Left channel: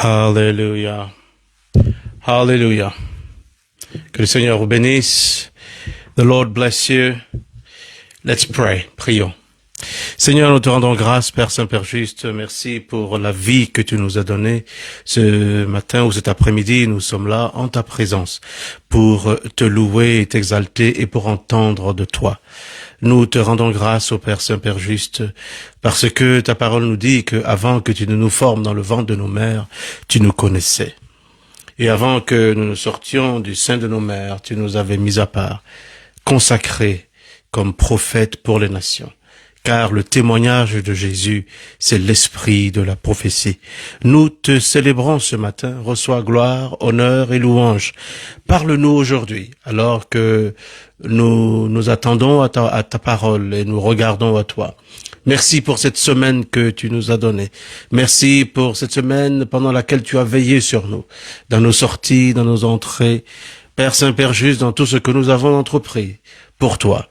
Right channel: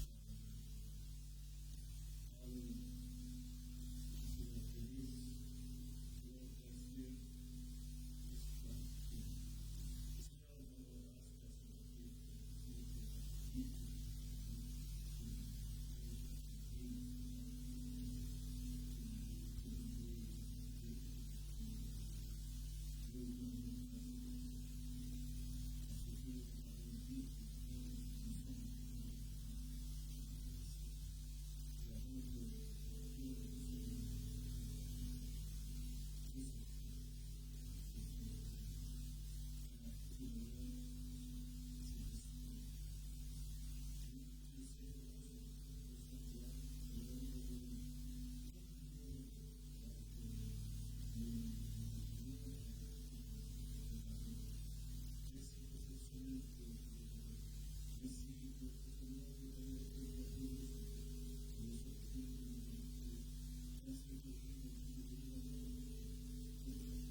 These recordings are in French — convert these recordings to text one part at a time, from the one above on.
Alléluia. Alléluia. Que le Seigneur vous bénisse. The Lord bless you. Let's pray. Prions. Seigneur, nous te rendons grâce, Père Saint, Père juste. Merci pour la vie que tu nous as donnée. Ce matin ou cet après-midi, nous sommes là en ta présence pour te louer et t'exalter et pour entendre de toi. Nous te rendons grâce au Père Saint, Père juste, parce que ta parole nous dit que avant que tu ne nous formes dans le ventre de nos mères, tu nous connaissais. Et avant que nous ne sortions du sein de nos mères, tu nous avais mis à part, consacrés comme prophètes pour les nations. Car le témoignage de Jésus, c'est l'esprit de la prophétie. Nous te célébrons ce matin. Reçois gloire, honneur et louange. Parle-nous aujourd'hui, alors que nous attendons à ta parole et nous regardons à toi. Merci pour cette semaine que tu nous as donnée. Merci pour cette semaine pendant laquelle tu as veillé sur nous, dans nos sorties, dans nos entrées. Père Saint, Père juste, dans tout ce que nous avons entrepris pour toi.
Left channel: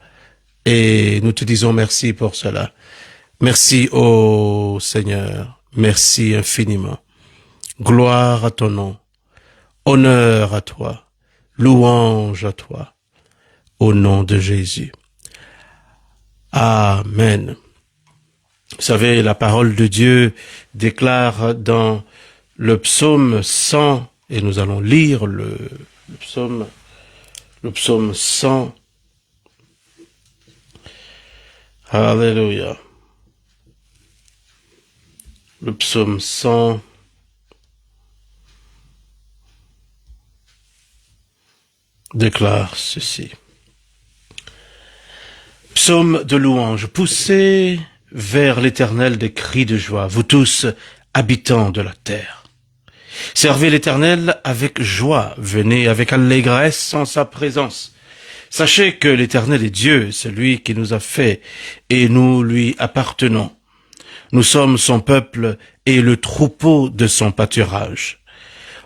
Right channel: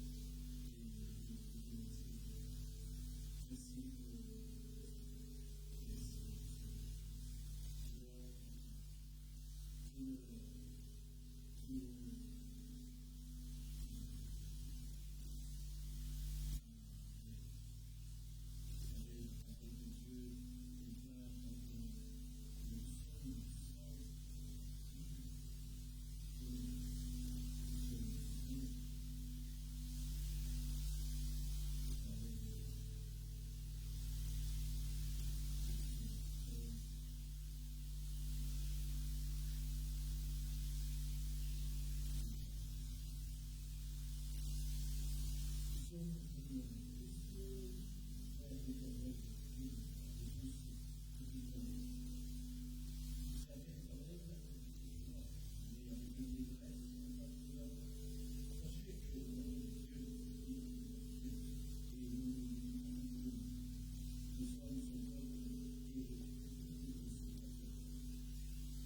Et nous te disons merci pour cela. Merci, ô Seigneur. Merci infiniment. Gloire à ton nom. Honneur à toi. Louange à toi. Au nom de Jésus. Amen. Vous savez, la parole de Dieu déclare dans le psaume 100, et nous allons lire le psaume 100. Alléluia. Le psaume 100. Déclare ceci. Psaume de louange. Poussez vers l'Éternel des cris de joie, vous tous, habitants de la terre. Servez l'Éternel avec joie, venez avec allégresse en sa présence. Sachez que l'Éternel est Dieu, c'est lui qui nous a fait, et nous lui appartenons. Nous sommes son peuple et le troupeau de son pâturage.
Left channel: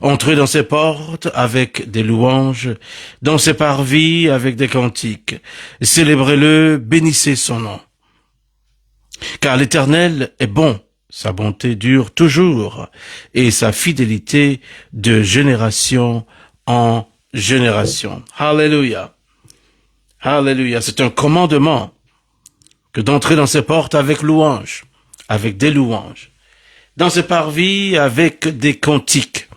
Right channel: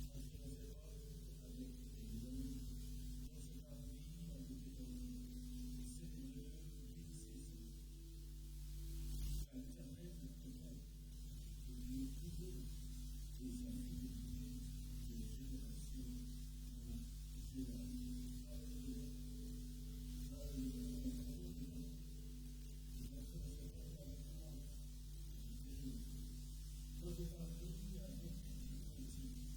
Entrez dans ses portes avec des louanges, dans ses parvis avec des cantiques. Célébrez-le, bénissez son nom. Car l'Éternel est bon, sa bonté dure toujours, et sa fidélité de génération en génération. Alléluia. Alléluia. C'est un commandement que d'entrer dans ses portes avec louanges, avec des louanges, dans ses parvis avec des cantiques.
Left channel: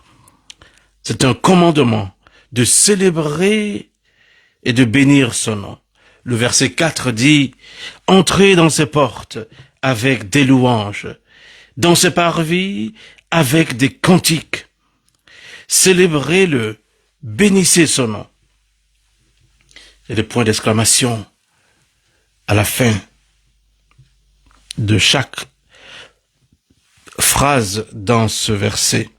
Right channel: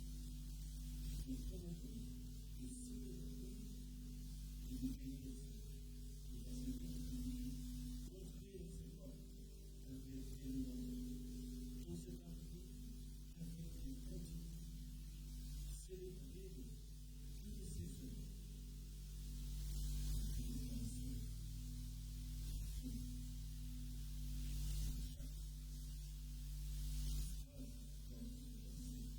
C'est un commandement de célébrer et de bénir son nom. Le verset 4 dit, « Entrez dans ses portes avec des louanges, dans ses parvis avec des cantiques. Célébrez-le, bénissez son nom. » Et des points d'exclamation à la fin de chaque phrase dans ce verset.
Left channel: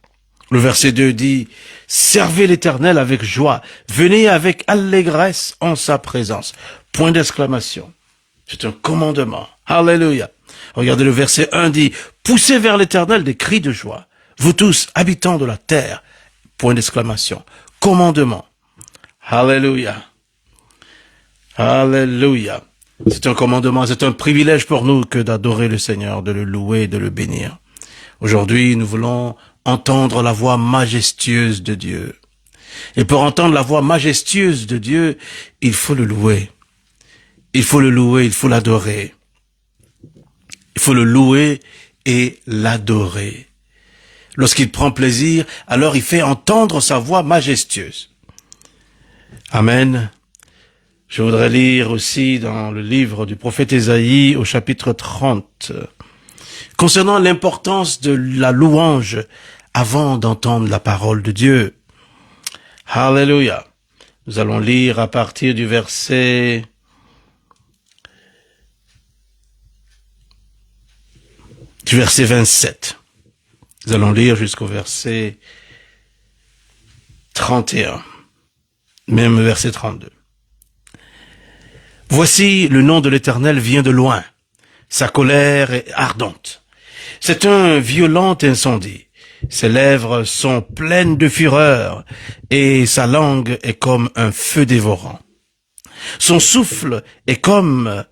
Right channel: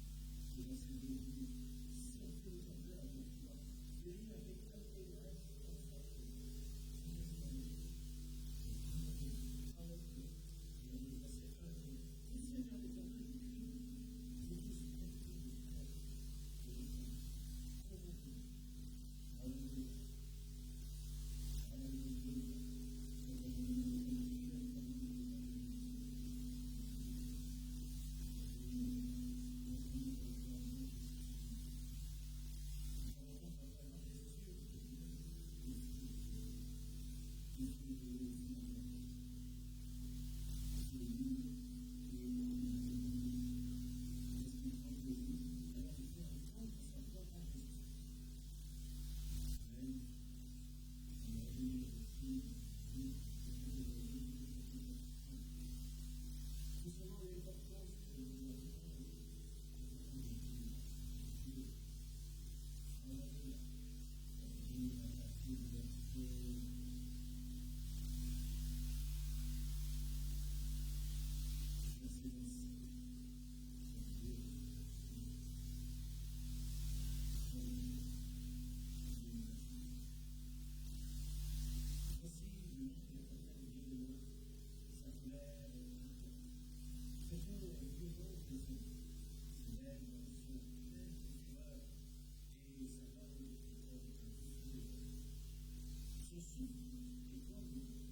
Le verset 2 dit, « Servez l'Éternel avec joie, venez avec allégresse en sa présence. » Point d'exclamation. C'est un commandement. Alléluia. Regardez le verset 1 dit, « Poussez vers l'Éternel des cris de joie, vous tous, habitants de la terre. » Point d'exclamation. Commandement. Alléluia. Alléluia. C'est un commandement, c'est un privilège pour nous que d'adorer le Seigneur, de le louer et de le bénir. Aujourd'hui, nous voulons entendre la voix majestueuse de Dieu. Et pour entendre la voix majestueuse de Dieu, il faut le louer. Il faut le louer, il faut l'adorer. Il faut le louer et l'adorer. Lorsqu'il prend plaisir, alors il fait entendre sa voix majestueuse. Amen. Je voudrais lire aussi dans le livre du prophète Ésaïe au chapitre 30, concernant l'importance de la louange avant d'entendre la parole de Dieu. Alléluia. Nous allons lire à partir du verset 27. Nous allons lire jusqu'au verset 31, même verset 32. Voici, le nom de l'Éternel vient de loin. Sa colère est ardente. C'est un violent incendie. Ses lèvres sont pleines de fureur et sa langue est comme un feu dévorant. Son souffle est comme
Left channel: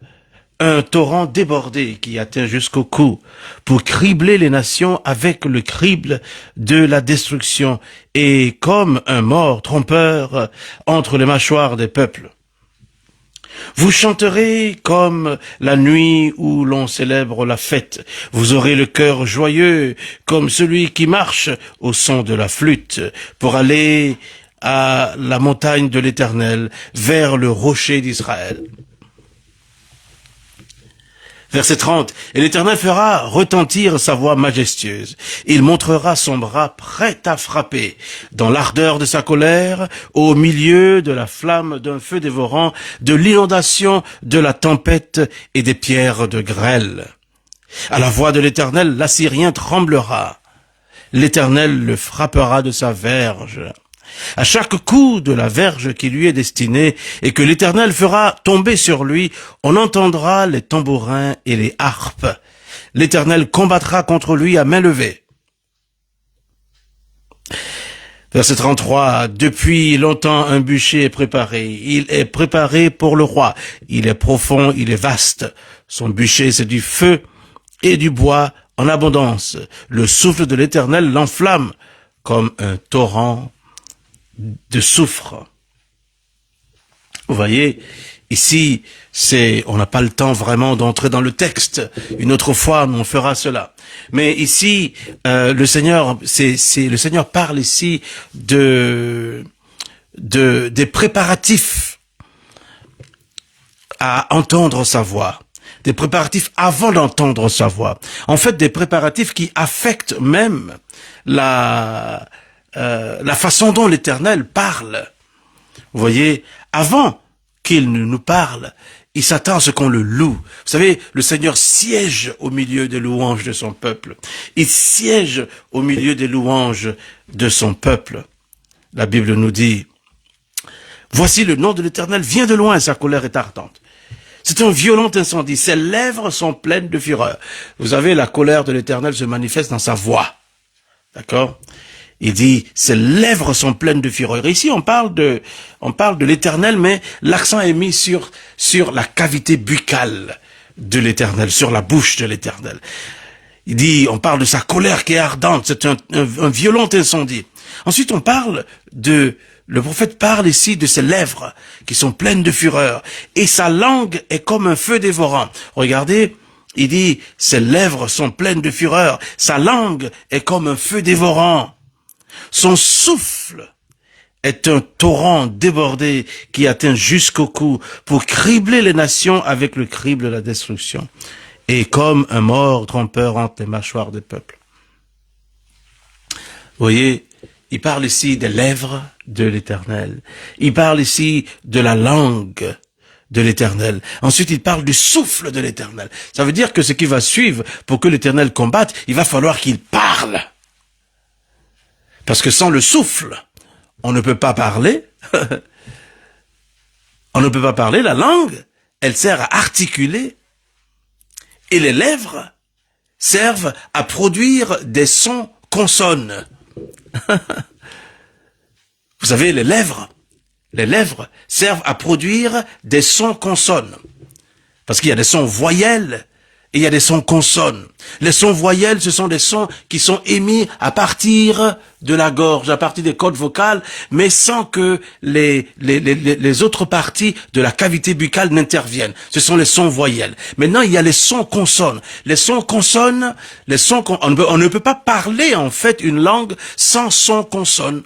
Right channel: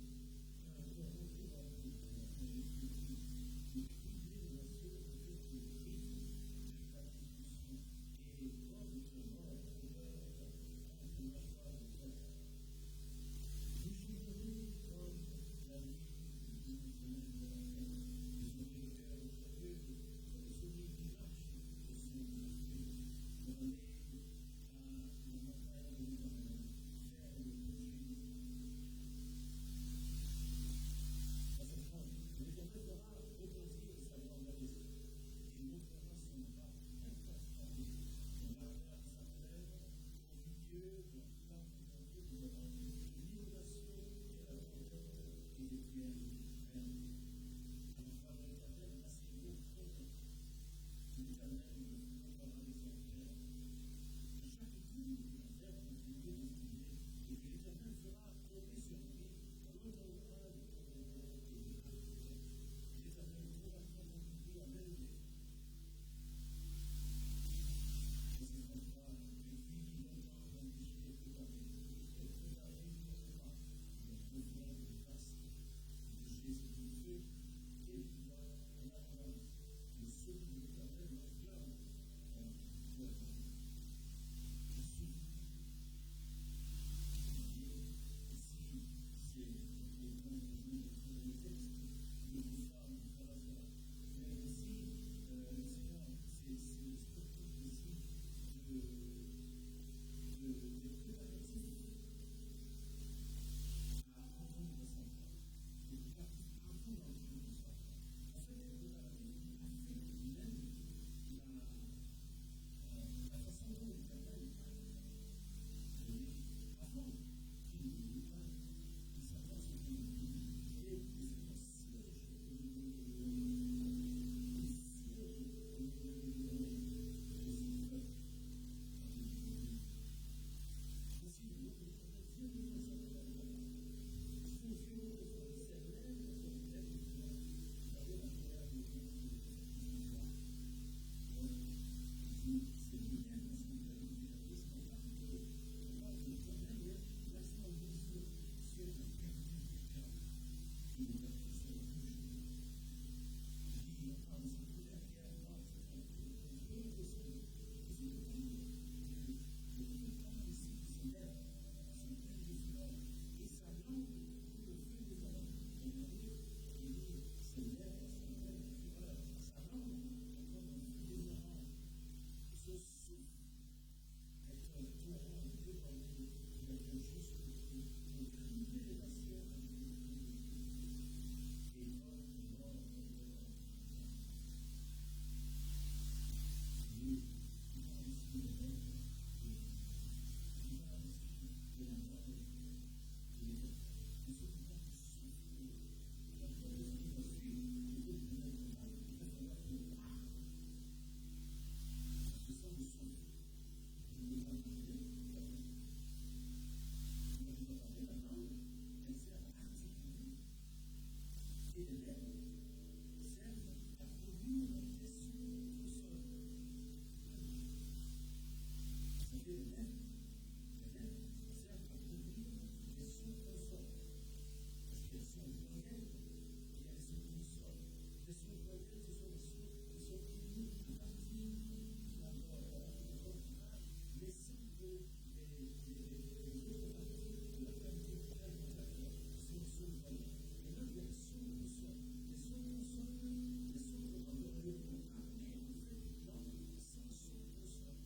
un torrent débordé qui atteint jusqu'au cou pour cribler les nations avec le crible de la destruction et comme un mort trompeur entre les mâchoires des peuples. Vous chanterez comme la nuit où l'on célèbre la fête. Vous aurez le cœur joyeux comme celui qui marche au son de la flûte pour aller à la montagne de l'Éternel, vers le rocher d'Israël. Verset 30. Et l'Éternel fera retentir sa voix majestueuse. Il montrera son bras prêt à frapper. Dans l'ardeur de sa colère, au milieu de la flamme d'un feu dévorant, de l'inondation, de la tempête et des pierres de grêle. À la voix de l'Éternel, l'Assyrien tremblera. L'Éternel le frappera de sa verge. À chaque coup de la verge qui lui est destinée et que l'Éternel fera tomber sur lui, on entendra les tambourins et les harpes. L'Éternel combattra contre lui à main levée. Verset 33, depuis longtemps un bûcher est préparé. Il est préparé pour le roi. Il est profond, il est vaste. Son bûcher, c'est du feu et du bois en abondance. Le souffle de l'Éternel l'enflamme comme un torrent de soufre. Vous voyez, ici, on n'a pas le temps vraiment d'entrer dans le texte. Une autre fois, on fera cela. Mais ici, le Seigneur parle ici des préparatifs à entendre sa voix. Des préparatifs avant d'entendre sa voix. En fait, des préparatifs qui affectent même la façon dont l'Éternel parle. Vous voyez, avant qu'il ne nous parle, il s'attend à ce qu'on le loue. Vous savez, le Seigneur siège au milieu des louanges de son peuple. Il siège au milieu des louanges de son peuple. La Bible nous dit, « Voici le nom de l'Éternel vient de loin, sa colère est ardente. » C'est un violent incendie, ses lèvres sont pleines de fureur. Vous savez, la colère de l'Éternel se manifeste dans sa voix. D'accord ? Il dit, ses lèvres sont pleines de fureur. Ici, on parle de l'Éternel, mais l'accent est mis sur la cavité buccale de l'Éternel, sur la bouche de l'Éternel. Il dit, on parle de sa colère qui est ardente, c'est un violent incendie. Ensuite, le prophète parle ici de ses lèvres qui sont pleines de fureur. Et sa langue est comme un feu dévorant. Regardez, il dit, ses lèvres sont pleines de fureur. Sa langue est comme un feu dévorant. Son souffle est un torrent débordé qui atteint jusqu'au cou pour cribler les nations avec le crible de la destruction. Et comme un mort trompeur entre les mâchoires des peuples. Vous voyez, il parle ici des lèvres de l'Éternel. Il parle ici de la langue de l'Éternel. Ensuite, il parle du souffle de l'Éternel. Ça veut dire que ce qui va suivre pour que l'Éternel combatte, il va falloir qu'il parle. Parce que sans le souffle, on ne peut pas parler. On ne peut pas parler. La langue, elle sert à articuler. Et les lèvres servent à produire des sons consonnes. Vous savez, les lèvres servent à produire des sons consonnes. Parce qu'il y a des sons voyelles et il y a des sons consonnes. Les sons voyelles, ce sont des sons qui sont émis à partir de la gorge, à partir des cordes vocales, mais sans que les autres parties de la cavité buccale n'interviennent. Ce sont les sons voyelles. Maintenant, il y a les sons consonnes. Les sons consonnes, on ne peut pas parler en fait une langue sans son consonne.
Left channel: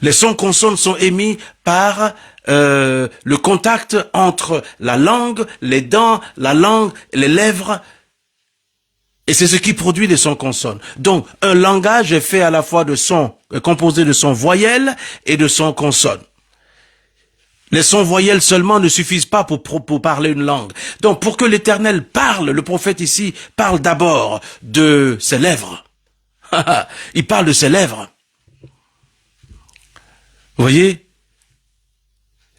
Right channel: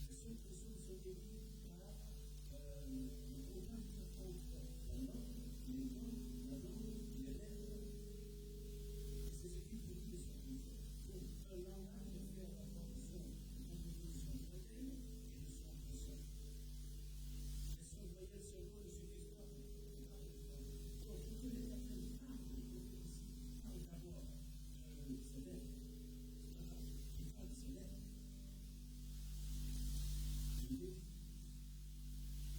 Les sons consonnes sont émis par le contact entre la langue, les dents, la langue, les lèvres. Et c'est ce qui produit les sons consonnes. Donc, un langage est fait à la fois composé de sons voyelles et de sons consonnes. Les sons voyelles seulement ne suffisent pas pour parler une langue. Donc, pour que l'Éternel parle, le prophète ici parle d'abord de ses lèvres. Il parle de ses lèvres. Vous voyez?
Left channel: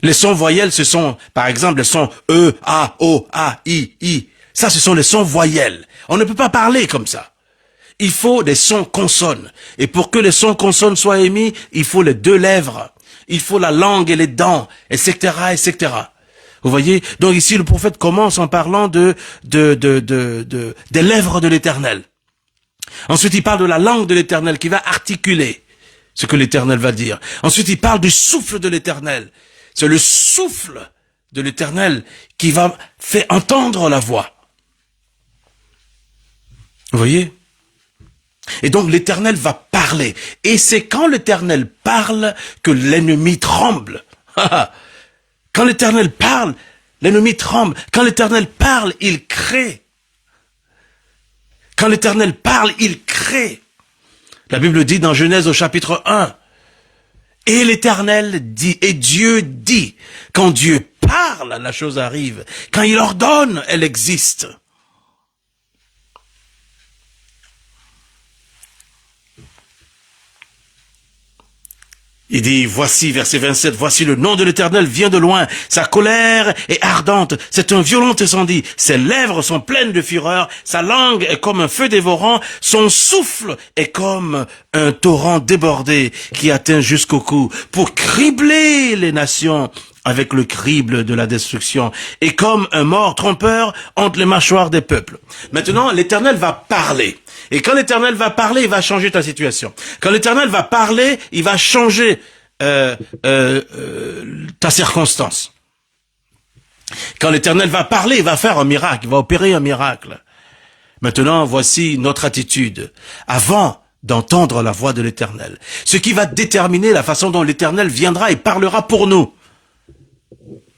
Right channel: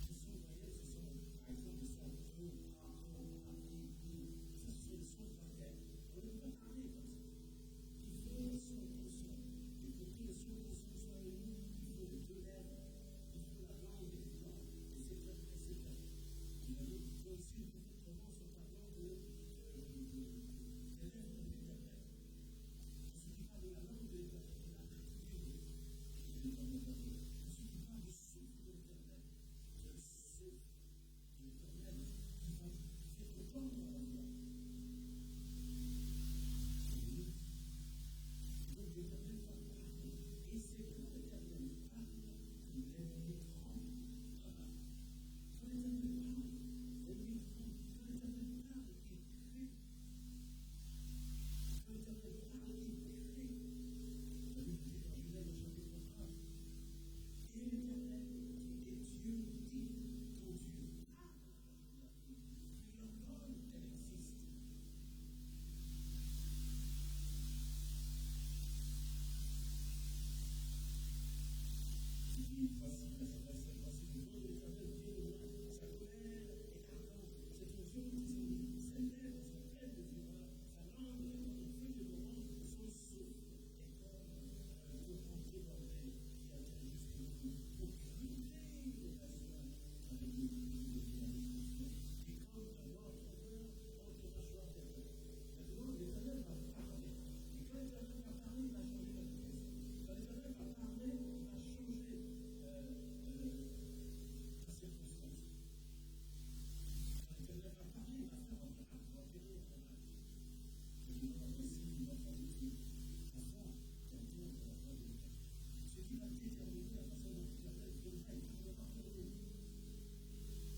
Les sons voyelles, ce sont, par exemple, les sons E, A, O, A, I. Ça, ce sont les sons voyelles. On ne peut pas parler comme ça. Il faut des sons consonnes. Et pour que les sons consonnes soient émis, il faut les deux lèvres. Il faut la langue et les dents, etc., etc. Vous voyez? Donc ici, le prophète commence en parlant des lèvres de l'Éternel. Ensuite, il parle de la langue de l'Éternel qui va articuler ce que l'Éternel va dire. Ensuite, il parle du souffle de l'Éternel. C'est le souffle de l'Éternel qui va faire entendre la voix. Vous voyez? Et donc l'Éternel va parler. Et c'est quand l'Éternel parle que l'ennemi tremble. Quand l'Éternel parle, l'ennemi tremble. Quand l'Éternel parle, il crée. Quand l'Éternel parle, il crée. La Bible dit dans Genèse au chapitre 1, et l'Éternel dit, et Dieu dit, quand Dieu parle, la chose arrive. Quand il ordonne, elle existe. Il dit, voici, verset 27, voici le nom de l'Éternel vient de loin, sa colère est ardente, c'est un violent incendie, ses lèvres sont pleines de fureur, sa langue est comme un feu dévorant, son souffle est comme un torrent débordé qui atteint jusqu'au cou, pour cribler les nations avec le crible de la destruction, et comme un mort trompeur entre les mâchoires des peuples. Maintenant, l'Éternel va parler. Et quand l'Éternel va parler, il va changer ta situation. Quand l'Éternel va parler, il va changer ta circonstance. Quand l'Éternel va parler, il va faire un miracle, il va opérer un miracle. Maintenant, voici notre attitude. Avant d'entendre la voix de l'Éternel, ce qui va déterminer la façon dont l'Éternel viendra et parlera pour nous,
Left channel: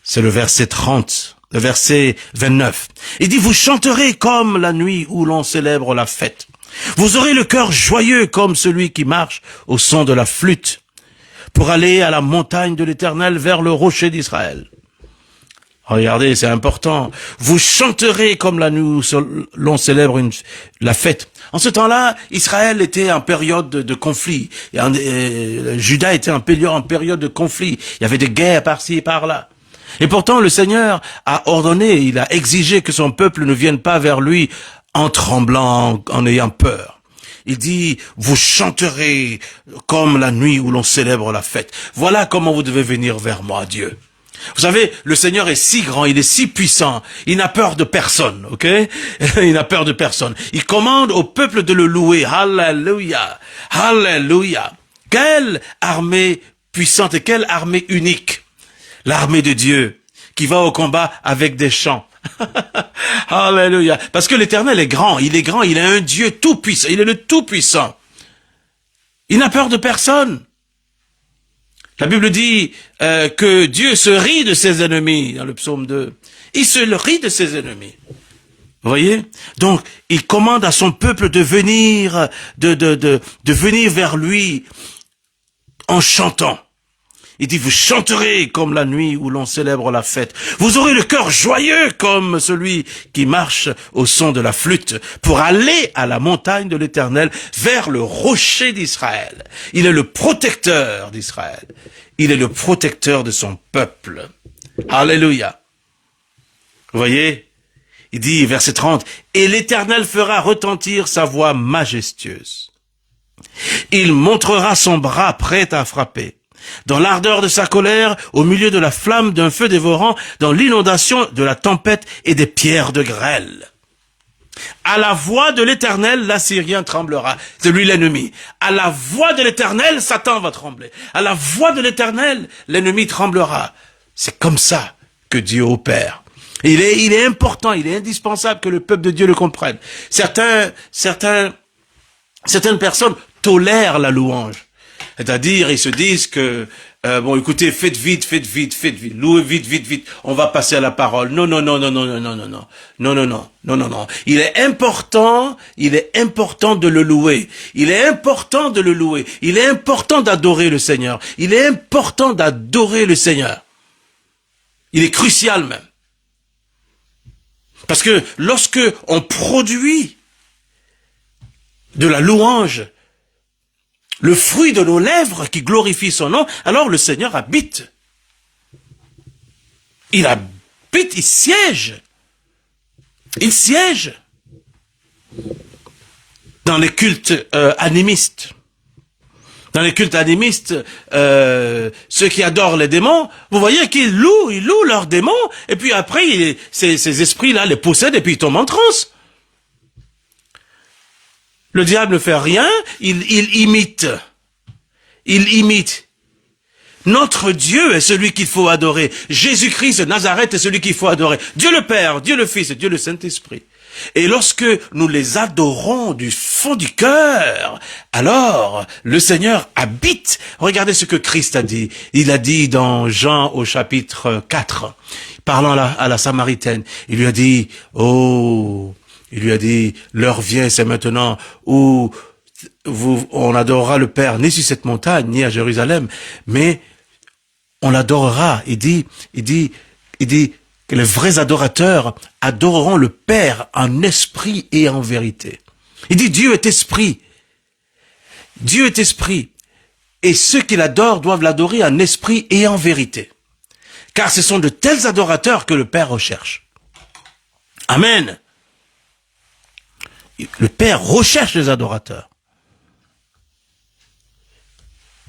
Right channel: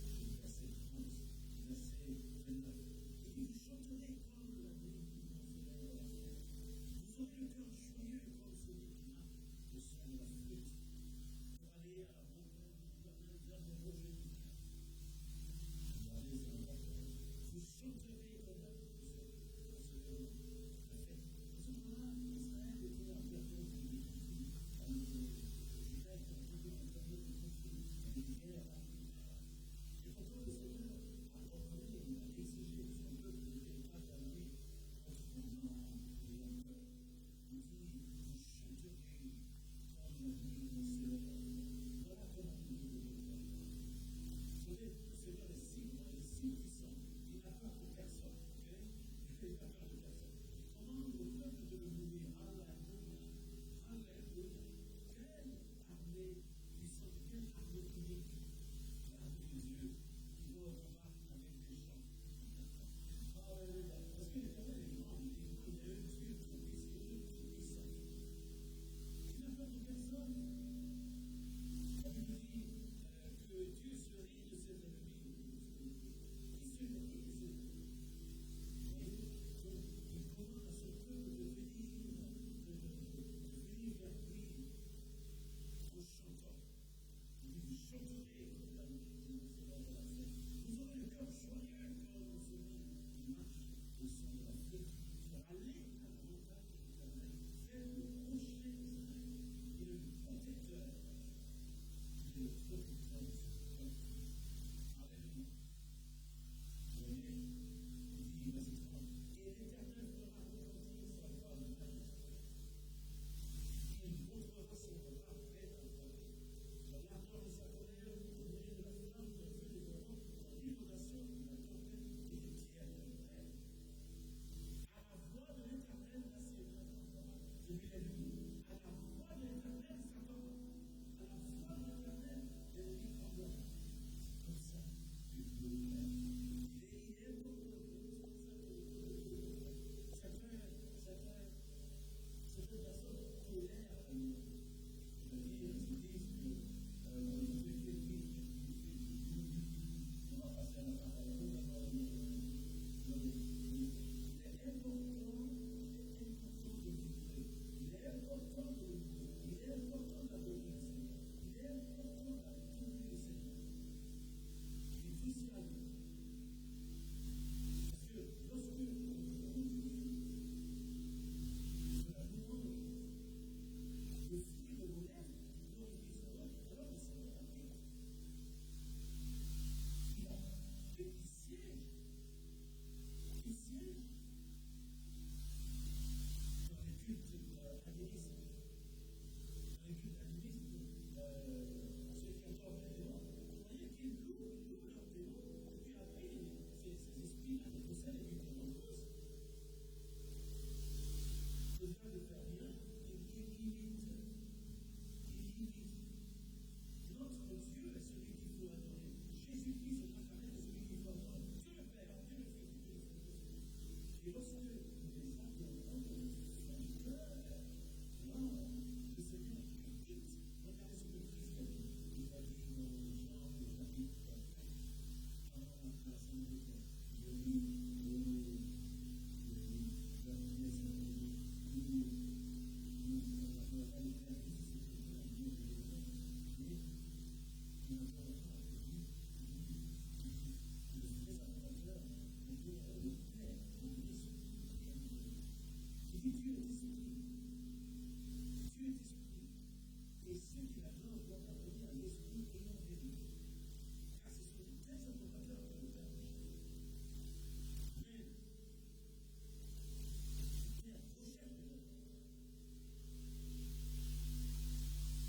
c'est le verset 30. Le verset 29. Il dit, vous chanterez comme la nuit où l'on célèbre la fête. Vous aurez le cœur joyeux comme celui qui marche au son de la flûte pour aller à la montagne de l'Éternel vers le rocher d'Israël. Regardez, c'est important. Vous chanterez comme la nuit où l'on célèbre la fête. En ce temps-là, Israël était en période de conflit. Juda était en période de conflit. Il y avait des guerres par-ci et par-là. Et pourtant, le Seigneur a ordonné, il a exigé que son peuple ne vienne pas vers lui en tremblant, en ayant peur. Il dit, vous chanterez comme la nuit où l'on célèbre la fête. Voilà comment vous devez venir vers moi, Dieu. Vous savez, le Seigneur est si grand, il est si puissant, il n'a peur de personne, ok? Il n'a peur de personne. Il commande au peuple de le louer. Alléluia, alléluia. Quelle armée puissante et quelle armée unique. L'armée de Dieu qui va au combat avec des chants. Alléluia. Parce que l'Éternel est grand, il est un Dieu tout-puissant, il est le tout-puissant. Il n'a peur de personne. La Bible dit que Dieu se rit de ses ennemis, dans le psaume 2. Il se rit de ses ennemis. Vous voyez? Donc, il commande à son peuple de venir, de venir vers lui en chantant. Il dit, vous chanterez comme la nuit où l'on célèbre la fête. Vous aurez le cœur joyeux comme celui qui marche au son de la flûte pour aller à la montagne de l'Éternel vers le rocher d'Israël. Il est le protecteur d'Israël. Il est le protecteur de son peuple. Alléluia. Vous voyez? Il dit, verset 30, et l'Éternel fera retentir sa voix majestueuse. Il montrera son bras prêt à frapper. Dans l'ardeur de sa colère, au milieu de la flamme d'un feu dévorant, dans l'inondation de la tempête et des pierres de grêle. À la voix de l'Éternel, l'Assyrien tremblera. C'est lui l'ennemi. À la voix de l'Éternel, Satan va trembler. À la voix de l'Éternel, l'ennemi tremblera. C'est comme ça que Dieu opère. Il est important, il est indispensable que le peuple de Dieu le comprenne. Certaines personnes tolèrent la louange. C'est-à-dire, ils se disent que, bon, écoutez, faites vite, louez vite, on va passer à la parole. Non. Il est important de le louer. Il est important d'adorer le Seigneur. Il est crucial même. Parce que lorsque on produit de la louange, le fruit de nos lèvres qui glorifie son nom, alors le Seigneur habite. Il habite, il siège. Il siège dans les cultes animistes. Dans les cultes animistes, ceux qui adorent les démons, vous voyez qu'ils louent leurs démons, et puis après, ces esprits-là les possèdent, et puis ils tombent en transe. Le diable ne fait rien, il imite. Il imite. Notre Dieu est celui qu'il faut adorer. Jésus-Christ de Nazareth est celui qu'il faut adorer. Dieu le Père, Dieu le Fils et Dieu le Saint-Esprit. Et lorsque nous les adorons du fond du cœur, alors le Seigneur habite. Regardez ce que Christ a dit. Il a dit dans Jean au chapitre 4, parlant à la Samaritaine, il lui a dit, l'heure vient, c'est maintenant où on adorera le Père, ni sur cette montagne, ni à Jérusalem, mais on l'adorera. Il dit que les vrais adorateurs adoreront le Père en esprit et en vérité. Il dit Dieu est esprit. Dieu est esprit. Et ceux qui l'adorent doivent l'adorer en esprit et en vérité. Car ce sont de tels adorateurs que le Père recherche. Amen. Le Père recherche les adorateurs.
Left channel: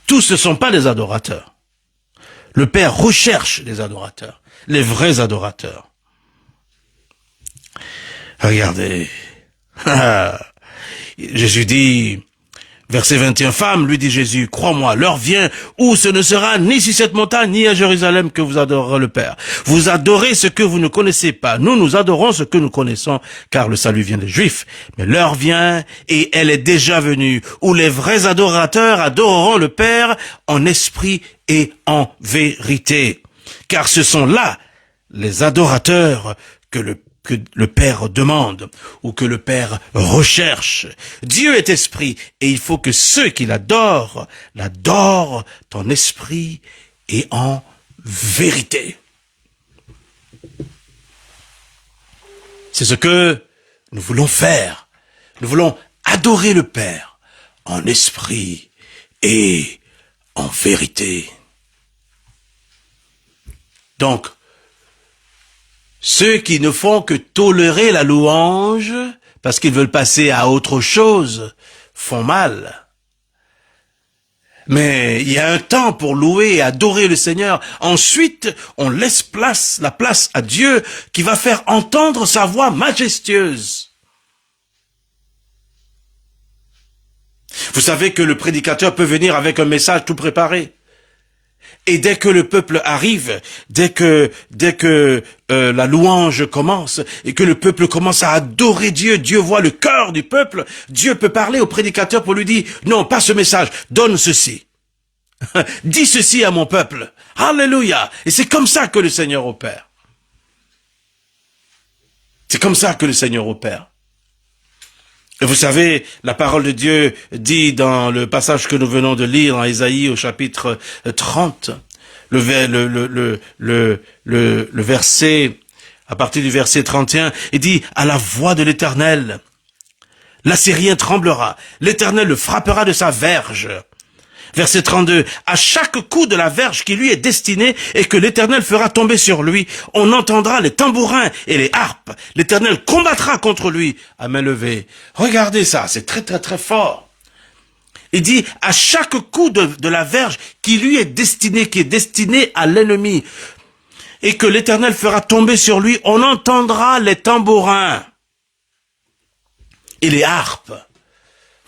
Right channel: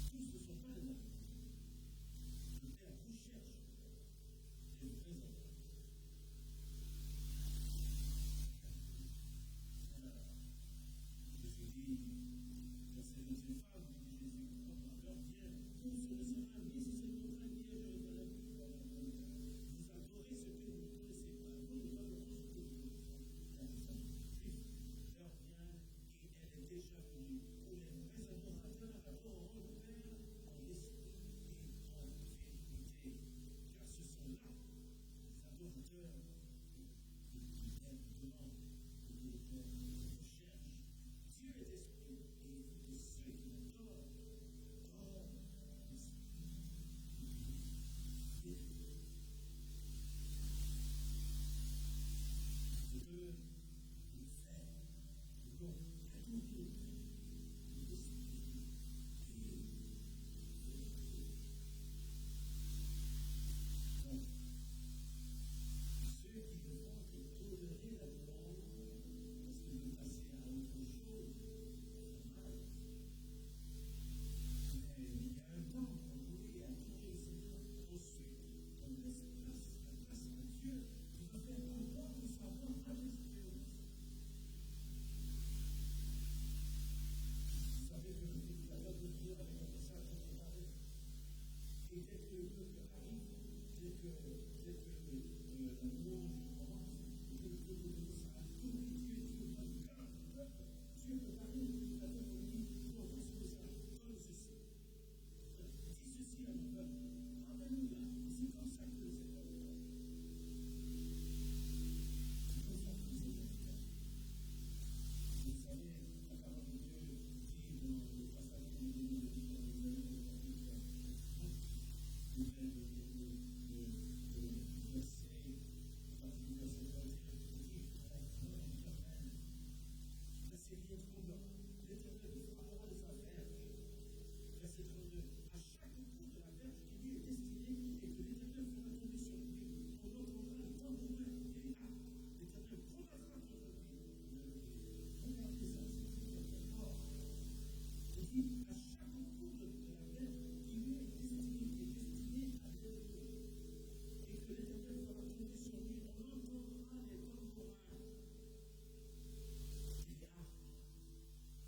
Tous ne sont pas des adorateurs. Le Père recherche les adorateurs, les vrais adorateurs. Regardez. Jésus dit, verset 21, femme, lui dit Jésus, crois-moi, l'heure vient où ce ne sera ni sur cette montagne, ni à Jérusalem que vous adorerez le Père. Vous adorez ce que vous ne connaissez pas. Nous adorons ce que nous connaissons, car le salut vient des Juifs. Mais l'heure vient, et elle est déjà venue, où les vrais adorateurs adoreront le Père en esprit et en vérité. Car ce sont là les adorateurs que le Père demande ou que le Père recherche. Dieu est esprit et il faut que ceux qui l'adorent en esprit et en vérité. C'est ce que nous voulons faire. Nous voulons adorer le Père en esprit et en vérité. Donc, ceux qui ne font que tolérer la louange, parce qu'ils veulent passer à autre chose, font mal. Mais il y a un temps pour louer et adorer le Seigneur. Ensuite, on laisse la place à Dieu qui va faire entendre sa voix majestueuse. Vous savez que le prédicateur peut venir avec un message tout préparé. Et dès que le peuple arrive, dès que la louange commence et que le peuple commence à adorer Dieu, Dieu voit le cœur du peuple, Dieu peut parler au prédicateur pour lui dire, non, pas ce message, donne ceci. Dis ceci à mon peuple. Alléluia. Et c'est comme ça que le Seigneur opère. C'est comme ça que le Seigneur opère. Et vous savez, la parole de Dieu dit dans le passage que nous venons de lire en Ésaïe au chapitre 30, le verset, à partir du verset 31, il dit, à la voix de l'Éternel, l'Assyrien tremblera, l'Éternel le frappera de sa verge. Verset 32, à chaque coup de la verge qui lui est destinée et que l'Éternel fera tomber sur lui, on entendra les tambourins et les harpes. L'Éternel combattra contre lui à main levée. Regardez ça, c'est très très très fort. Il dit, à chaque coup de la verge qui lui est destiné à l'ennemi, et que l'Éternel fera tomber sur lui, on entendra les tambourins et les harpes.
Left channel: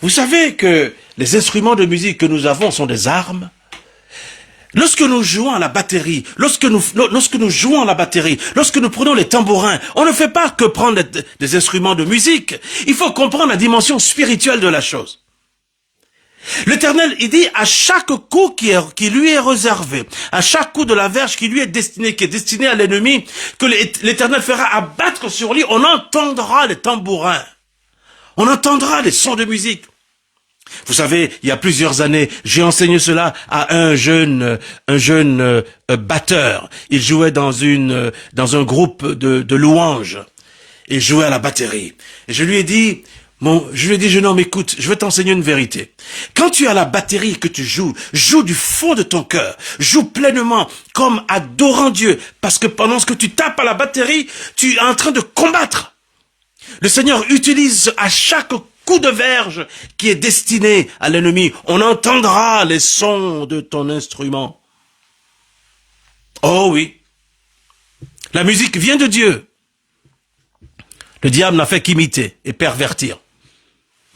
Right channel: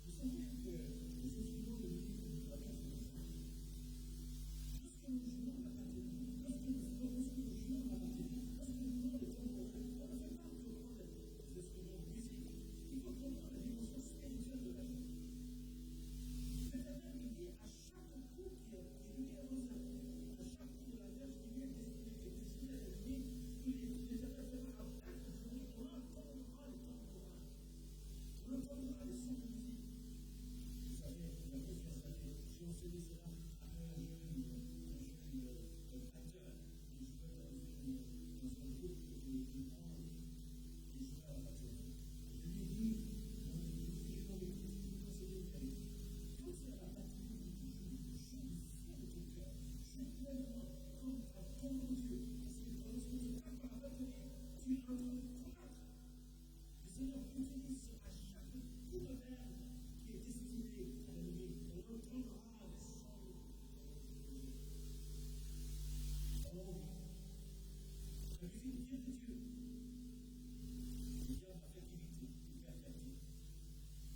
Vous savez que les instruments de musique que nous avons sont des armes. Lorsque nous jouons à la batterie, lorsque nous prenons les tambourins, on ne fait pas que prendre des instruments de musique. Il faut comprendre la dimension spirituelle de la chose. L'Éternel, il dit, à chaque coup qui lui est réservé, à chaque coup de la verge qui est destiné à l'ennemi, que l'Éternel fera abattre sur lui, on entendra les tambourins. On entendra les sons de musique. Vous savez, il y a plusieurs années, j'ai enseigné cela à un jeune batteur. Il jouait dans un groupe de louanges. Il jouait à la batterie. Et je lui ai dit, jeune homme, écoute, je vais t'enseigner une vérité. Quand tu as la batterie que tu joue du fond de ton cœur, joue pleinement, comme adorant Dieu, parce que pendant que tu tapes à la batterie, tu es en train de combattre. Le Seigneur utilise à chaque coup de verge qui est destiné à l'ennemi. On entendra les sons de ton instrument. Oh oui. La musique vient de Dieu. Le diable n'a fait qu'imiter et pervertir.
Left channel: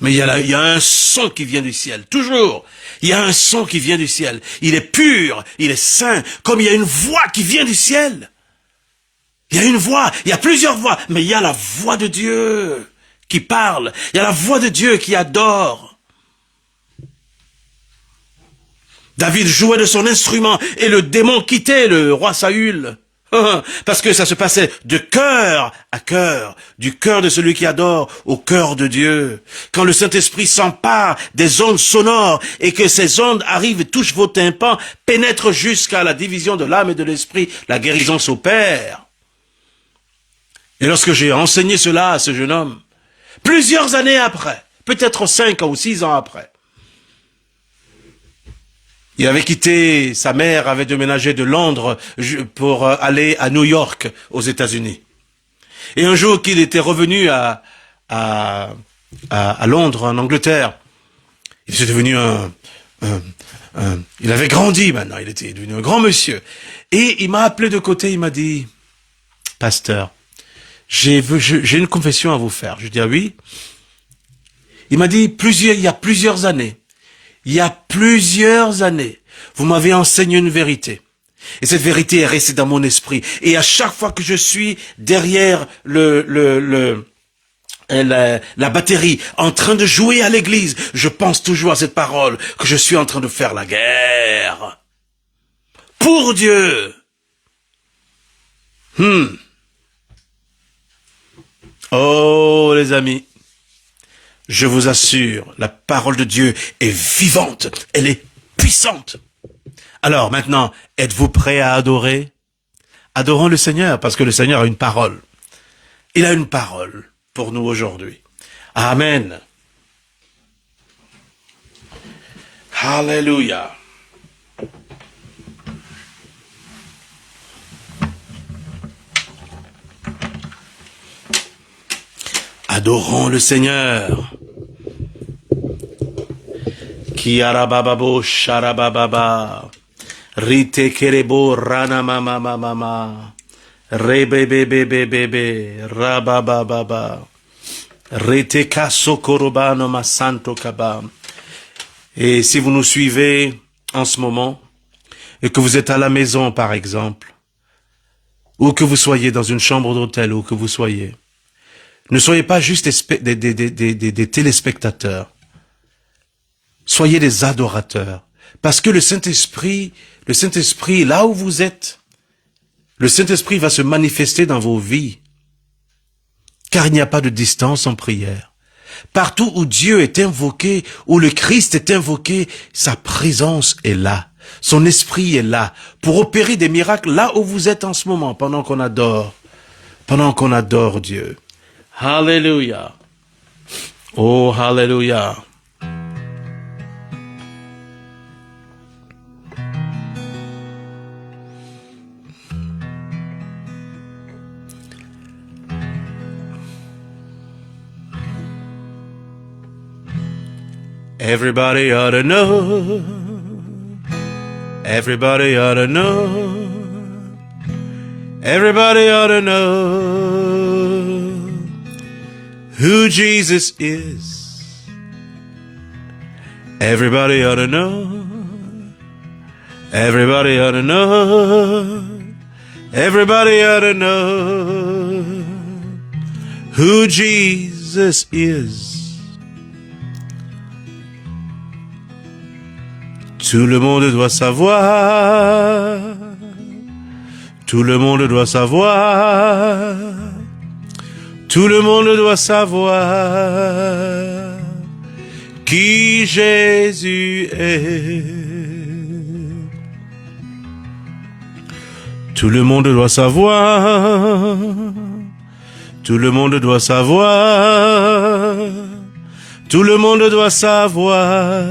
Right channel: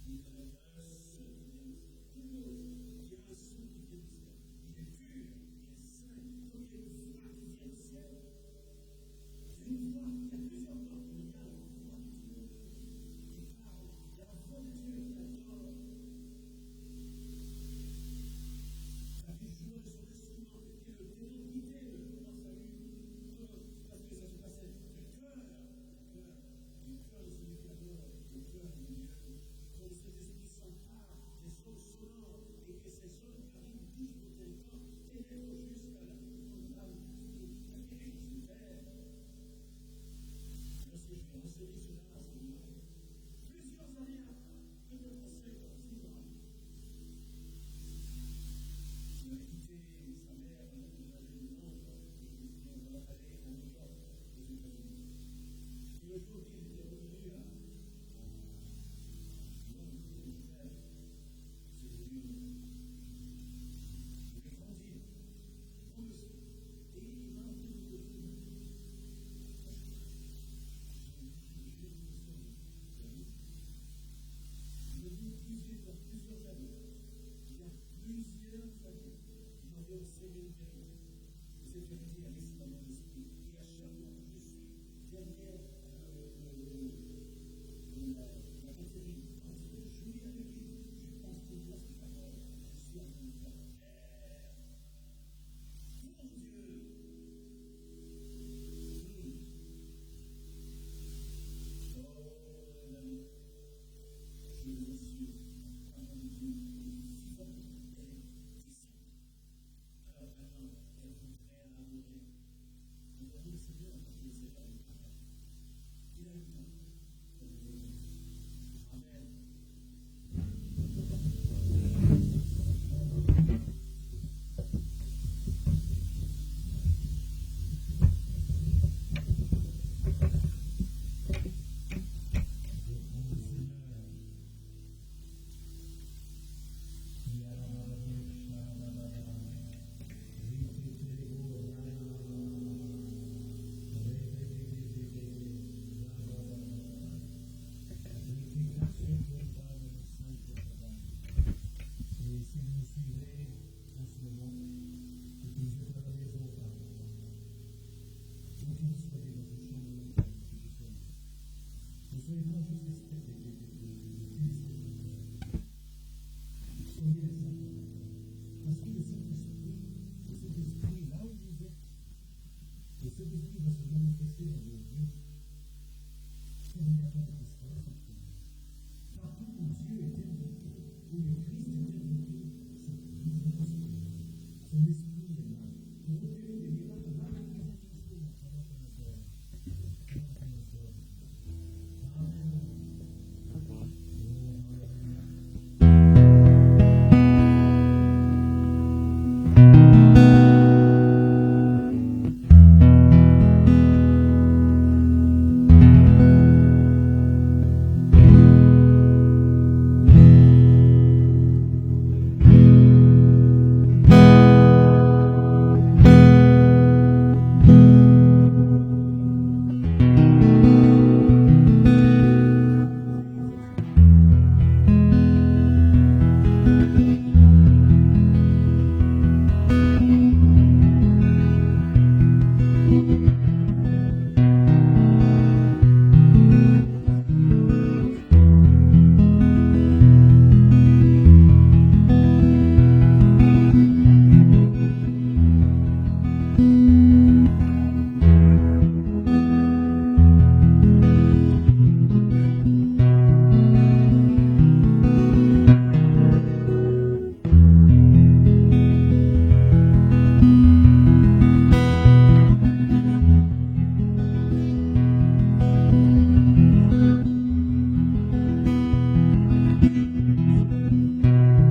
Mais il y a un son qui vient du ciel, toujours. Il y a un son qui vient du ciel. Il est pur, il est saint, comme il y a une voix qui vient du ciel. Il y a une voix, il y a plusieurs voix, mais il y a la voix de Dieu qui parle. Il y a la voix de Dieu qui adore. David jouait de son instrument et le démon quittait le roi Saül. Parce que ça se passait de cœur à cœur, du cœur de celui qui adore au cœur de Dieu. Quand le Saint-Esprit s'empare des ondes sonores et que ces ondes arrivent et touchent vos tympans, pénètrent jusqu'à la division de l'âme et de l'esprit, la guérison s'opère. Et lorsque j'ai enseigné cela à ce jeune homme, plusieurs années après, peut-être 5 ans ou 6 ans après, il avait quitté, sa mère avait déménagé de Londres pour aller à New York, aux États-Unis. Et un jour qu'il était revenu à Londres, en Angleterre, il était devenu il avait grandi maintenant, il était devenu un grand monsieur. Et il m'a appelé de côté, il m'a dit, « Pasteur, j'ai une confession à vous faire. » Je dis, « Ah oui ?» Il m'a dit, il y a plusieurs années, vous m'avez enseigné une vérité. Et cette vérité est restée dans mon esprit. Et à chaque fois que je suis derrière la batterie, en train de jouer à l'église, je pense toujours à cette parole, que je suis en train de faire la guerre. Pour Dieu. Oh, les amis. Je vous assure, la parole de Dieu est vivante, elle est puissante. Alors maintenant, êtes-vous prêts à adorer? Adorons le Seigneur, parce que le Seigneur a une parole. Il a une parole pour nous aujourd'hui. Amen. Alléluia. Adorons le Seigneur. Ki arabababo sharabababa. Rite kerebo rana mama mama. Rebebebebebe rabababa. Rite kasokorobano masanto kaba. Et si vous nous suivez en ce moment, et que vous êtes à la maison par exemple, ou que vous soyez dans une chambre d'hôtel, ou que vous soyez, ne soyez pas juste des téléspectateurs. Soyez des adorateurs. Parce que le Saint-Esprit, là où vous êtes, le Saint-Esprit va se manifester dans vos vies. Car il n'y a pas de distance en prière. Partout où Dieu est invoqué, où le Christ est invoqué, sa présence est là. Son esprit est là pour opérer des miracles là où vous êtes en ce moment, pendant qu'on adore Dieu. Hallelujah. Oh, hallelujah. Everybody ought to know. Everybody ought to know. Everybody ought to know who Jesus is. Everybody ought to know. Everybody ought to know. Everybody ought to know who Jesus is. Tout le monde doit savoir. Tout le monde doit savoir. Tout le monde doit savoir qui Jésus est. Tout le monde doit savoir. Tout le monde doit savoir. Tout le monde doit savoir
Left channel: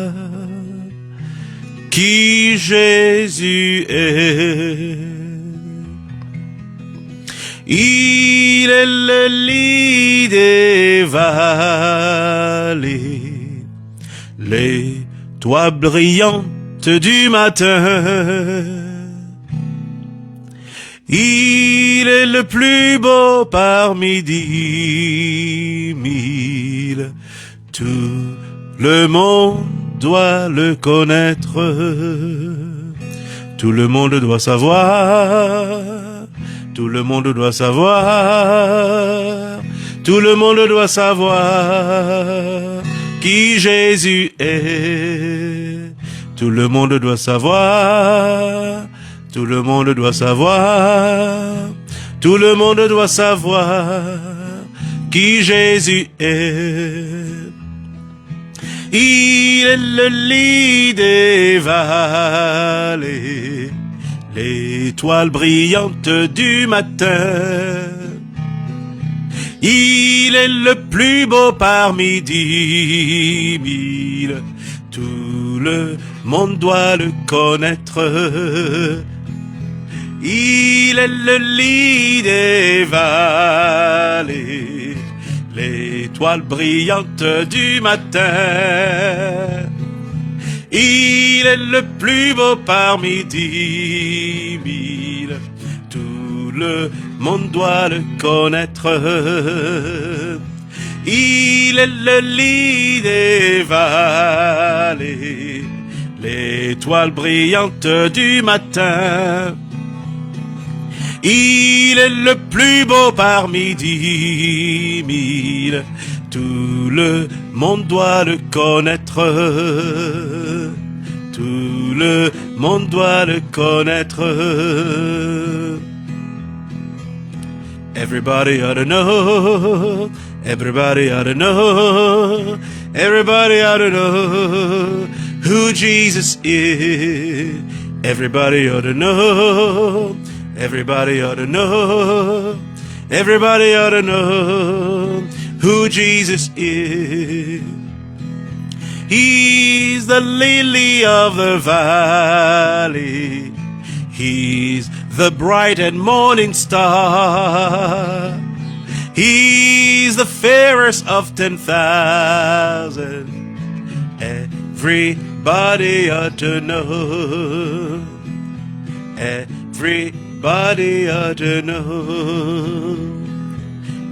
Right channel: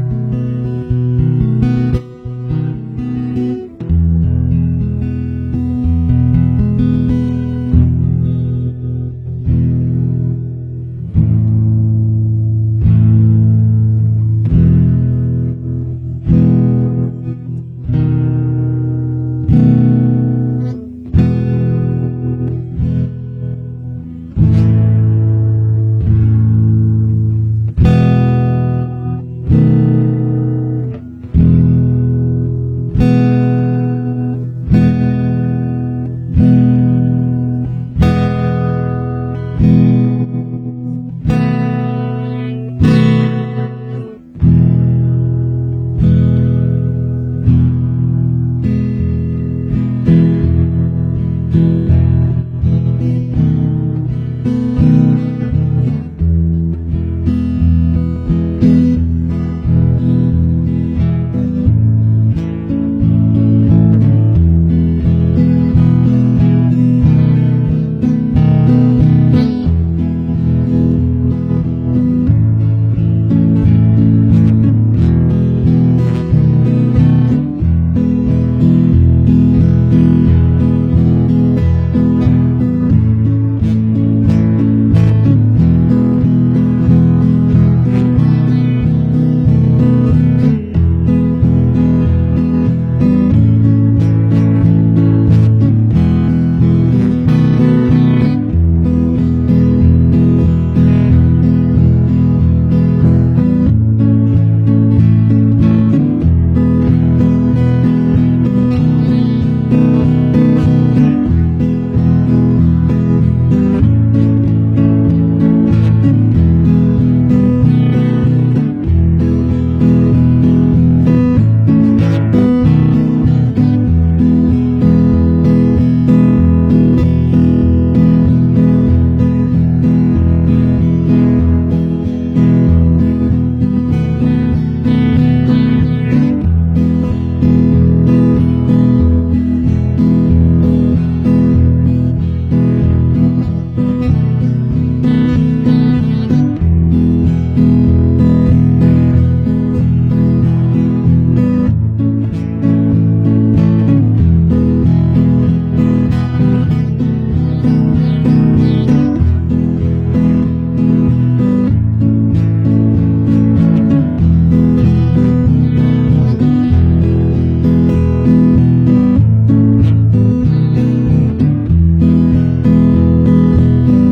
qui Jésus est. Il est le lit des vallées. étoile brillante du matin. Il est le plus beau parmi 10 000. Tout le monde doit le connaître. Tout le monde doit savoir. Tout le monde doit savoir. Tout le monde doit savoir qui Jésus est. Tout le monde doit savoir. Tout le monde doit savoir. Tout le monde doit savoir qui Jésus est. Il est le lit des vallées, l'étoile brillante du matin. Il est le plus beau parmi 10 000. Tout le monde doit le connaître. Il est le lit des vallées, l'étoile brillante du matin. Il est le plus beau parmi 10 000. Tout le monde doit le connaître. Il est le lit des vallées, l'étoile brillante du matin. Il est le plus beau parmi 10 000. Tout le monde doit le connaître. Tout le monde doit le connaître. Everybody ought to know. Everybody ought to know. Everybody ought to know who Jesus is. Everybody ought to know. Everybody ought to know. Everybody ought to know who Jesus is. He's the lily of the valley. He's the bright and morning star. He's the fairest of 10,000. Everybody ought to know. Everybody ought to know.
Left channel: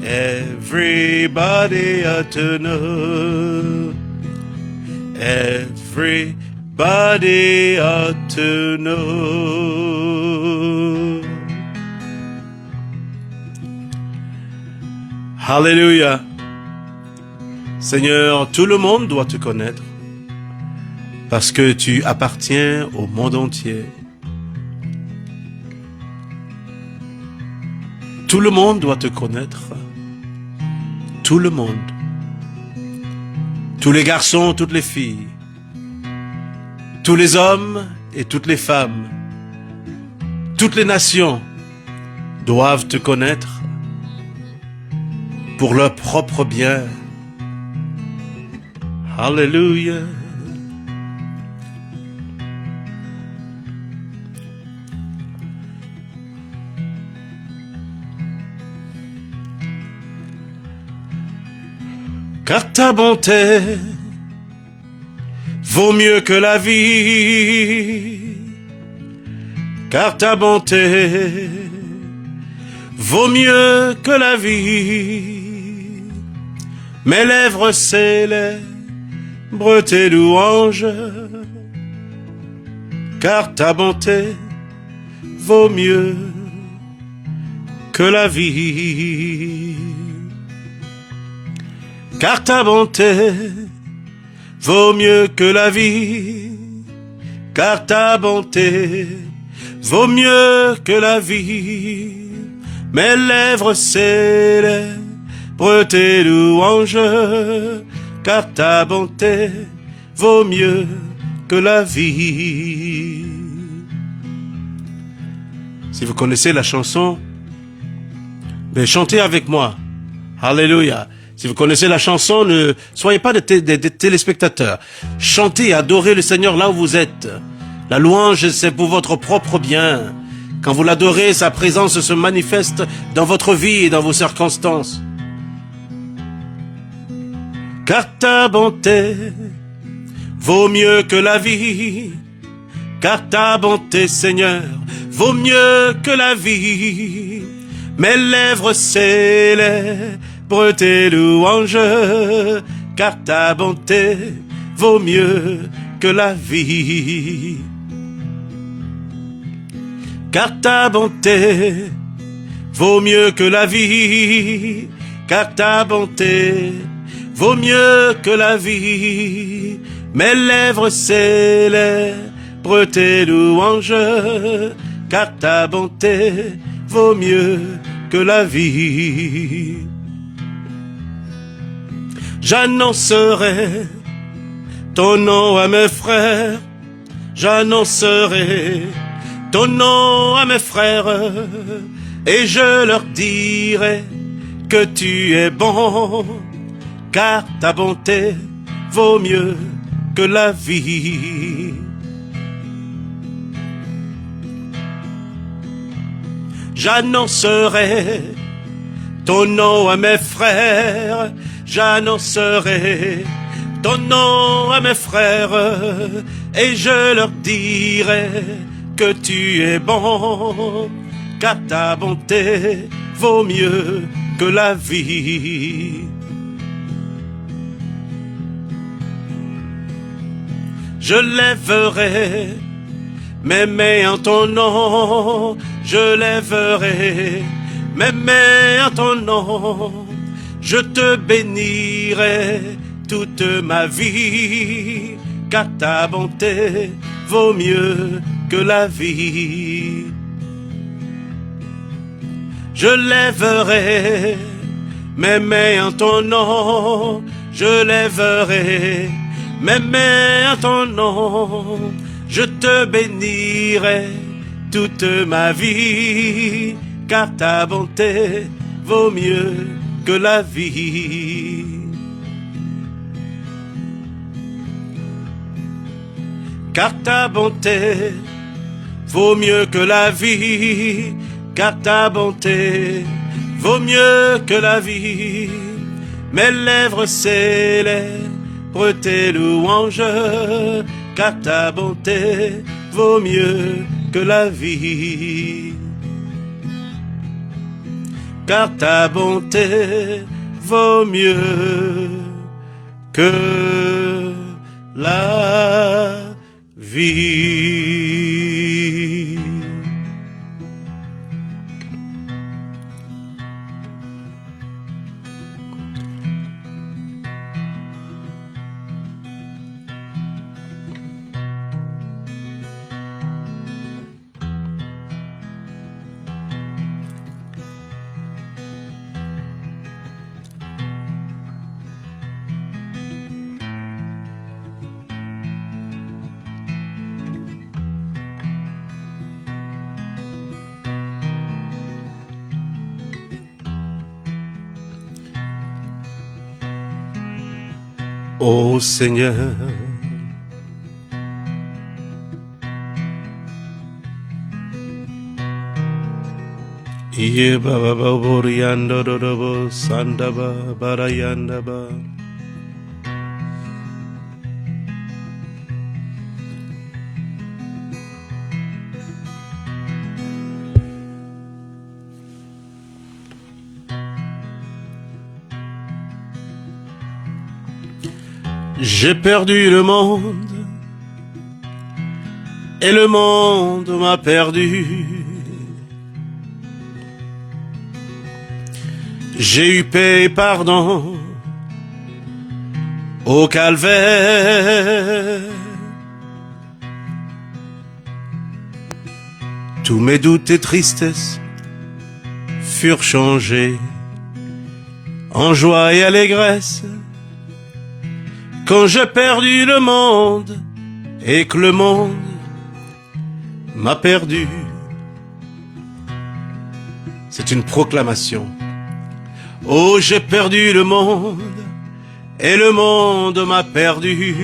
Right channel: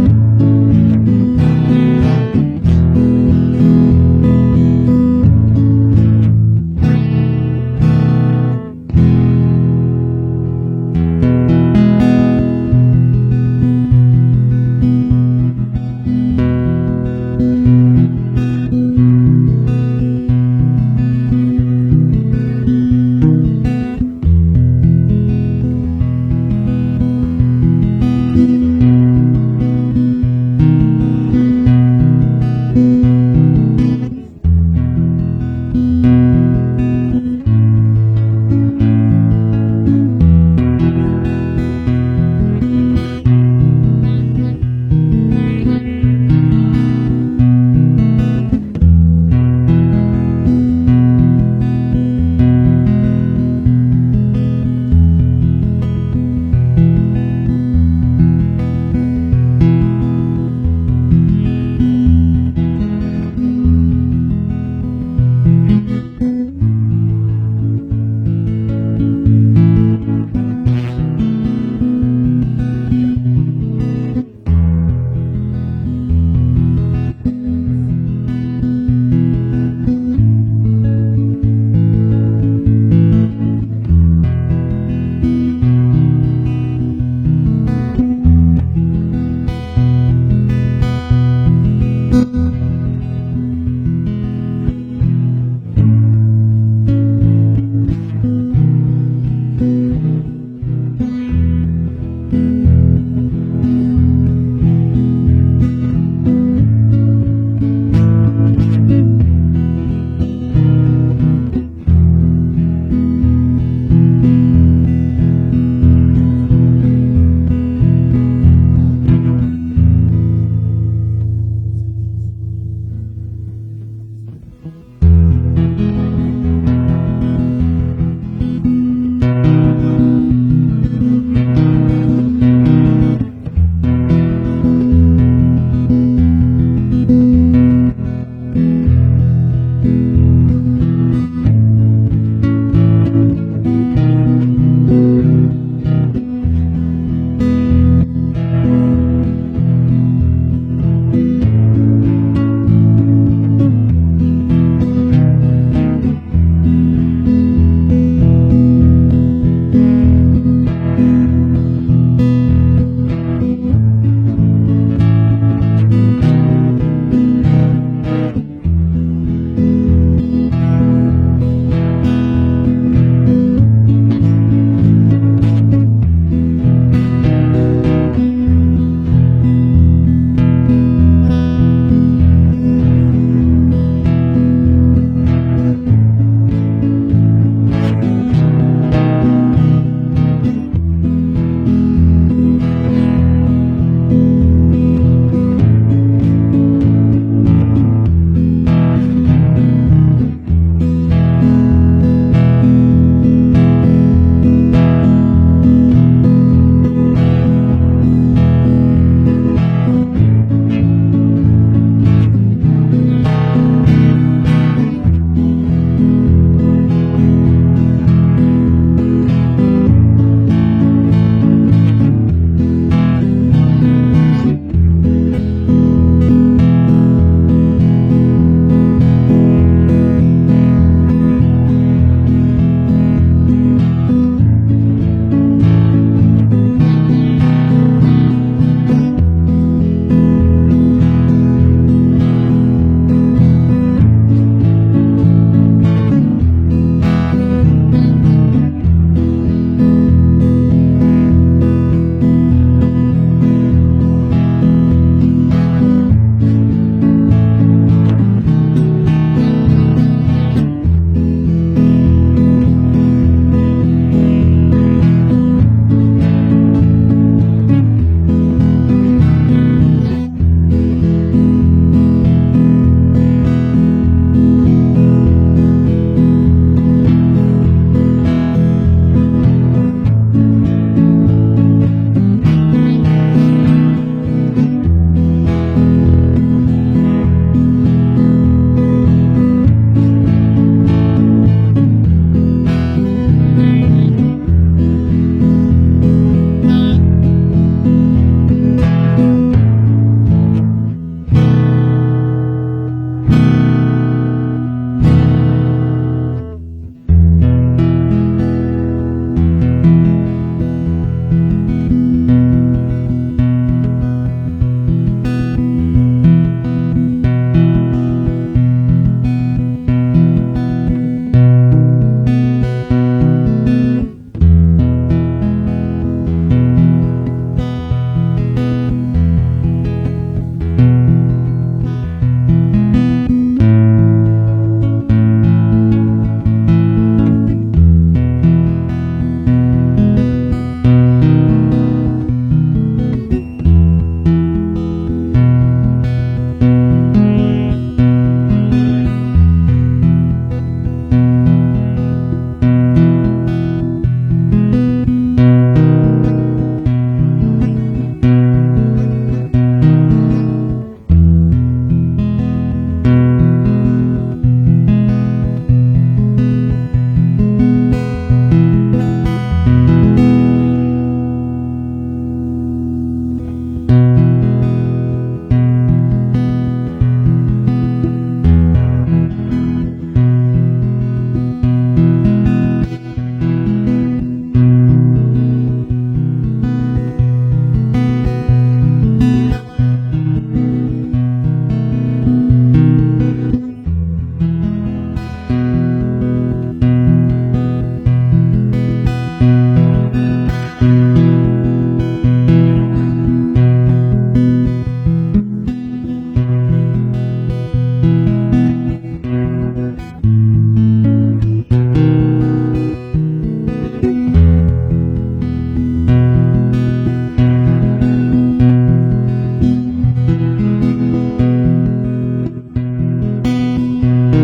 Everybody ought to know. Everybody ought to know. Alléluia. Seigneur, tout le monde doit te connaître parce que tu appartiens au monde entier. Tout le monde doit te connaître. Tout le monde. Tous les garçons, toutes les filles. Tous les hommes et toutes les femmes. Toutes les nations doivent te connaître pour leur propre bien. Alléluia. Car ta bonté vaut mieux que la vie. Car ta bonté vaut mieux que la vie. Mes lèvres célèbrent tes louanges. Car ta bonté vaut mieux que la vie. Car ta bonté vaut mieux que la vie. Car ta bonté vaut mieux que la vie. Mes lèvres célèbrent tes louanges. Car ta bonté vaut mieux que la vie. Si vous connaissez la chanson, mais chantez avec moi. Alléluia. Si vous connaissez la chanson, ne soyez pas des téléspectateurs. Chantez et adorez le Seigneur là où vous êtes. La louange, c'est pour votre propre bien. Quand vous l'adorez, sa présence se manifeste dans votre vie et dans vos circonstances. Car ta bonté vaut mieux que la vie, car ta bonté, Seigneur, vaut mieux que la vie. Mes lèvres célèbrent tes louanges, car ta bonté vaut mieux que la vie. Car ta bonté vaut mieux que la vie, car ta bonté vaut mieux que la vie. Mes lèvres célèbrent tes louanges, car ta bonté vaut mieux que la vie. J'annoncerai ton nom à mes frères, j'annoncerai ton nom à mes frères, et je leur dirai que tu es bon, car ta bonté vaut mieux que la vie. J'annoncerai ton nom à mes frères, j'annoncerai ton nom à mes frères, et je leur dirai que tu es bon, car ta bonté vaut mieux que la vie. Je lèverai mes mains en ton nom, je lèverai mes mains en ton nom, je te bénirai toute ma vie, car ta bonté vaut mieux que la vie. Je lèverai mes mains en ton nom, je lèverai mes mains en ton nom, je te bénirai toute ma vie, car ta bonté vaut mieux que la vie. Car ta bonté vaut mieux que la vie, car ta bonté vaut mieux que la vie. Mes lèvres célèbrent tes louanges, car ta bonté vaut mieux que la vie. Car ta bonté vaut mieux que la vie. Seigneur, Iye baba borianda dodobo sandaba barayanda ba. J'ai perdu le monde et le monde m'a perdu. J'ai eu paix et pardon au calvaire. Tous mes doutes et tristesses furent changés en joie et allégresse. Quand j'ai perdu le monde et que le monde m'a perdu. C'est une proclamation. Oh, j'ai perdu le monde et le monde m'a perdu.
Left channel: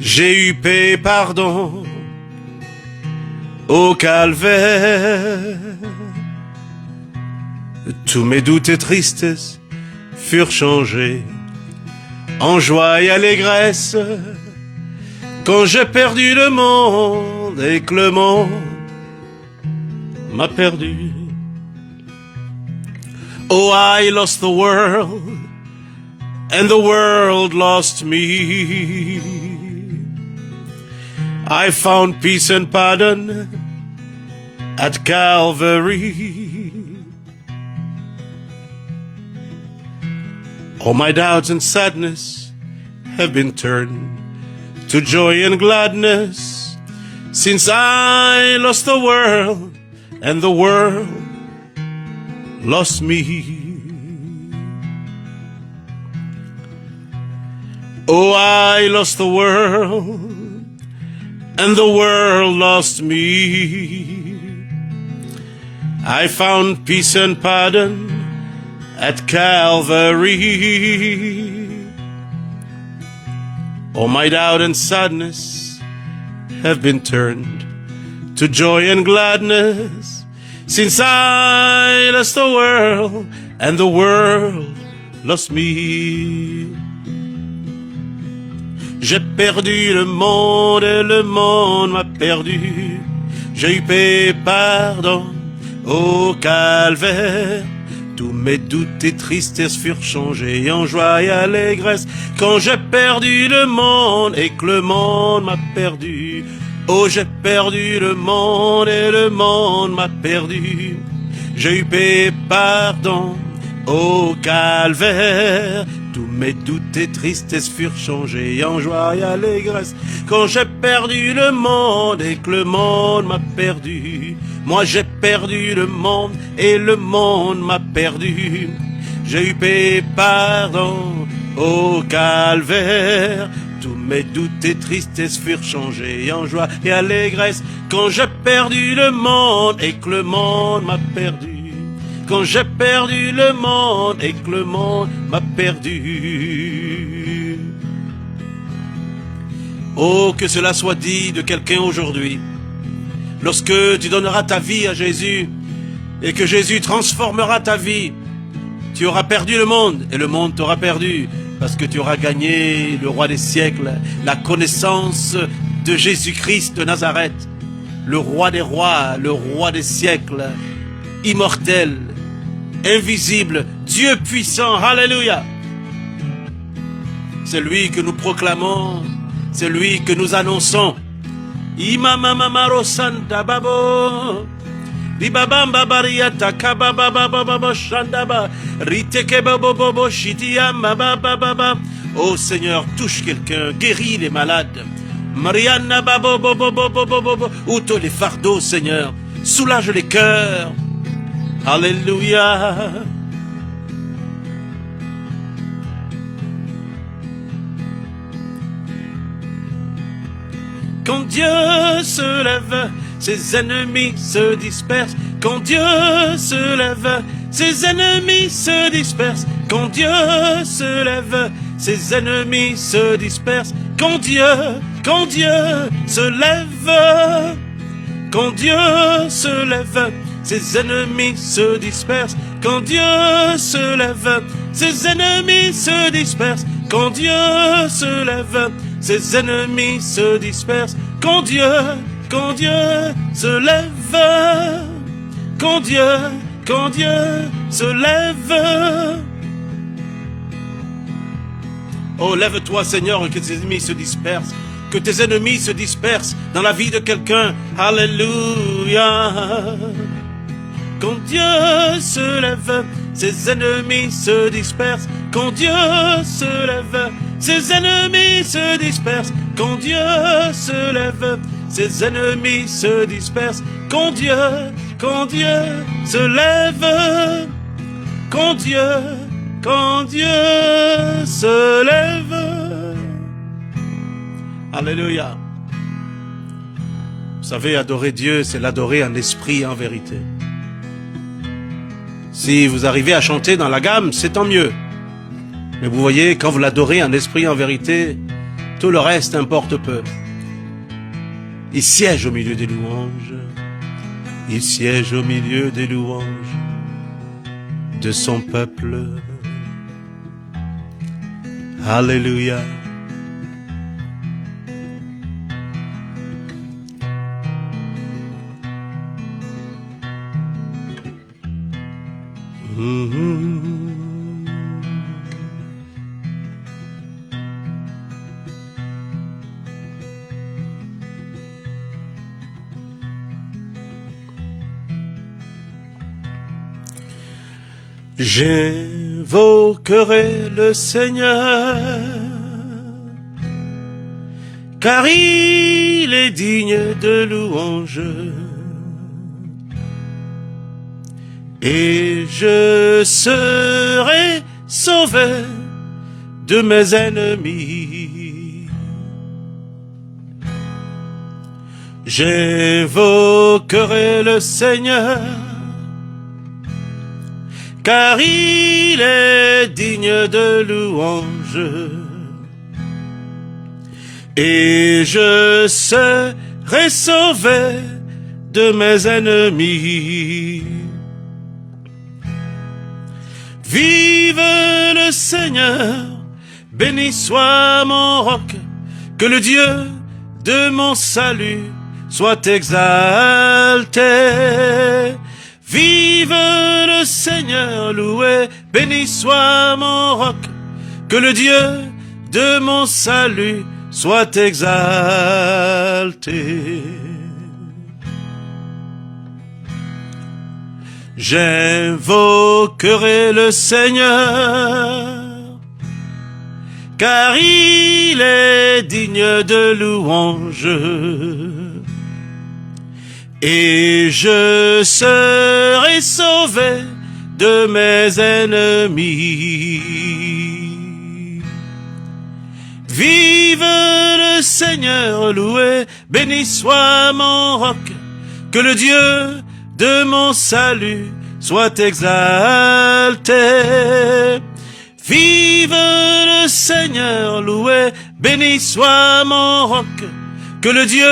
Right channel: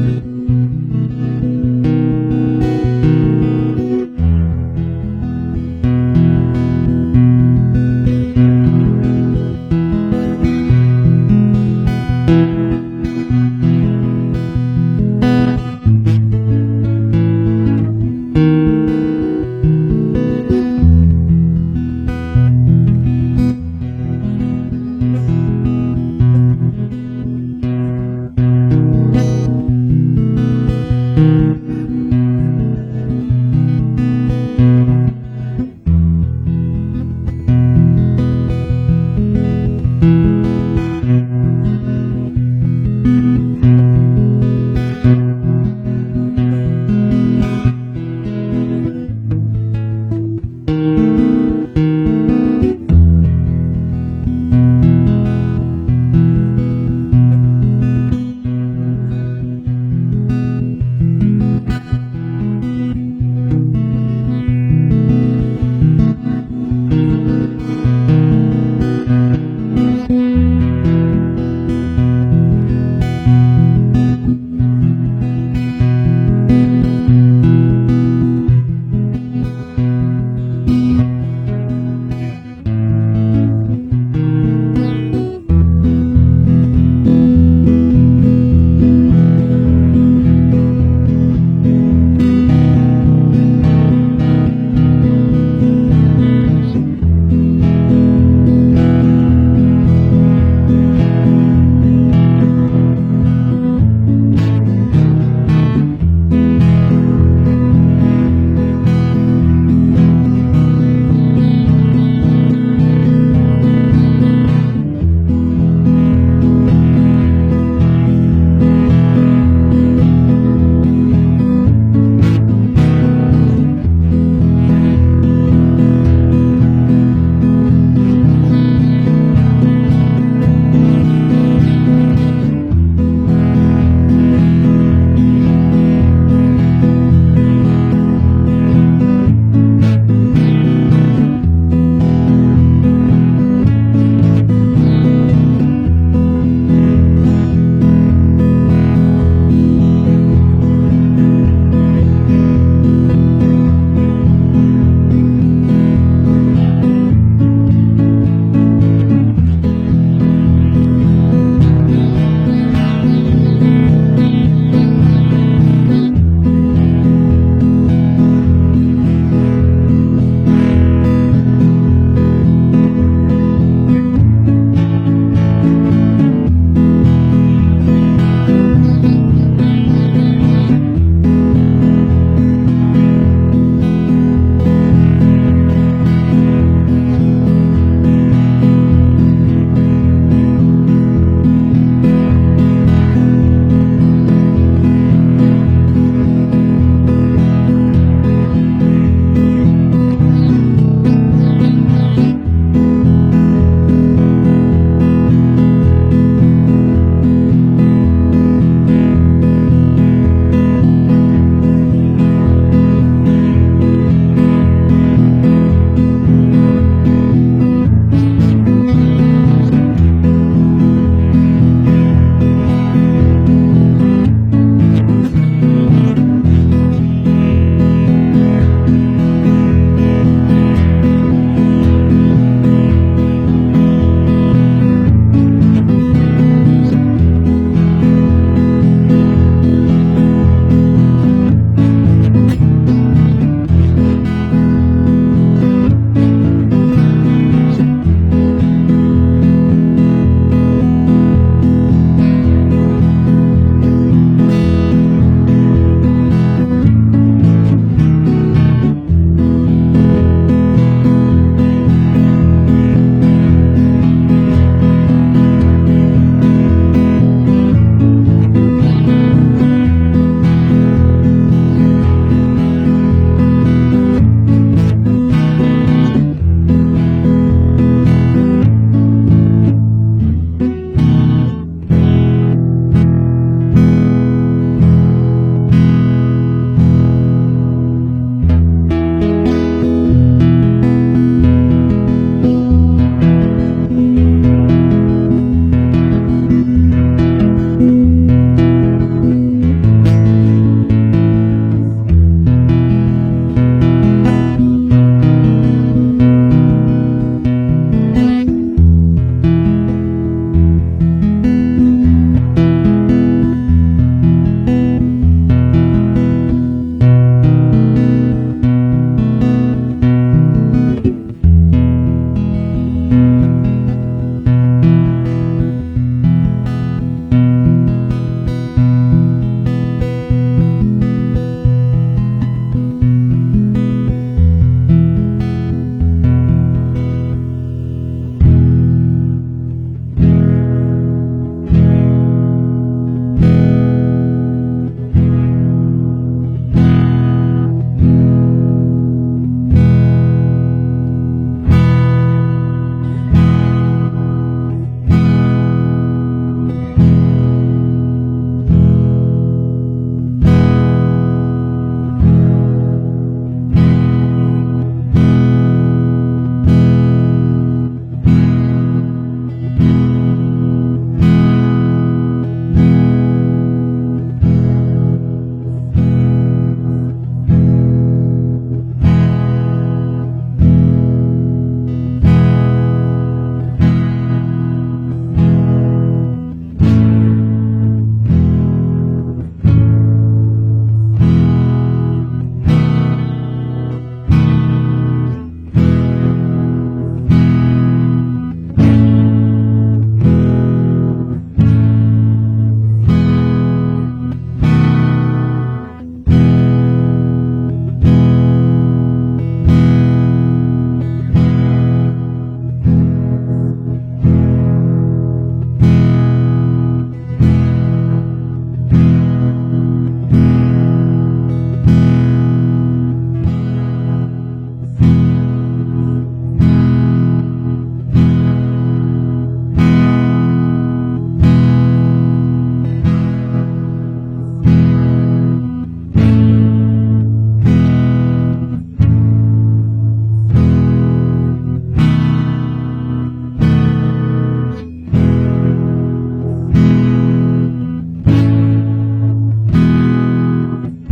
J'ai eu paix et pardon au calvaire. Tous mes doutes et tristesses furent changés en joie et allégresse, quand j'ai perdu le monde et que le monde m'a perdu. Oh, I lost the world and the world lost me. I found peace and pardon at Calvary. All my doubts and sadness have been turned to joy and gladness, since I lost the world and the world lost me. Oh, I lost the world and the world lost me. I found peace and pardon at Calvary. All my doubt and sadness have been turned to joy and gladness, since I lost the world and the world lost me. J'ai perdu le monde et le monde m'a perdu. J'ai eu paix, pardon au calvaire. Mais toutes tes tristesses furent changées en joie et allégresse, quand j'ai perdu le monde et que le monde m'a perdu. Oh, j'ai perdu le monde et le monde m'a perdu. J'ai eu paix, pardon au calvaire. Mais toutes tes tristesses furent changées en joie et allégresse, quand j'ai perdu le monde et que le monde m'a perdu. Moi j'ai perdu le monde et le monde m'a perdu. J'ai eu paix, pardon au calvaire. Mais toutes tes tristesses furent changées en joie et allégresse, quand j'ai perdu le monde et que le monde m'a perdu. Quand j'ai perdu le monde et que le monde m'a perdu. Oh, que cela soit dit de quelqu'un aujourd'hui. Lorsque tu donneras ta vie à Jésus et que Jésus transformera ta vie, tu auras perdu le monde et le monde t'aura perdu, parce que tu auras gagné le roi des siècles, la connaissance de Jésus-Christ de Nazareth, le roi des rois, le roi des siècles, immortel, invisible, Dieu puissant. Alléluia. C'est lui que nous proclamons, c'est lui que nous annonçons. Imama mamaro santa babo, libabamba bariata kababa baba shandaba, riteke babo bobo shitia baba baba. Oh Seigneur, touche quelqu'un, guéris les malades. Mariana babo bobo bobo bobo, ôte les fardeaux, Seigneur, soulage les cœurs. Alléluia. Ses ennemis se dispersent, quand Dieu se lève, ses ennemis se dispersent, quand Dieu se lève, ses ennemis se dispersent, quand Dieu se lève, quand Dieu se lève, ses ennemis se dispersent, quand Dieu se lève, ses ennemis se dispersent, quand Dieu se lève, ses ennemis se dispersent, quand Dieu se lève, quand Dieu se lève. Oh, lève-toi, Seigneur, que tes ennemis se dispersent, que tes ennemis se dispersent dans la vie de quelqu'un. Alléluia. Quand Dieu se lève, ses ennemis se dispersent, quand Dieu se lève, ses ennemis se dispersent, quand Dieu se lève, ses ennemis se dispersent, quand Dieu se lève, quand Dieu se lève. Alléluia. Vous savez, adorer Dieu, c'est l'adorer en esprit et en vérité. Si vous arrivez à chanter dans la gamme, c'est tant mieux. Mais vous voyez, quand vous l'adorez en esprit et en vérité, tout le reste importe peu. Il siège au milieu des louanges. Il siège au milieu des louanges de son peuple. Alléluia. J'invoquerai le Seigneur, car il est digne de louange, et je serai sauvé de mes ennemis. J'invoquerai le Seigneur, car il est digne de louange, et je serai sauvé de mes ennemis. Vive le Seigneur, béni soit mon roc, que le Dieu de mon salut soit exalté. Vive le Seigneur, loué, béni soit mon roc, que le Dieu de mon salut soit exalté. J'invoquerai le Seigneur, car il est digne de louange, et je serai sauvé de mes ennemis. Vive le Seigneur, loué, béni soit mon roc, que le Dieu de mon salut soit exalté. Vive le Seigneur, loué, béni soit mon roc, que le Dieu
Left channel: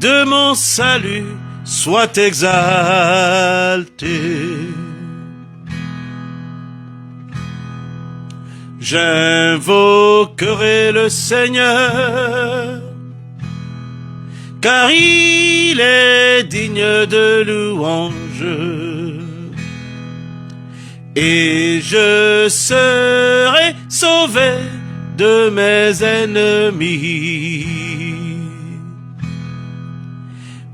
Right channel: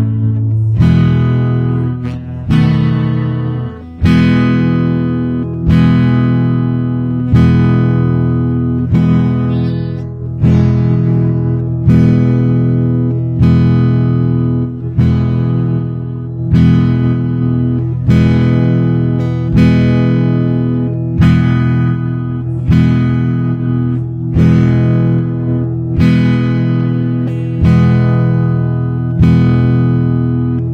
de mon salut soit exalté. J'invoquerai le Seigneur, car il est digne de louange, et je serai sauvé de mes ennemis.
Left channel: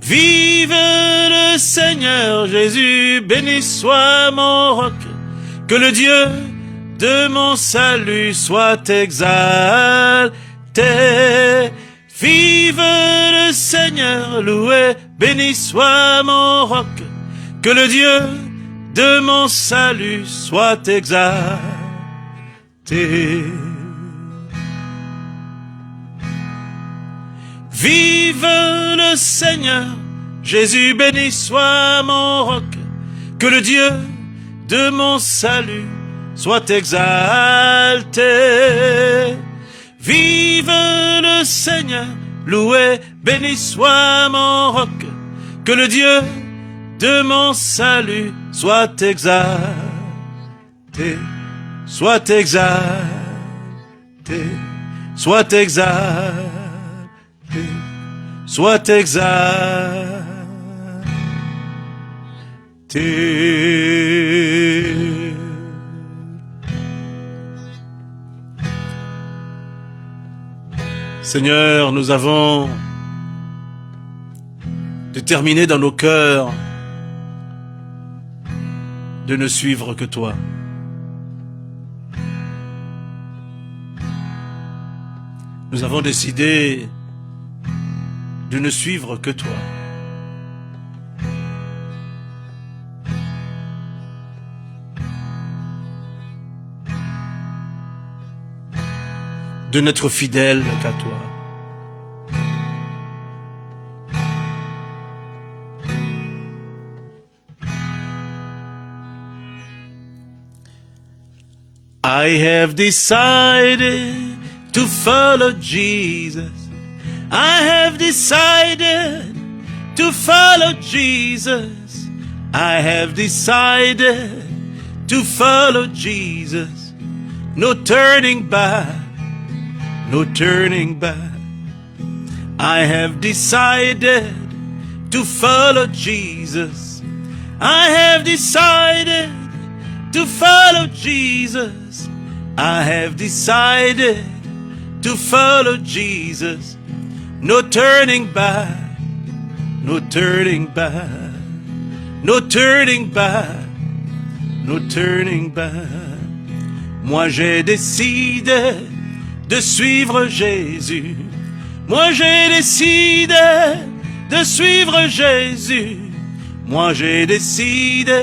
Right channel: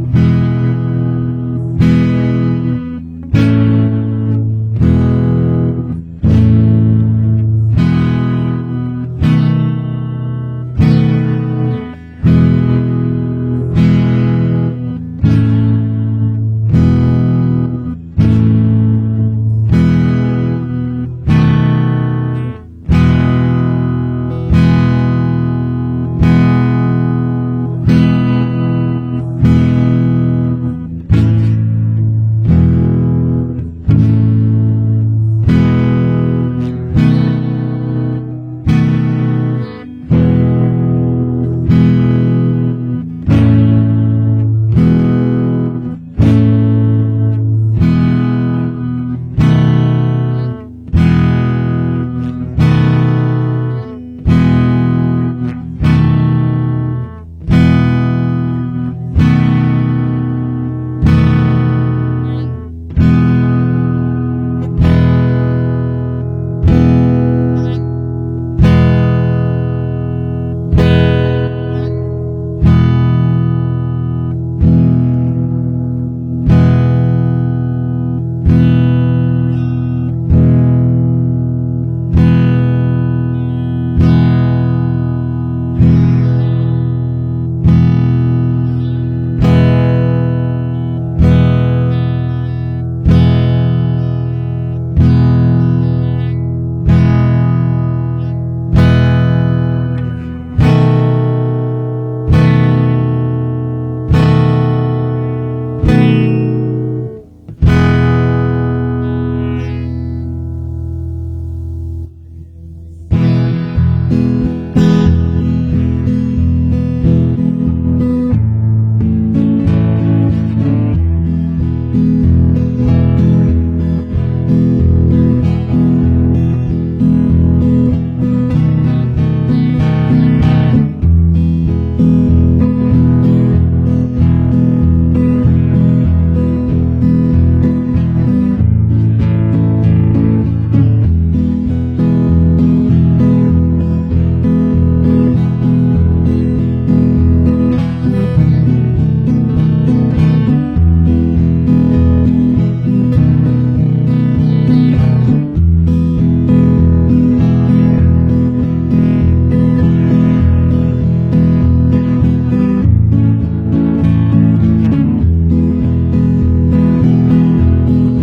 Vive le Seigneur Jésus, béni soit mon roc, que le Dieu de mon salut soit exalté. Vive le Seigneur, loué, béni soit mon roc, que le Dieu de mon salut soit exalté. Vive le Seigneur, Jésus, béni soit mon roc, que le Dieu de mon salut soit exalté. Vive le Seigneur, loué, béni soit mon roc, que le Dieu de mon salut soit exalté, soit exalté, soit exalté, soit exalté. Seigneur, nous avons déterminé dans nos cœurs de ne suivre que toi. Nous avons décidé de ne suivre que toi. De n'être fidèle qu'à toi. I have decided to follow Jesus. I have decided to follow Jesus. I have decided to follow Jesus. No turning back, no turning back. I have decided to follow Jesus. I have decided to follow Jesus. I have decided to follow Jesus. No turning back, no turning back, no turning back, no turning back. Moi j'ai décidé de suivre Jésus. Moi j'ai décidé de suivre Jésus. Moi j'ai décidé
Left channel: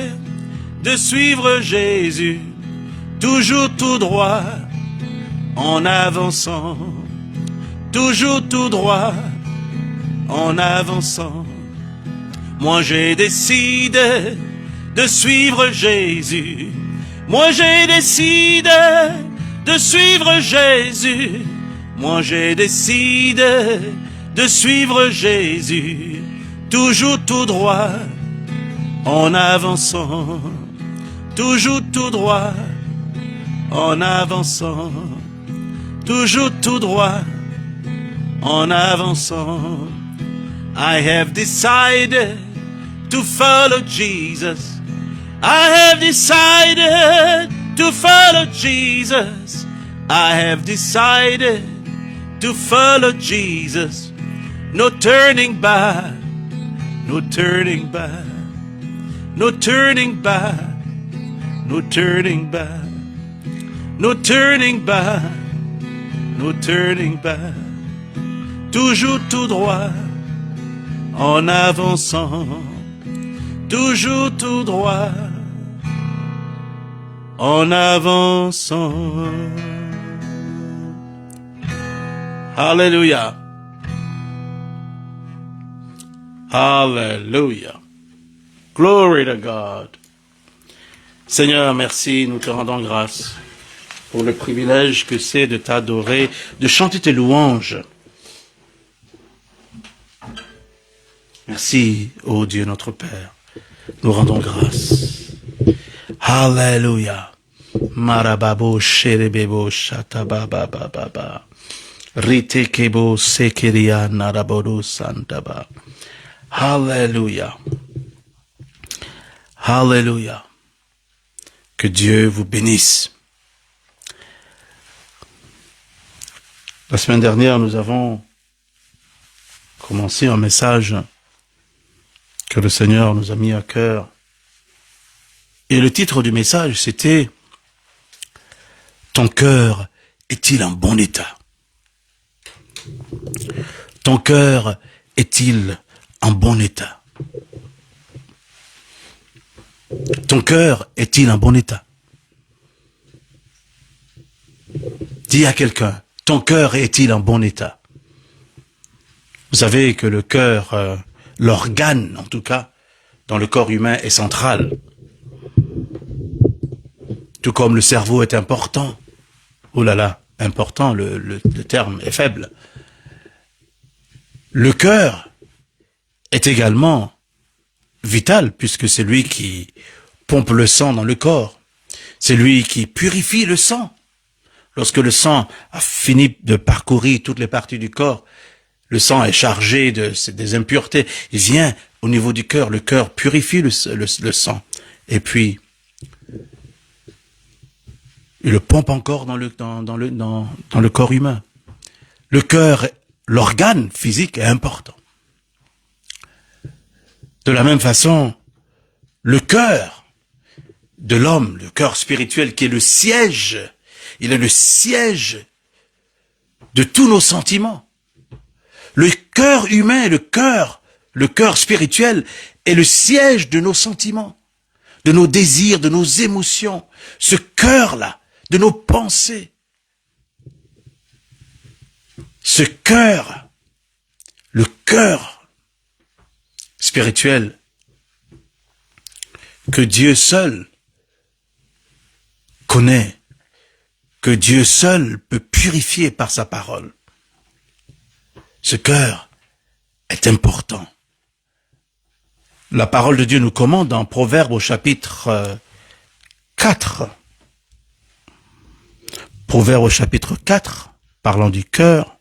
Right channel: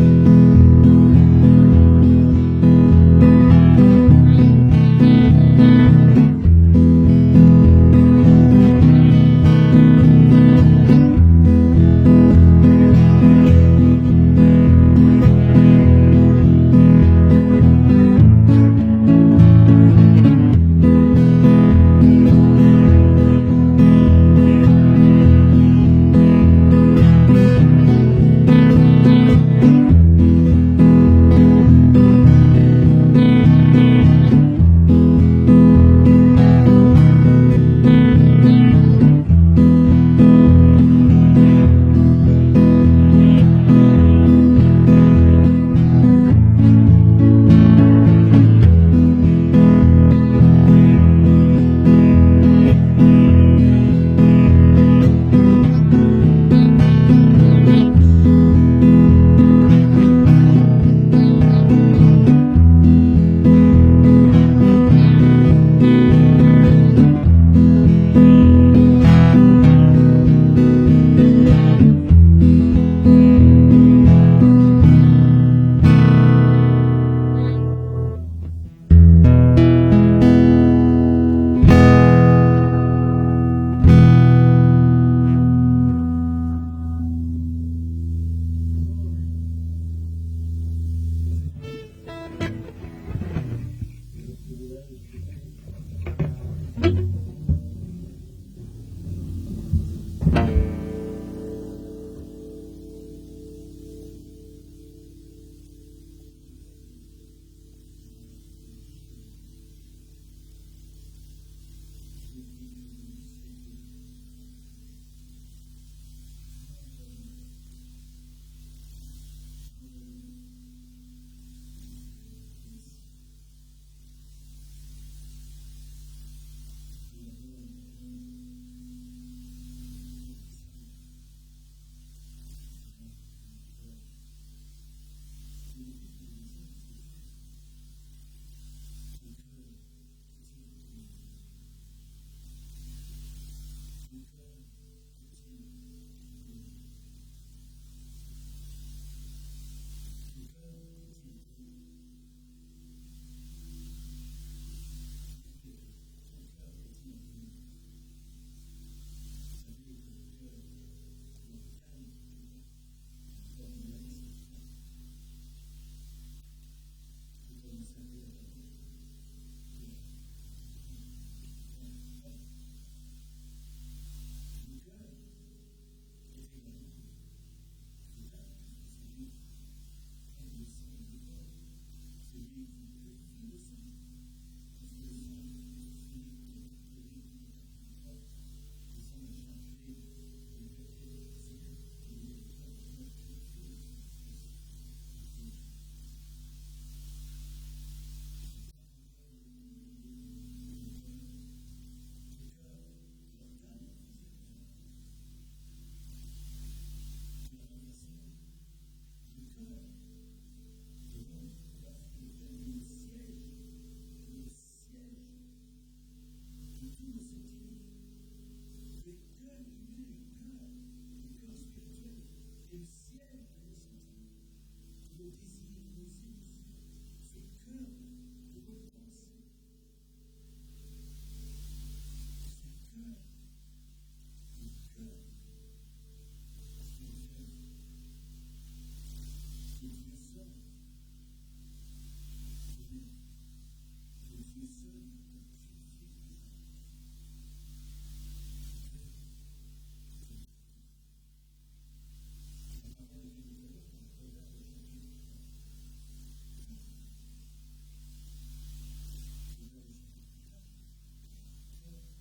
de suivre Jésus. Toujours tout droit, en avançant. Toujours tout droit, en avançant. Moi j'ai décidé de suivre Jésus. Moi j'ai décidé de suivre Jésus. Moi j'ai décidé de suivre Jésus. Toujours tout droit, en avançant. Toujours tout droit, en avançant. Toujours tout droit, en avançant. I have decided to follow Jesus. I have decided to follow Jesus. I have decided to follow Jesus. No turning back, no turning back, no turning back, no turning back, no turning back, no turning back. Toujours tout droit, en avançant. Toujours tout droit, en avançant. Alléluia. Alléluia. Glory to God. Seigneur, merci, nous te rendons grâce pour le privilège que c'est de t'adorer, de chanter tes louanges. Merci, ô Dieu notre Père. Nous rendons grâce. Alléluia. Marababo sherebebo shatababababa. Ritekebo sekeria narabodo santaba. Alléluia. Alléluia. Que Dieu vous bénisse. La semaine dernière, nous avons commencé un message que le Seigneur nous a mis à cœur. Et le titre du message, c'était « Ton cœur est-il en bon état ?» Ton cœur est-il en bon état? Ton cœur est-il en bon état? Dis à quelqu'un, ton cœur est-il en bon état? Vous savez que le cœur, l'organe en tout cas, dans le corps humain est central. Tout comme le cerveau est important. Oh là là, important, le terme est faible. Le cœur est également vital puisque c'est lui qui pompe le sang dans le corps. C'est lui qui purifie le sang. Lorsque le sang a fini de parcourir toutes les parties du corps, le sang est chargé des impuretés. Il vient au niveau du cœur. Le cœur purifie le sang. Et puis, il le pompe encore dans le corps humain. Le cœur, l'organe physique est important. De la même façon, le cœur de l'homme, le cœur spirituel qui est le siège, il est le siège de tous nos sentiments. Le cœur humain, le cœur spirituel est le siège de nos sentiments, de nos désirs, de nos émotions. Ce cœur-là, de nos pensées. Ce cœur, le cœur spirituel que Dieu seul connaît, que Dieu seul peut purifier par sa parole. Ce cœur est important. La parole de Dieu nous commande dans Proverbes au chapitre 4. Proverbes au chapitre 4, parlant du cœur.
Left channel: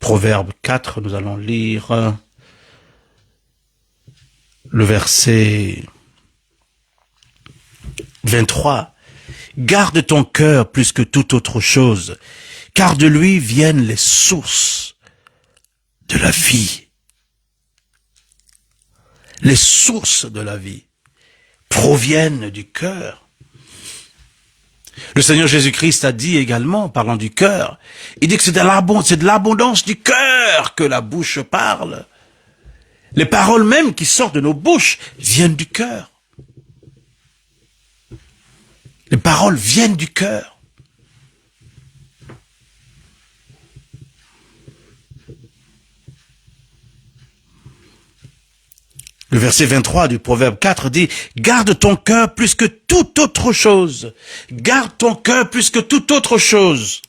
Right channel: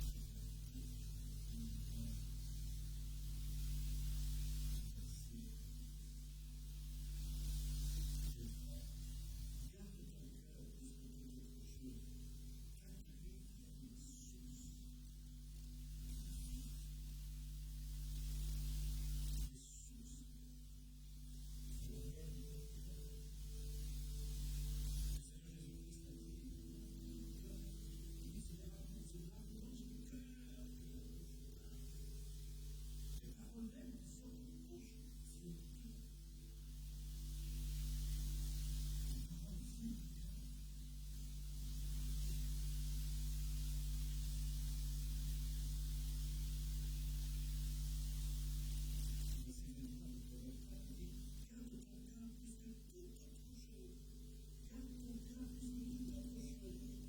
Proverbe 4, nous allons lire le verset 23. Garde ton cœur plus que toute autre chose, car de lui viennent les sources de la vie. Les sources de la vie proviennent du cœur. Le Seigneur Jésus-Christ a dit également, parlant du cœur, il dit que c'est de l'abondance du cœur que la bouche parle. Les paroles même qui sortent de nos bouches viennent du cœur. Les paroles viennent du cœur. Le verset 23 du Proverbe 4 dit « Garde ton cœur plus que toute autre chose. Garde ton cœur plus que toute autre chose. »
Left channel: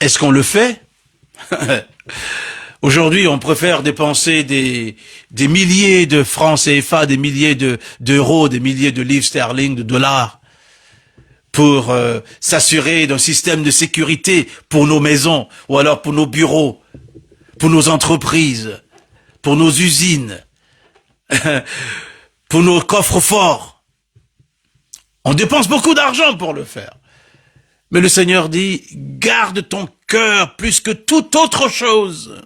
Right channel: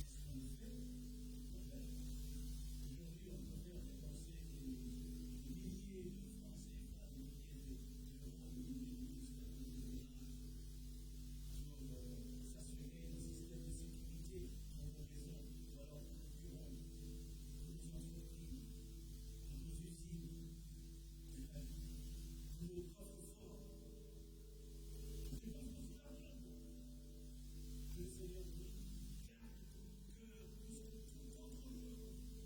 Est-ce qu'on le fait? Aujourd'hui, on préfère dépenser des milliers de francs CFA, des milliers d'euros, des milliers de livres sterling, de dollars, pour s'assurer d'un système de sécurité pour nos maisons, ou alors pour nos bureaux, pour nos entreprises, pour nos usines, pour nos coffres forts. On dépense beaucoup d'argent pour le faire. Mais le Seigneur dit, garde ton cœur plus que toute autre chose.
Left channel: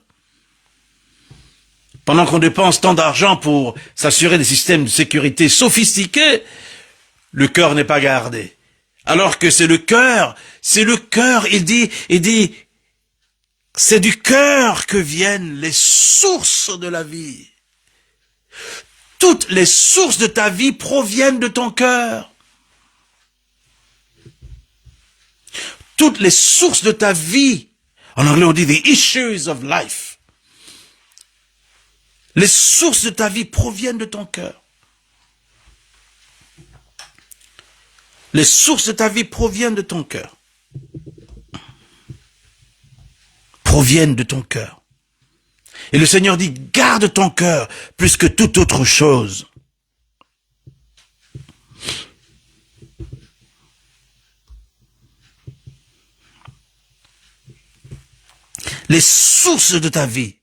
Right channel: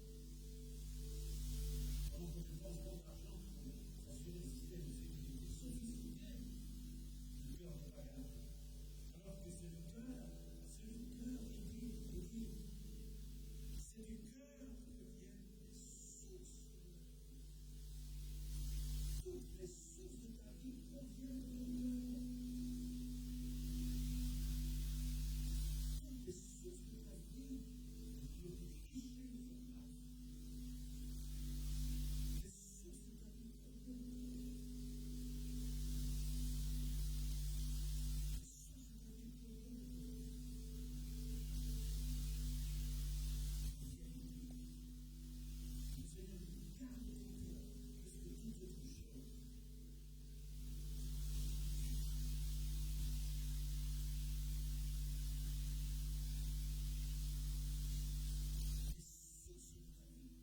Pendant qu'on dépense tant d'argent pour s'assurer des systèmes de sécurité sophistiqués, le cœur n'est pas gardé. Alors que c'est le cœur, il dit, c'est du cœur que viennent les sources de la vie. Toutes les sources de ta vie proviennent de ton cœur. Toutes les sources de ta vie, en anglais on dit the issues of life. Les sources de ta vie proviennent de ton cœur. Les sources de ta vie proviennent de ton cœur. Proviennent de ton cœur. Et le Seigneur dit, garde ton cœur plus que toute autre chose. Les sources de ta vie.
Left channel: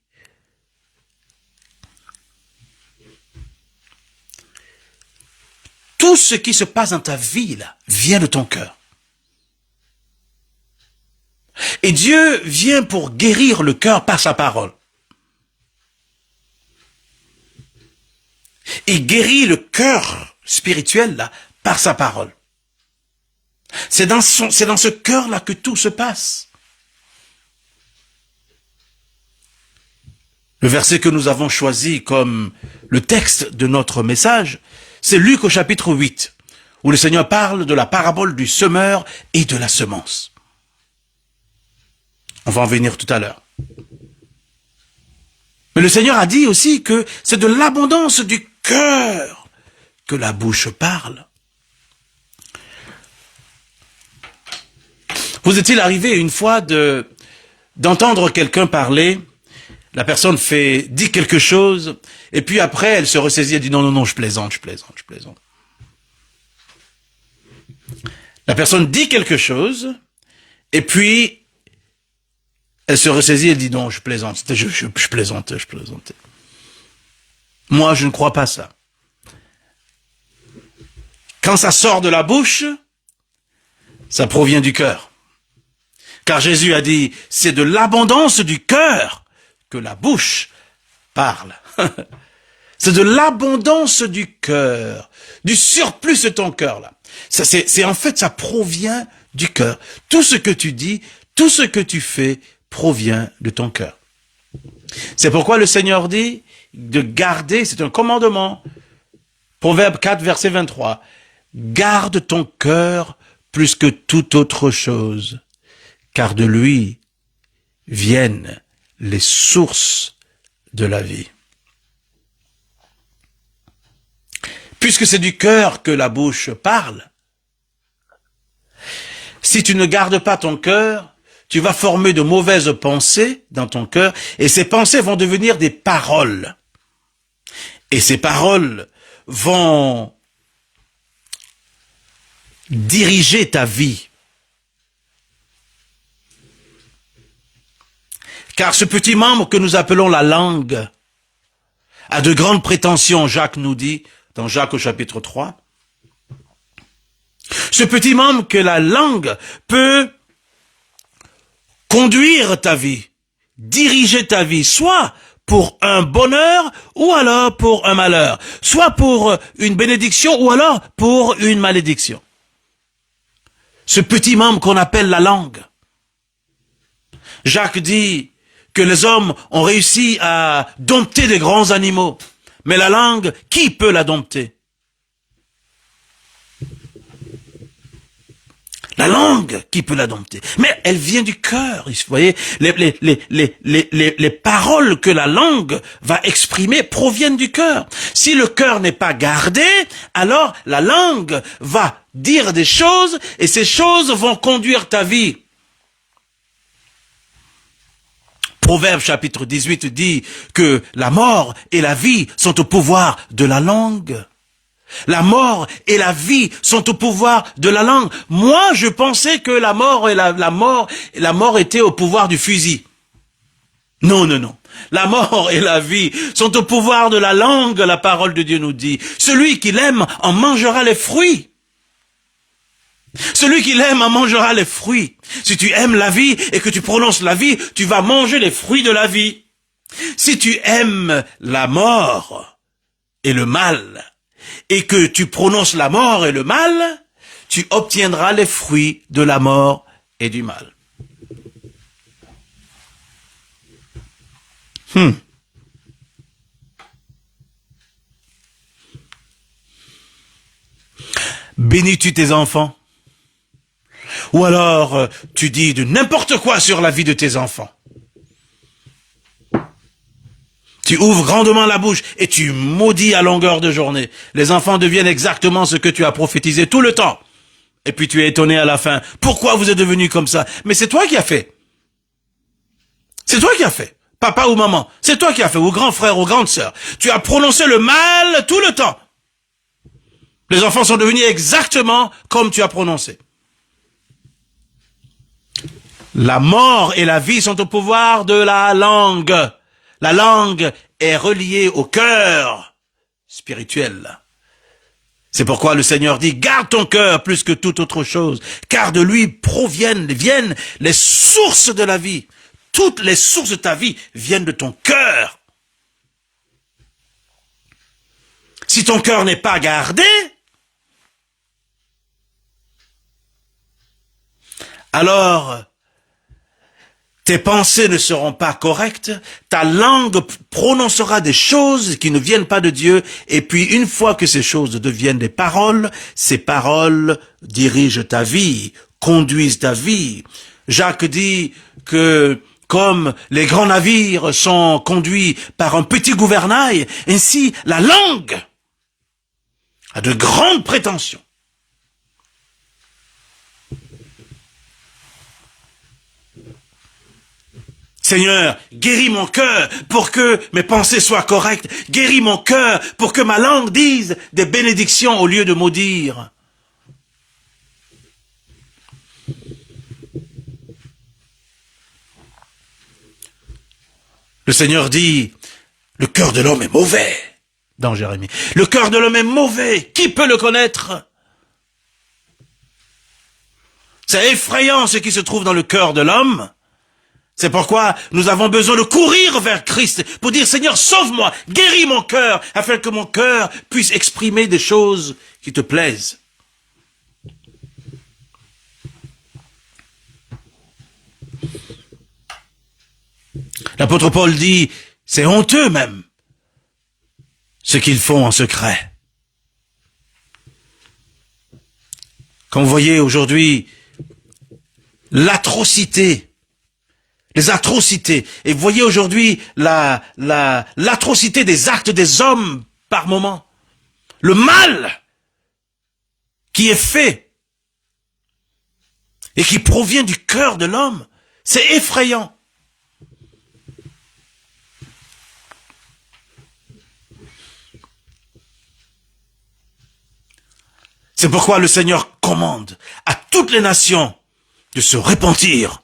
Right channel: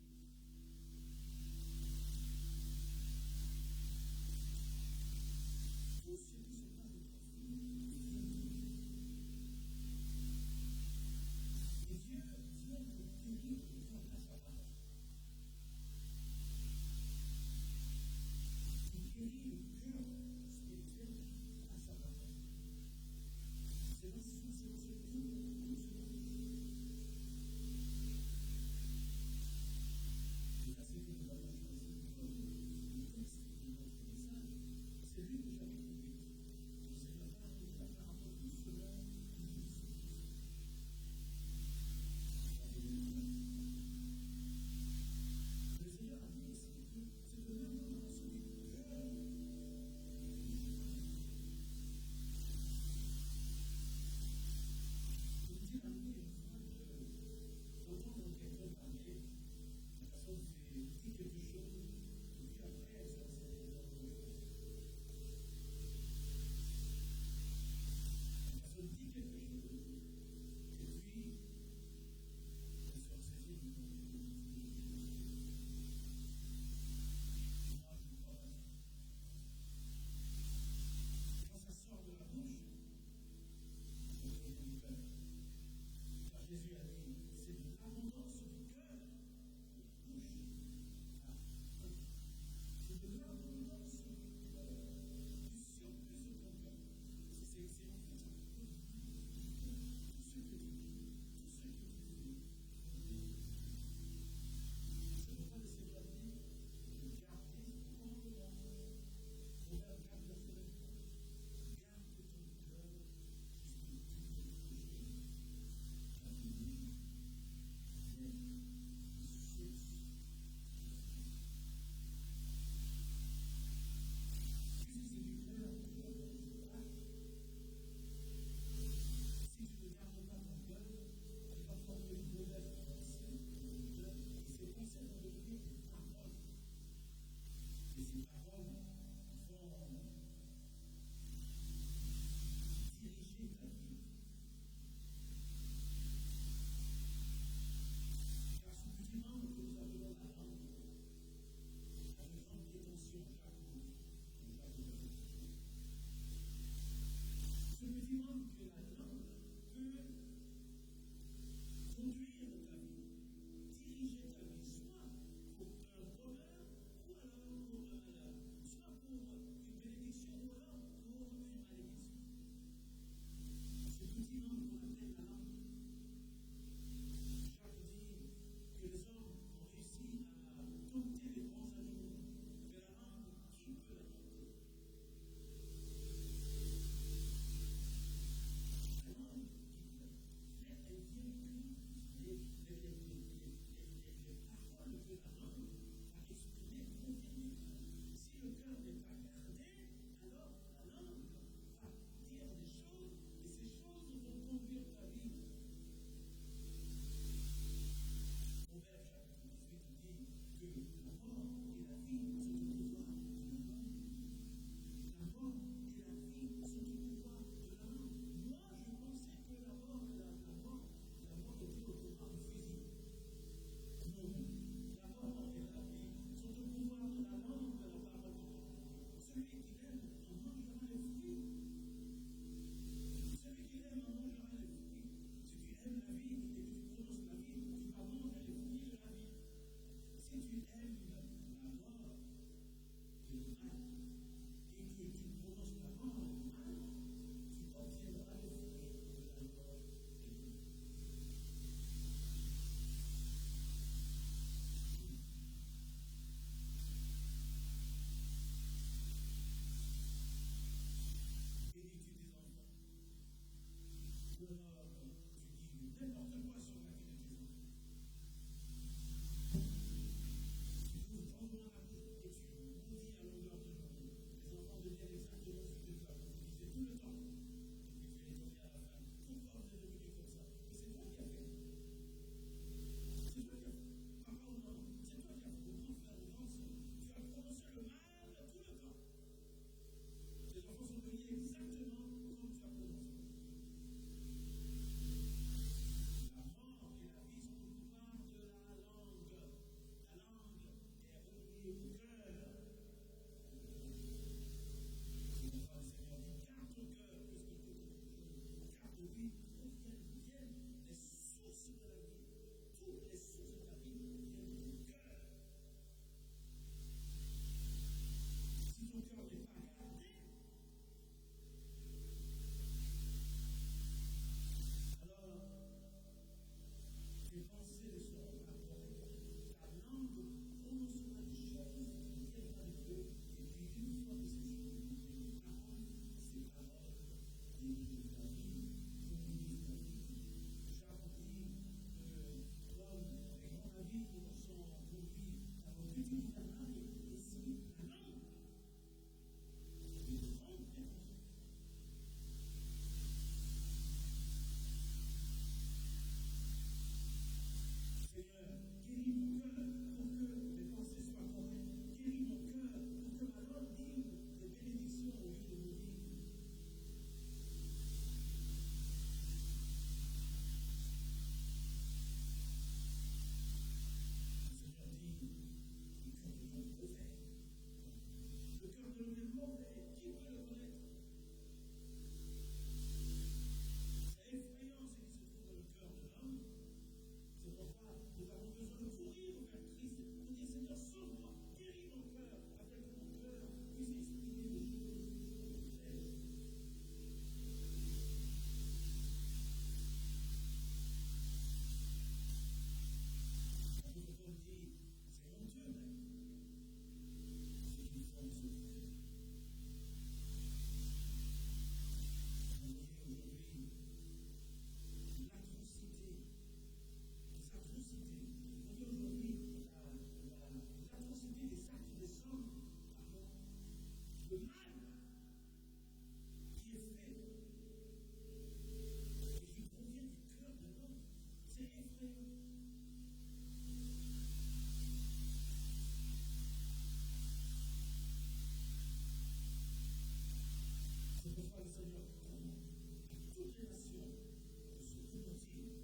Tout ce qui se passe dans ta vie, là, vient de ton cœur. Et Dieu vient pour guérir le cœur par sa parole. Il guérit le cœur spirituel, là, par sa parole. C'est dans ce cœur-là que tout se passe. Le verset que nous avons choisi comme le texte de notre message, c'est Luc au chapitre 8, où le Seigneur parle de la parabole du semeur et de la semence. On va en venir tout à l'heure. Mais le Seigneur a dit aussi que c'est de l'abondance du cœur que la bouche parle. Vous est-il arrivé une fois d'entendre quelqu'un parler, la personne dit quelque chose, et puis après elle se ressaisit et dit non, je plaisante. La personne dit quelque chose, et puis elle se ressaisit et dit non, je plaisante, je plaisantais. Moi, je ne crois pas ça. Quand ça sort de la bouche, ça provient du cœur. Car Jésus a dit, c'est de l'abondance du cœur que la bouche parle. C'est de l'abondance du cœur, du surplus de ton cœur, là. En fait, ça provient du cœur. Tout ce que tu dis, tout ce que tu fais provient de ton cœur. C'est pourquoi le Seigneur dit de garder, c'est un commandement. Proverbe 4, verset 23. Garde ton cœur plus que toute autre chose, car de lui viennent les sources de la vie. Puisque c'est du cœur que la bouche parle, si tu ne gardes pas ton cœur, tu vas former de mauvaises pensées dans ton cœur, et ces pensées vont devenir des paroles. Et ces paroles vont diriger ta vie. Car ce petit membre que nous appelons la langue a de grandes prétentions, Jacques nous dit, dans Jacques au chapitre 3. Ce petit membre que la langue peut conduire ta vie, diriger ta vie, soit pour un bonheur ou alors pour un malheur, soit pour une bénédiction ou alors pour une malédiction. Ce petit membre qu'on appelle la langue. Jacques dit que les hommes ont réussi à dompter des grands animaux, mais la langue, qui peut la dompter? La langue, qui peut la dompter? Mais elle vient du cœur. Vous voyez, les paroles que la langue va exprimer proviennent du cœur. Si le cœur n'est pas gardé, alors la langue va dire des choses et ces choses vont conduire ta vie. Proverbe chapitre 18 dit que la mort et la vie sont au pouvoir de la langue. La mort et la vie sont au pouvoir de la langue. Moi, je pensais que la mort était au pouvoir du fusil. Non, non, non. La mort et la vie sont au pouvoir de la langue, la parole de Dieu nous dit. Celui qui l'aime en mangera les fruits. Celui qui l'aime en mangera les fruits. Si tu aimes la vie et que tu prononces la vie, tu vas manger les fruits de la vie. Si tu aimes la mort et le mal, et que tu prononces la mort et le mal, tu obtiendras les fruits de la mort et du mal. Bénis-tu tes enfants? Ou alors tu dis de n'importe quoi sur la vie de tes enfants. Tu ouvres grandement la bouche et tu maudis à longueur de journée. Les enfants deviennent exactement ce que tu as prophétisé tout le temps. Et puis tu es étonné à la fin. Pourquoi vous êtes devenu comme ça? Mais c'est toi qui as fait. C'est toi qui as fait. Papa ou maman, c'est toi qui as fait. Ou grand frère ou grande sœur. Tu as prononcé le mal tout le temps. Les enfants sont devenus exactement comme tu as prononcé. La mort et la vie sont au pouvoir de la langue. La langue est reliée au cœur spirituel. C'est pourquoi le Seigneur dit, garde ton cœur plus que toute autre chose, car de lui viennent les sources de la vie. Toutes les sources de ta vie viennent de ton cœur. Si ton cœur n'est pas gardé, alors tes pensées ne seront pas correctes, ta langue prononcera des choses qui ne viennent pas de Dieu, et puis une fois que ces choses deviennent des paroles, ces paroles dirigent ta vie, conduisent ta vie. Jacques dit que comme les grands navires sont conduits par un petit gouvernail, ainsi la langue a de grandes prétentions. Seigneur, guéris mon cœur pour que mes pensées soient correctes. Guéris mon cœur pour que ma langue dise des bénédictions au lieu de maudire. Le Seigneur dit, le cœur de l'homme est mauvais, dans Jérémie. Le cœur de l'homme est mauvais. Qui peut le connaître? C'est effrayant ce qui se trouve dans le cœur de l'homme. C'est pourquoi nous avons besoin de courir vers Christ pour dire, Seigneur, sauve-moi, guéris mon cœur, afin que mon cœur puisse exprimer des choses qui te plaisent. L'apôtre Paul dit, c'est honteux même, ce qu'ils font en secret. Quand vous voyez aujourd'hui l'atrocité, les atrocités. Et vous voyez aujourd'hui l'atrocité des actes des hommes par moment. Le mal qui est fait et qui provient du cœur de l'homme, c'est effrayant. C'est pourquoi le Seigneur commande à toutes les nations de se repentir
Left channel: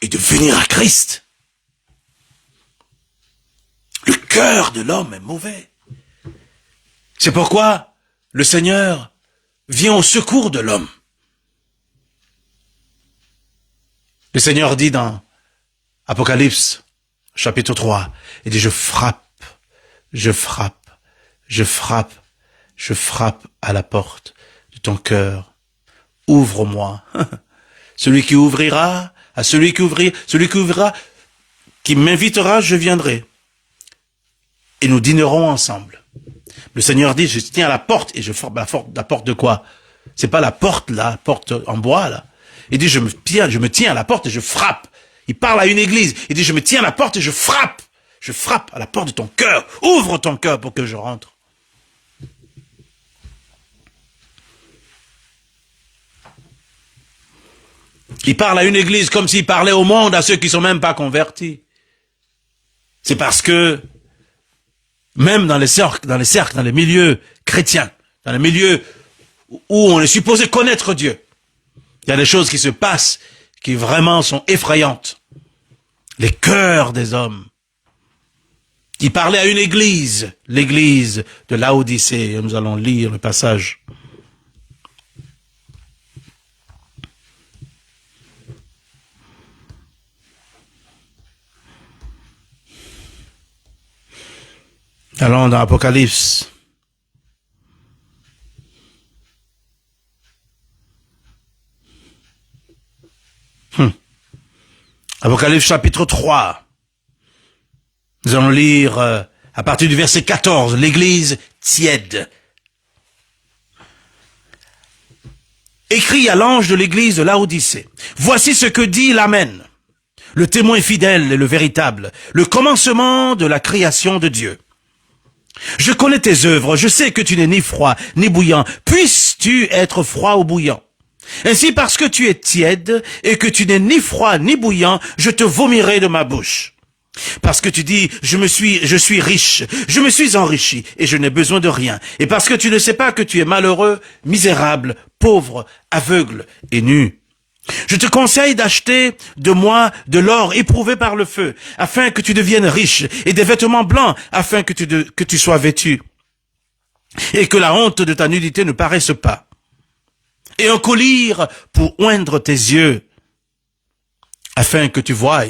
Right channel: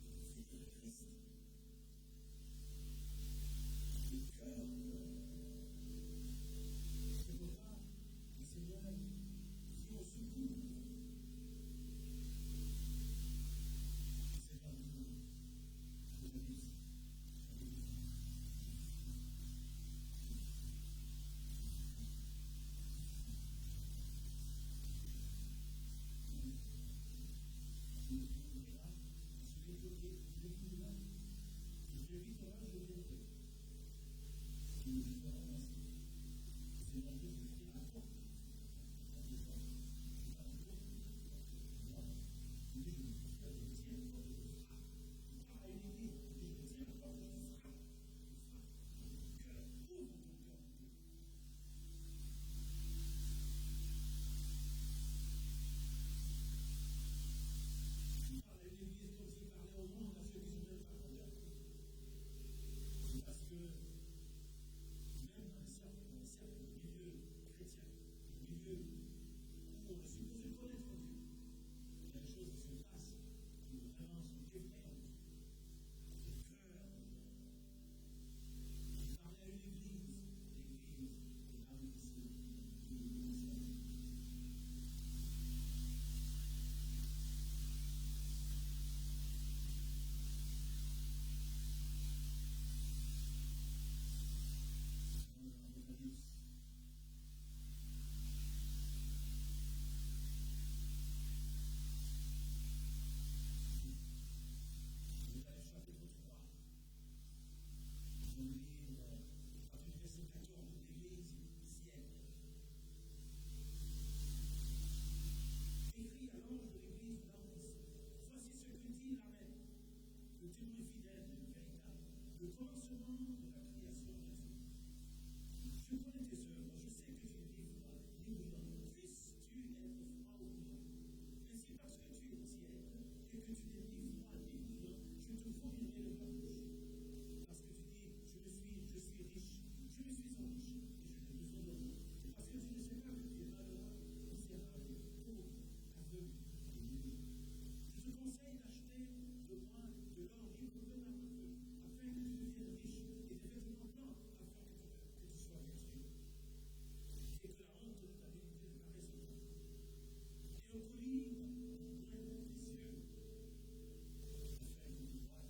et de venir à Christ. Le cœur de l'homme est mauvais. C'est pourquoi le Seigneur vient au secours de l'homme. Le Seigneur dit dans Apocalypse, chapitre 3, il dit, je frappe, je frappe, je frappe, je frappe à la porte de ton cœur. Ouvre-moi. Celui qui ouvrira, à celui qui ouvrira, qui m'invitera, je viendrai. Et nous dînerons ensemble. Le Seigneur dit, je tiens à la porte, et je frappe la porte de quoi? C'est pas la porte là, la porte en bois là. Il dit, je me tiens à la porte et je frappe. Il parle à une église. Il dit, je me tiens à la porte et je frappe. Je frappe à la porte de ton cœur. Ouvre ton cœur pour que je rentre. Il parle à une église comme s'il parlait au monde, à ceux qui sont même pas convertis. C'est parce que, même dans les cercles, dans les milieux chrétiens, dans les milieux où on est supposé connaître Dieu, il y a des choses qui se passent qui vraiment sont effrayantes. Les cœurs des hommes. Il parlait à une église, l'église de Laodicée. Nous allons lire le passage. Allons dans Apocalypse. Apocalypse chapitre 3. Nous allons lire à partir du verset 14, l'église tiède. Écrit à l'ange de l'église de Laodicée. Voici ce que dit l'Amen, le témoin fidèle et le véritable, le commencement de la création de Dieu. Je connais tes œuvres, je sais que tu n'es ni froid ni bouillant. Puisses-tu être froid ou bouillant? Ainsi, parce que tu es tiède et que tu n'es ni froid ni bouillant, je te vomirai de ma bouche. Parce que tu dis, je suis riche, je me suis enrichi et je n'ai besoin de rien. Et parce que tu ne sais pas que tu es malheureux, misérable, pauvre, aveugle et nu. Je te conseille d'acheter de moi de l'or éprouvé par le feu, afin que tu deviennes riche, et des vêtements blancs, afin que tu sois vêtu, et que la honte de ta nudité ne paraisse pas. Et un collier pour oindre tes yeux, afin que tu voies.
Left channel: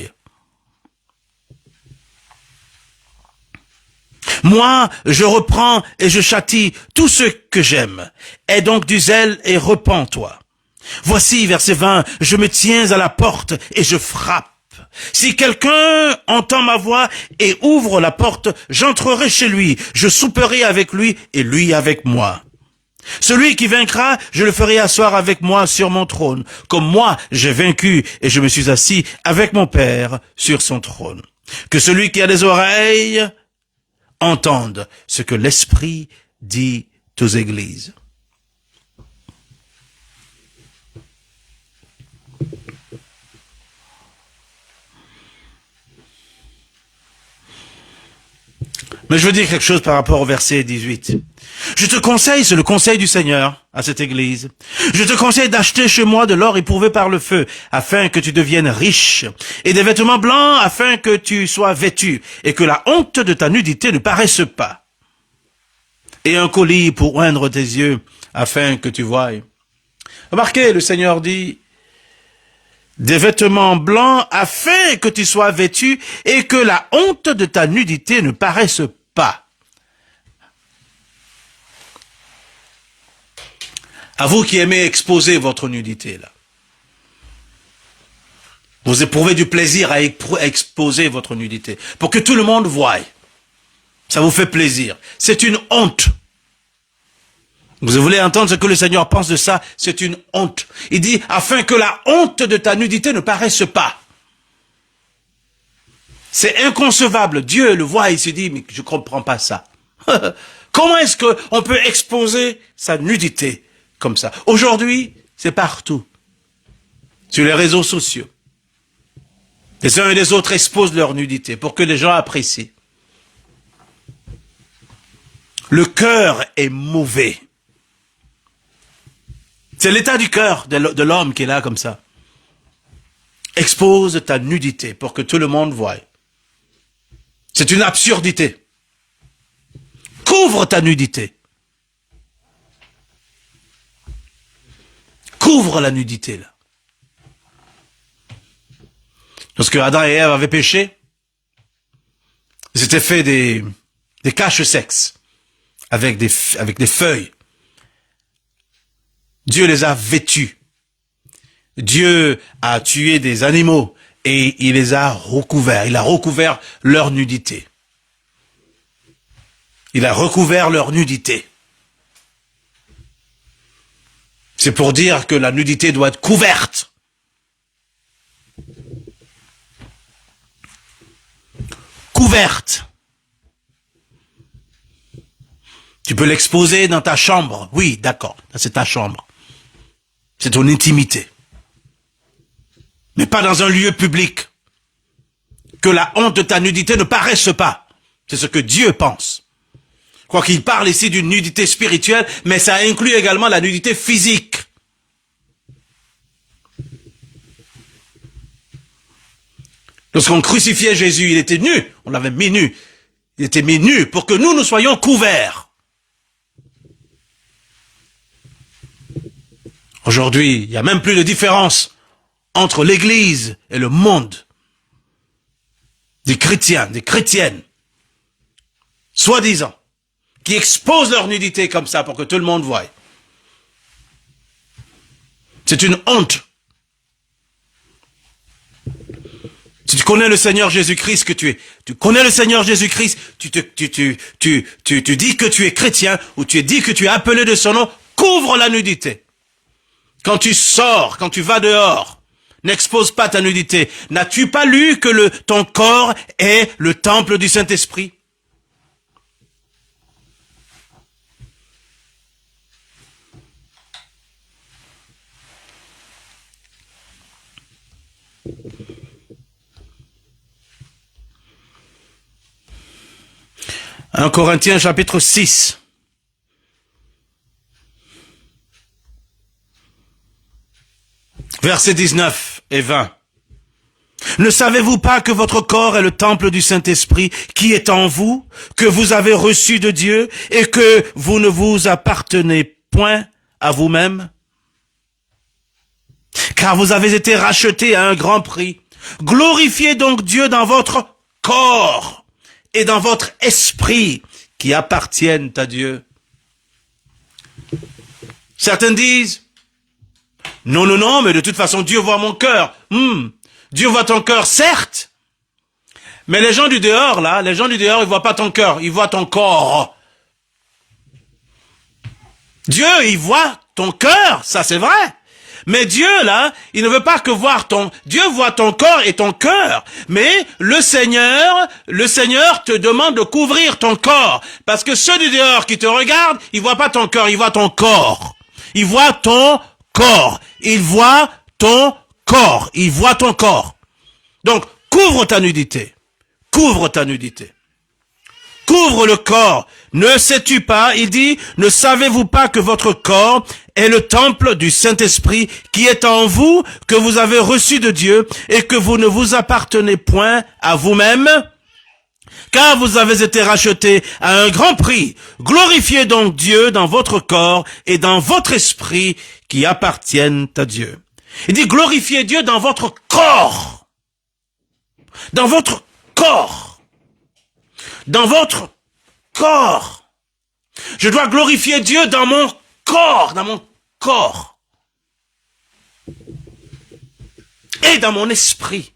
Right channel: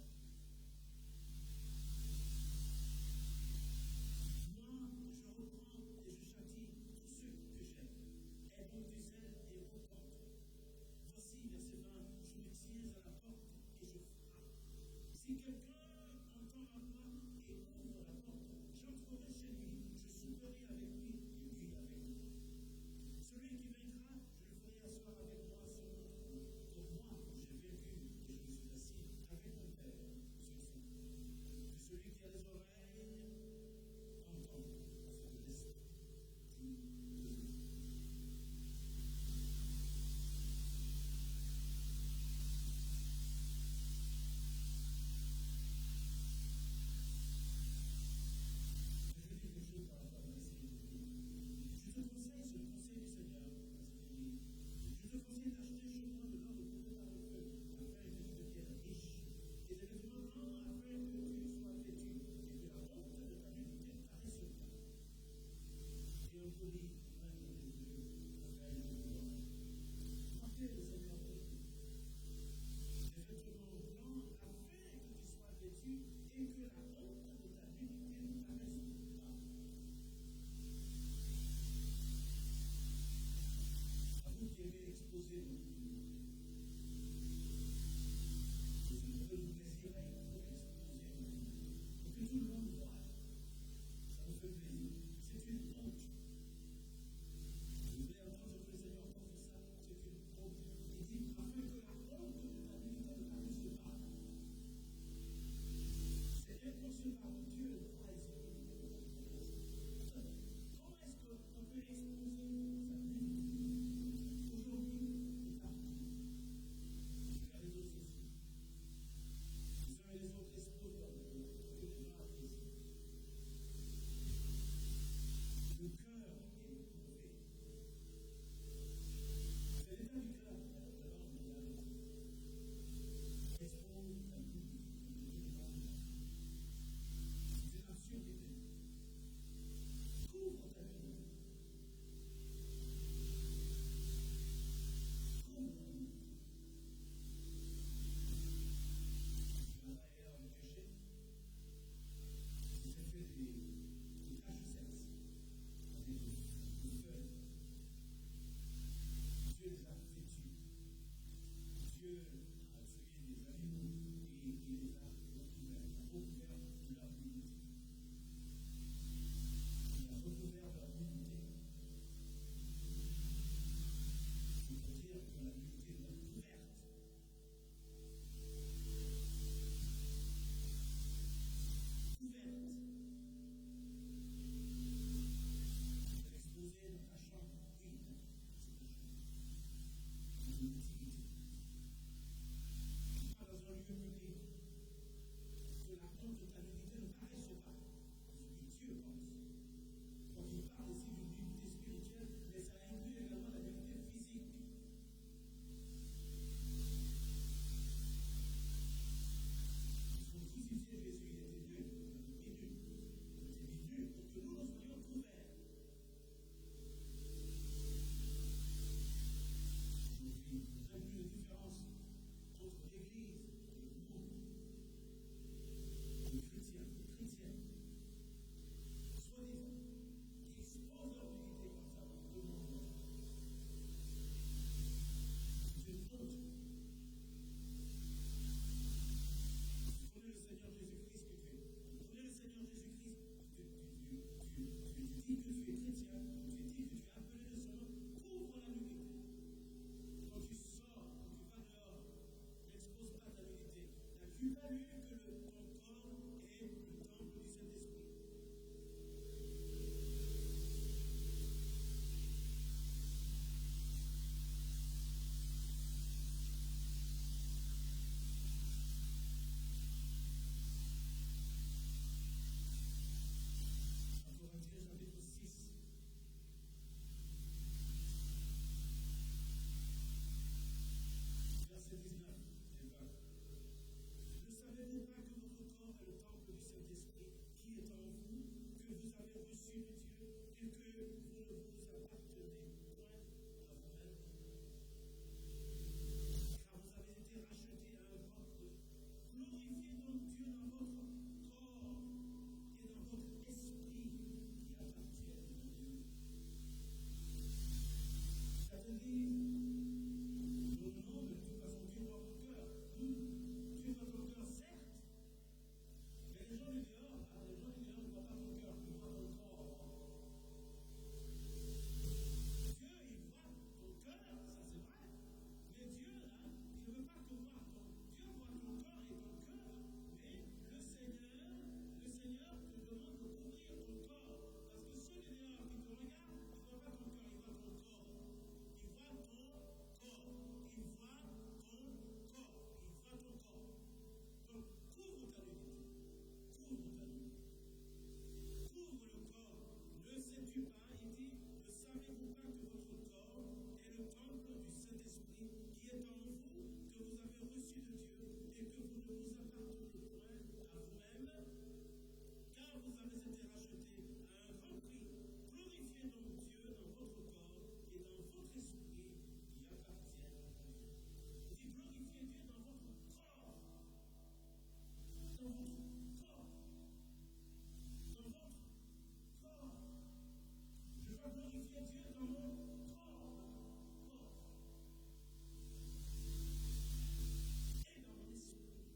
Moi, je reprends et je châtie tous ceux que j'aime. Aie donc du zèle et repens-toi. Voici, verset 20, je me tiens à la porte et je frappe. Si quelqu'un entend ma voix et ouvre la porte, j'entrerai chez lui, je souperai avec lui et lui avec moi. Celui qui vaincra, je le ferai asseoir avec moi sur mon trône, comme moi j'ai vaincu et je me suis assis avec mon Père sur son trône. Que celui qui a des oreilles entende ce que l'Esprit dit aux églises. Mais je veux dire quelque chose par rapport au verset 18. Je te conseille, c'est le conseil du Seigneur à cette église. Je te conseille d'acheter chez moi de l'or éprouvé par le feu, afin que tu deviennes riche, et des vêtements blancs, afin que tu sois vêtu, et que la honte de ta nudité ne paraisse pas. Et un collier pour oindre tes yeux, afin que tu voies. Remarquez, le Seigneur dit, des vêtements blancs, afin que tu sois vêtu, et que la honte de ta nudité ne paraisse pas. À vous qui aimez exposer votre nudité, là. Vous éprouvez du plaisir à exposer votre nudité, pour que tout le monde voie. Ça vous fait plaisir. C'est une honte. Vous voulez entendre ce que le Seigneur pense de ça? C'est une honte. Il dit, afin que la honte de ta nudité ne paraisse pas. C'est inconcevable. Dieu le voit et il se dit, mais je ne comprends pas ça. Comment est-ce qu'on peut exposer sa nudité comme ça? Aujourd'hui, c'est partout. Sur les réseaux sociaux. Les uns et les autres exposent leur nudité pour que les gens apprécient. Le cœur est mauvais. C'est l'état du cœur de l'homme qui est là comme ça. Expose ta nudité pour que tout le monde voie. C'est une absurdité. Couvre ta nudité. Couvre la nudité, là. Lorsque Adam et Ève avaient péché, ils s'étaient fait des caches-sexes avec des feuilles. Dieu les a vêtus. Dieu a tué des animaux et il les a recouverts. Il a recouvert leur nudité. Il a recouvert leur nudité. C'est pour dire que la nudité doit être couverte. Couverte. Tu peux l'exposer dans ta chambre. Oui, d'accord, c'est ta chambre. C'est ton intimité. Mais pas dans un lieu public. Que la honte de ta nudité ne paraisse pas. C'est ce que Dieu pense. Quoi qu'il parle ici d'une nudité spirituelle, mais ça inclut également la nudité physique. Lorsqu'on crucifiait Jésus, il était nu. On l'avait mis nu. Il était mis nu pour que nous soyons couverts. Aujourd'hui, il n'y a même plus de différence entre l'Église et le monde. Des chrétiens, des chrétiennes, soi-disant, qui exposent leur nudité comme ça pour que tout le monde voie. C'est une honte. Si tu connais le Seigneur Jésus-Christ que tu es, tu connais le Seigneur Jésus-Christ, tu dis que tu es chrétien ou tu dis que tu es appelé de son nom, couvre la nudité. Quand tu sors, quand tu vas dehors, n'expose pas ta nudité. N'as-tu pas lu que ton corps est le temple du Saint-Esprit? Un Corinthiens chapitre 6. Versets 19 et 20. Ne savez-vous pas que votre corps est le temple du Saint-Esprit qui est en vous, que vous avez reçu de Dieu et que vous ne vous appartenez point à vous-même? Car vous avez été rachetés à un grand prix. Glorifiez donc Dieu dans votre corps et dans votre esprit qui appartiennent à Dieu. Certains disent, non, mais de toute façon, Dieu voit mon cœur. Dieu voit ton cœur, certes. Mais les gens du dehors, là, ils voient pas ton cœur, ils voient ton corps. Dieu, il voit ton cœur, ça c'est vrai. Mais Dieu, là, il ne veut pas que voir Dieu voit ton corps et ton cœur. Mais le Seigneur te demande de couvrir ton corps. Parce que ceux du dehors qui te regardent, ils voient pas ton cœur, ils voient ton corps. Ils voient ton corps. Ils voient ton corps. Ils voient ton corps. Donc, couvre ta nudité. Couvre ta nudité. Couvre le corps. Ne sais-tu pas, il dit, ne savez-vous pas que votre corps est le temple du Saint-Esprit qui est en vous, que vous avez reçu de Dieu et que vous ne vous appartenez point à vous-même? Car vous avez été rachetés à un grand prix. Glorifiez donc Dieu dans votre corps et dans votre esprit qui appartiennent à Dieu. Il dit glorifiez Dieu dans votre corps. Dans votre corps. Dans votre corps. Je dois glorifier Dieu dans mon corps, et dans mon esprit.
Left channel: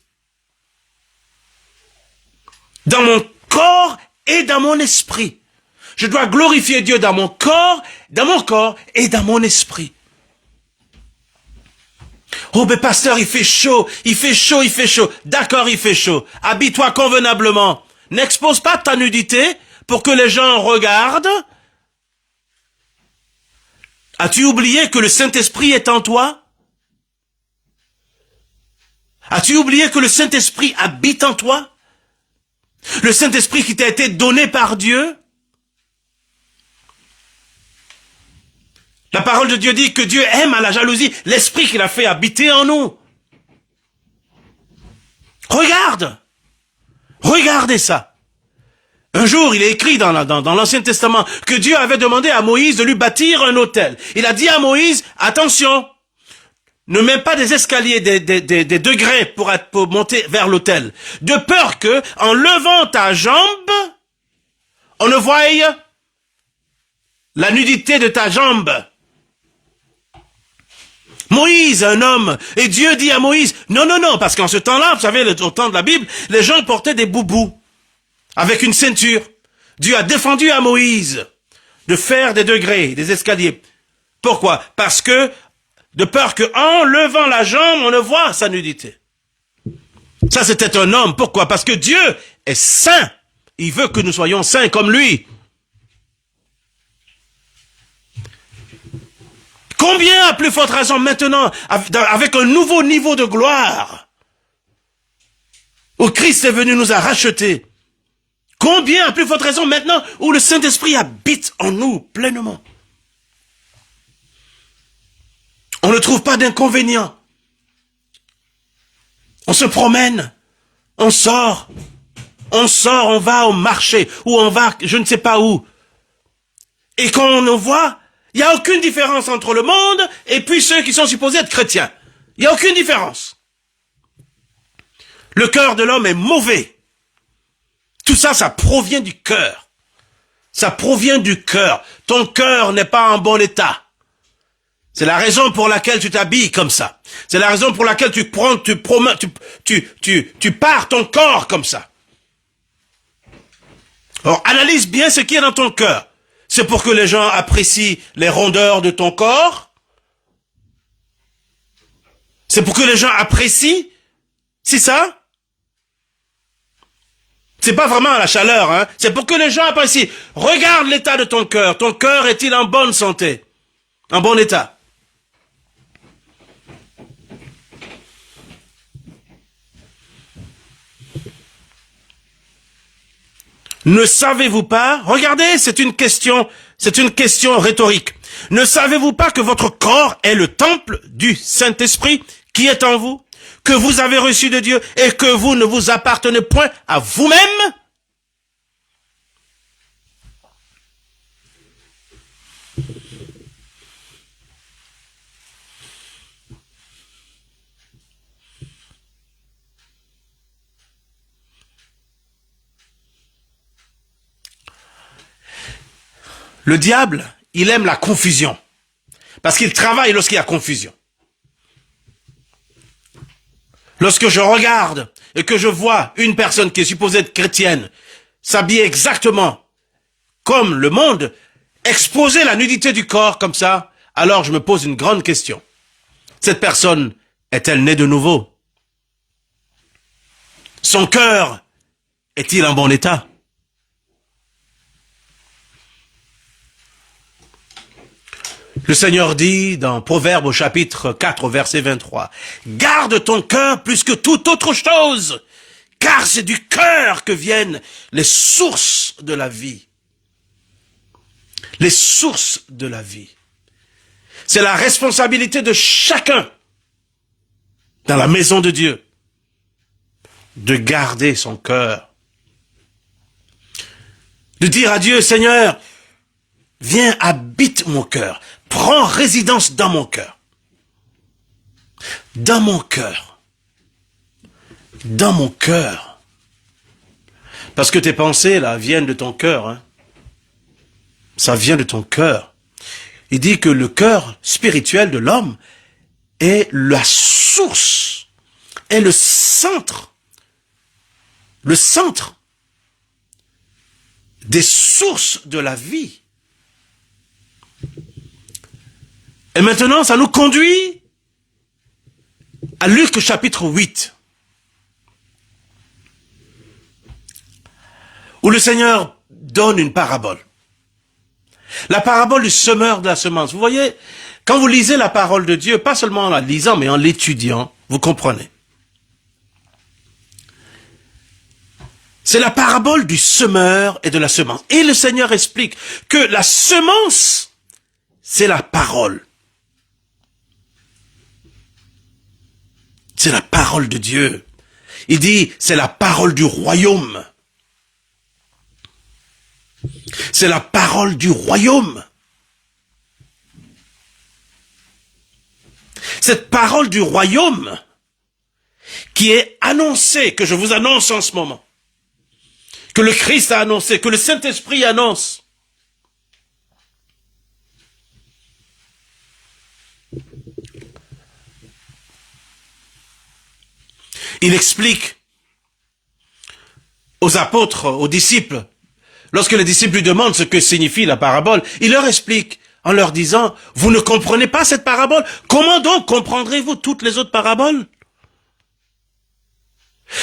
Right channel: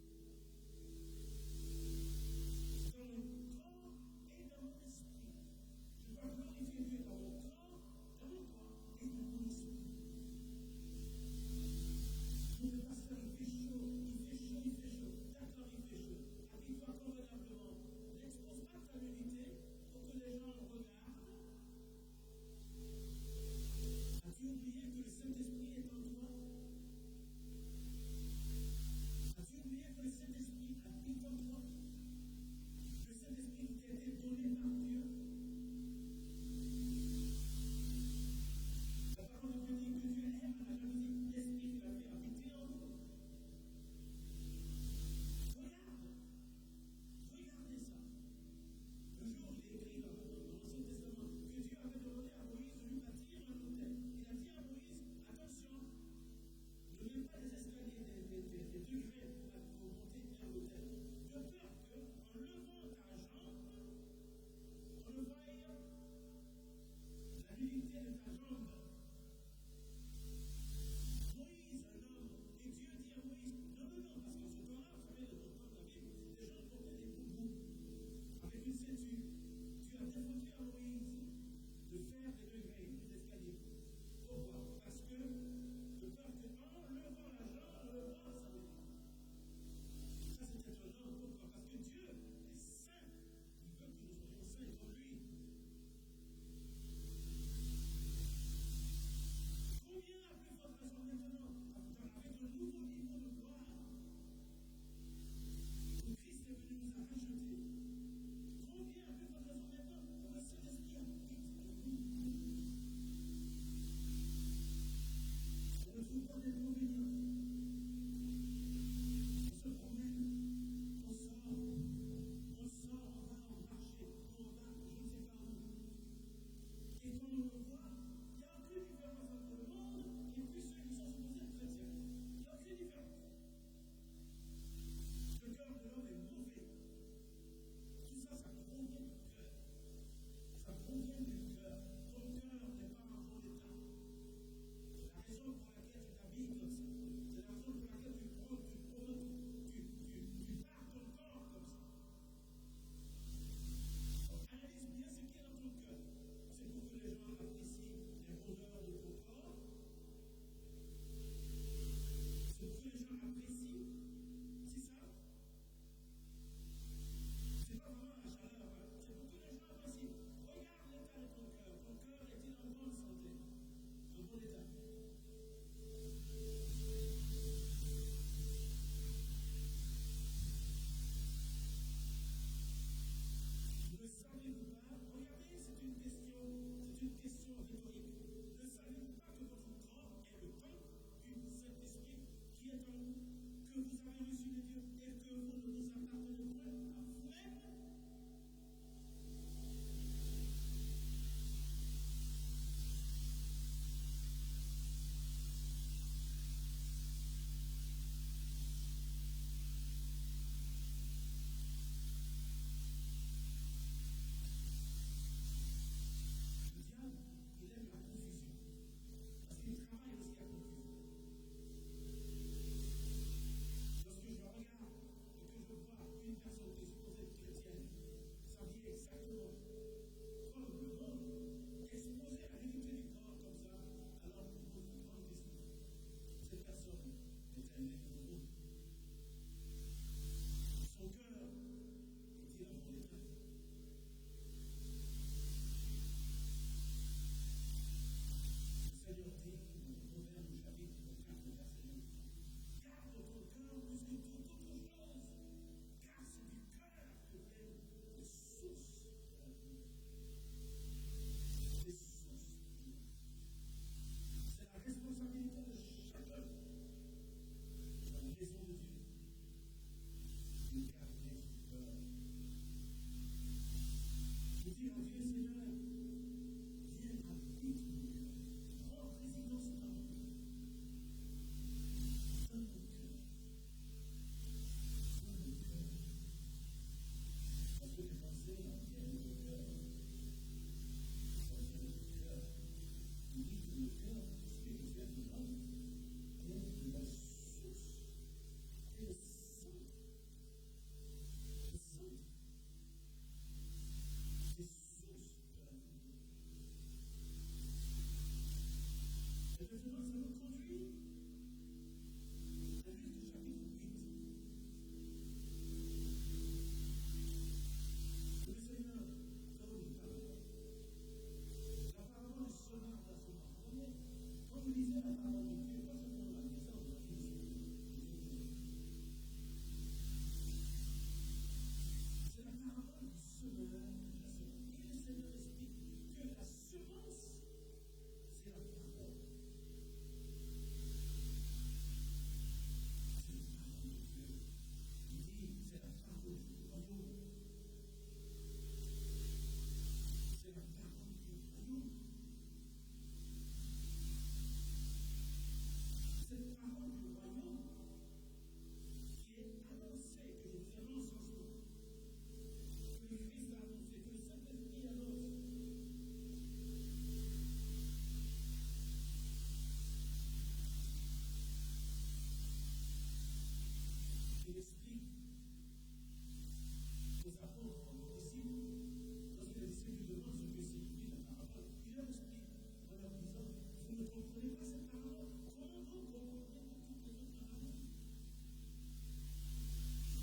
Dans mon corps et dans mon esprit. Je dois glorifier Dieu dans mon corps et dans mon esprit. Oh, mais pasteur, il fait chaud. D'accord, il fait chaud. Habille-toi convenablement. N'expose pas ta nudité pour que les gens regardent. As-tu oublié que le Saint-Esprit est en toi? As-tu oublié que le Saint-Esprit habite en toi? Le Saint-Esprit qui t'a été donné par Dieu? La parole de Dieu dit que Dieu aime à la jalousie l'esprit qu'il a fait habiter en nous. Regardez ça. Un jour, il est écrit dans l'Ancien Testament que Dieu avait demandé à Moïse de lui bâtir un autel. Il a dit à Moïse, attention, ne mets pas des escaliers, des degrés pour monter vers l'autel, de peur que, en levant ta jambe, on ne voie la nudité de ta jambe. Moïse, un homme, et Dieu dit à Moïse, non, parce qu'en ce temps-là, vous savez, au temps de la Bible, les gens portaient des boubous avec une ceinture. Dieu a défendu à Moïse de faire des degrés, des escaliers. Pourquoi? Parce que, de peur qu'en levant la jambe, on ne voit sa nudité. Ça, c'était un homme. Pourquoi? Parce que Dieu est saint. Il veut que nous soyons saints comme lui. Combien à plus forte raison maintenant, avec un nouveau niveau de gloire, où Christ est venu nous a rachetés, combien à plus forte raison maintenant, où le Saint-Esprit habite en nous pleinement. On ne trouve pas d'inconvénient. On se promène, on sort, on va au marché, ou on va je ne sais pas où. Et quand on nous voit, il n'y a aucune différence entre le monde et puis ceux qui sont supposés être chrétiens. Il n'y a aucune différence. Le cœur de l'homme est mauvais. Tout ça, ça provient du cœur. Ça provient du cœur. Ton cœur n'est pas en bon état. C'est la raison pour laquelle tu t'habilles comme ça. C'est la raison pour laquelle tu pars ton corps comme ça. Alors, analyse bien ce qui est dans ton cœur. C'est pour que les gens apprécient les rondeurs de ton corps? C'est pour que les gens apprécient? C'est ça? C'est pas vraiment la chaleur, hein? C'est pour que les gens apprécient. Regarde l'état de ton cœur. Ton cœur est-il en bonne santé? En bon état? Ne savez-vous pas? Regardez, c'est une question rhétorique. Ne savez-vous pas que votre corps est le temple du Saint-Esprit qui est en vous, que vous avez reçu de Dieu et que vous ne vous appartenez point à vous-même? Le diable, il aime la confusion. Parce qu'il travaille lorsqu'il y a confusion. Lorsque je regarde et que je vois une personne qui est supposée être chrétienne s'habiller exactement comme le monde, exposer la nudité du corps comme ça, alors je me pose une grande question. Cette personne est-elle née de nouveau? Son cœur est-il en bon état? Le Seigneur dit dans Proverbes au chapitre 4, verset 23, « Garde ton cœur plus que toute autre chose, car c'est du cœur que viennent les sources de la vie. » Les sources de la vie. C'est la responsabilité de chacun dans la maison de Dieu de garder son cœur. De dire à Dieu, « Seigneur, viens, habite mon cœur. » Prends résidence dans mon cœur. Dans mon cœur. Dans mon cœur. Parce que tes pensées, là, viennent de ton cœur. Hein. Ça vient de ton cœur. Il dit que le cœur spirituel de l'homme est la source, est le centre des sources de la vie. Et maintenant, ça nous conduit à Luc chapitre 8, où le Seigneur donne une parabole. La parabole du semeur de la semence. Vous voyez, quand vous lisez la parole de Dieu, pas seulement en la lisant, mais en l'étudiant, vous comprenez. C'est la parabole du semeur et de la semence. Et le Seigneur explique que la semence, c'est la parole. C'est la parole de Dieu. Il dit, c'est la parole du royaume. C'est la parole du royaume. Cette parole du royaume qui est annoncée, que je vous annonce en ce moment, que le Christ a annoncé, que le Saint-Esprit annonce. Il explique aux apôtres, aux disciples, lorsque les disciples lui demandent ce que signifie la parabole, il leur explique en leur disant, vous ne comprenez pas cette parabole? Comment donc comprendrez-vous toutes les autres paraboles?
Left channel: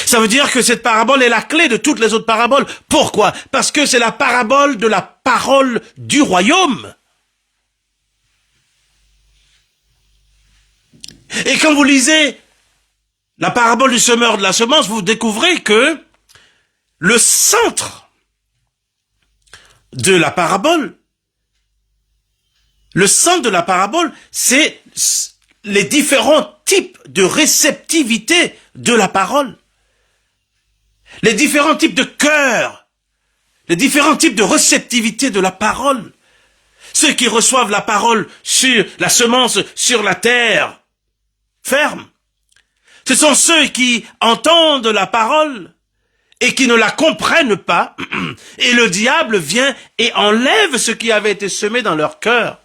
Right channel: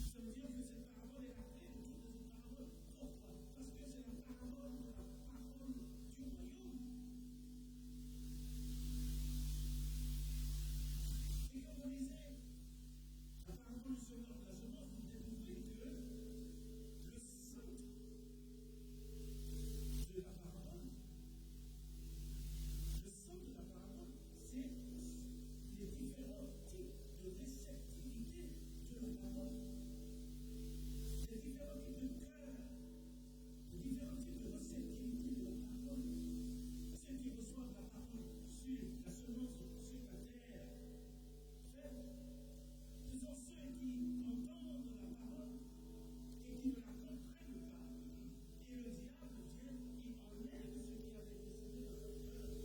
Ça veut dire que cette parabole est la clé de toutes les autres paraboles. Pourquoi? Parce que c'est la parabole de la parole du royaume. Et quand vous lisez la parabole du semeur de la semence, vous découvrez que le centre de la parabole, c'est les différents types de réceptivité de la parole. Les différents types de cœur, les différents types de réceptivité de la parole. Ceux qui reçoivent la parole sur la semence sur la terre ferme. Ce sont ceux qui entendent la parole et qui ne la comprennent pas. Et le diable vient et enlève ce qui avait été semé dans leur cœur.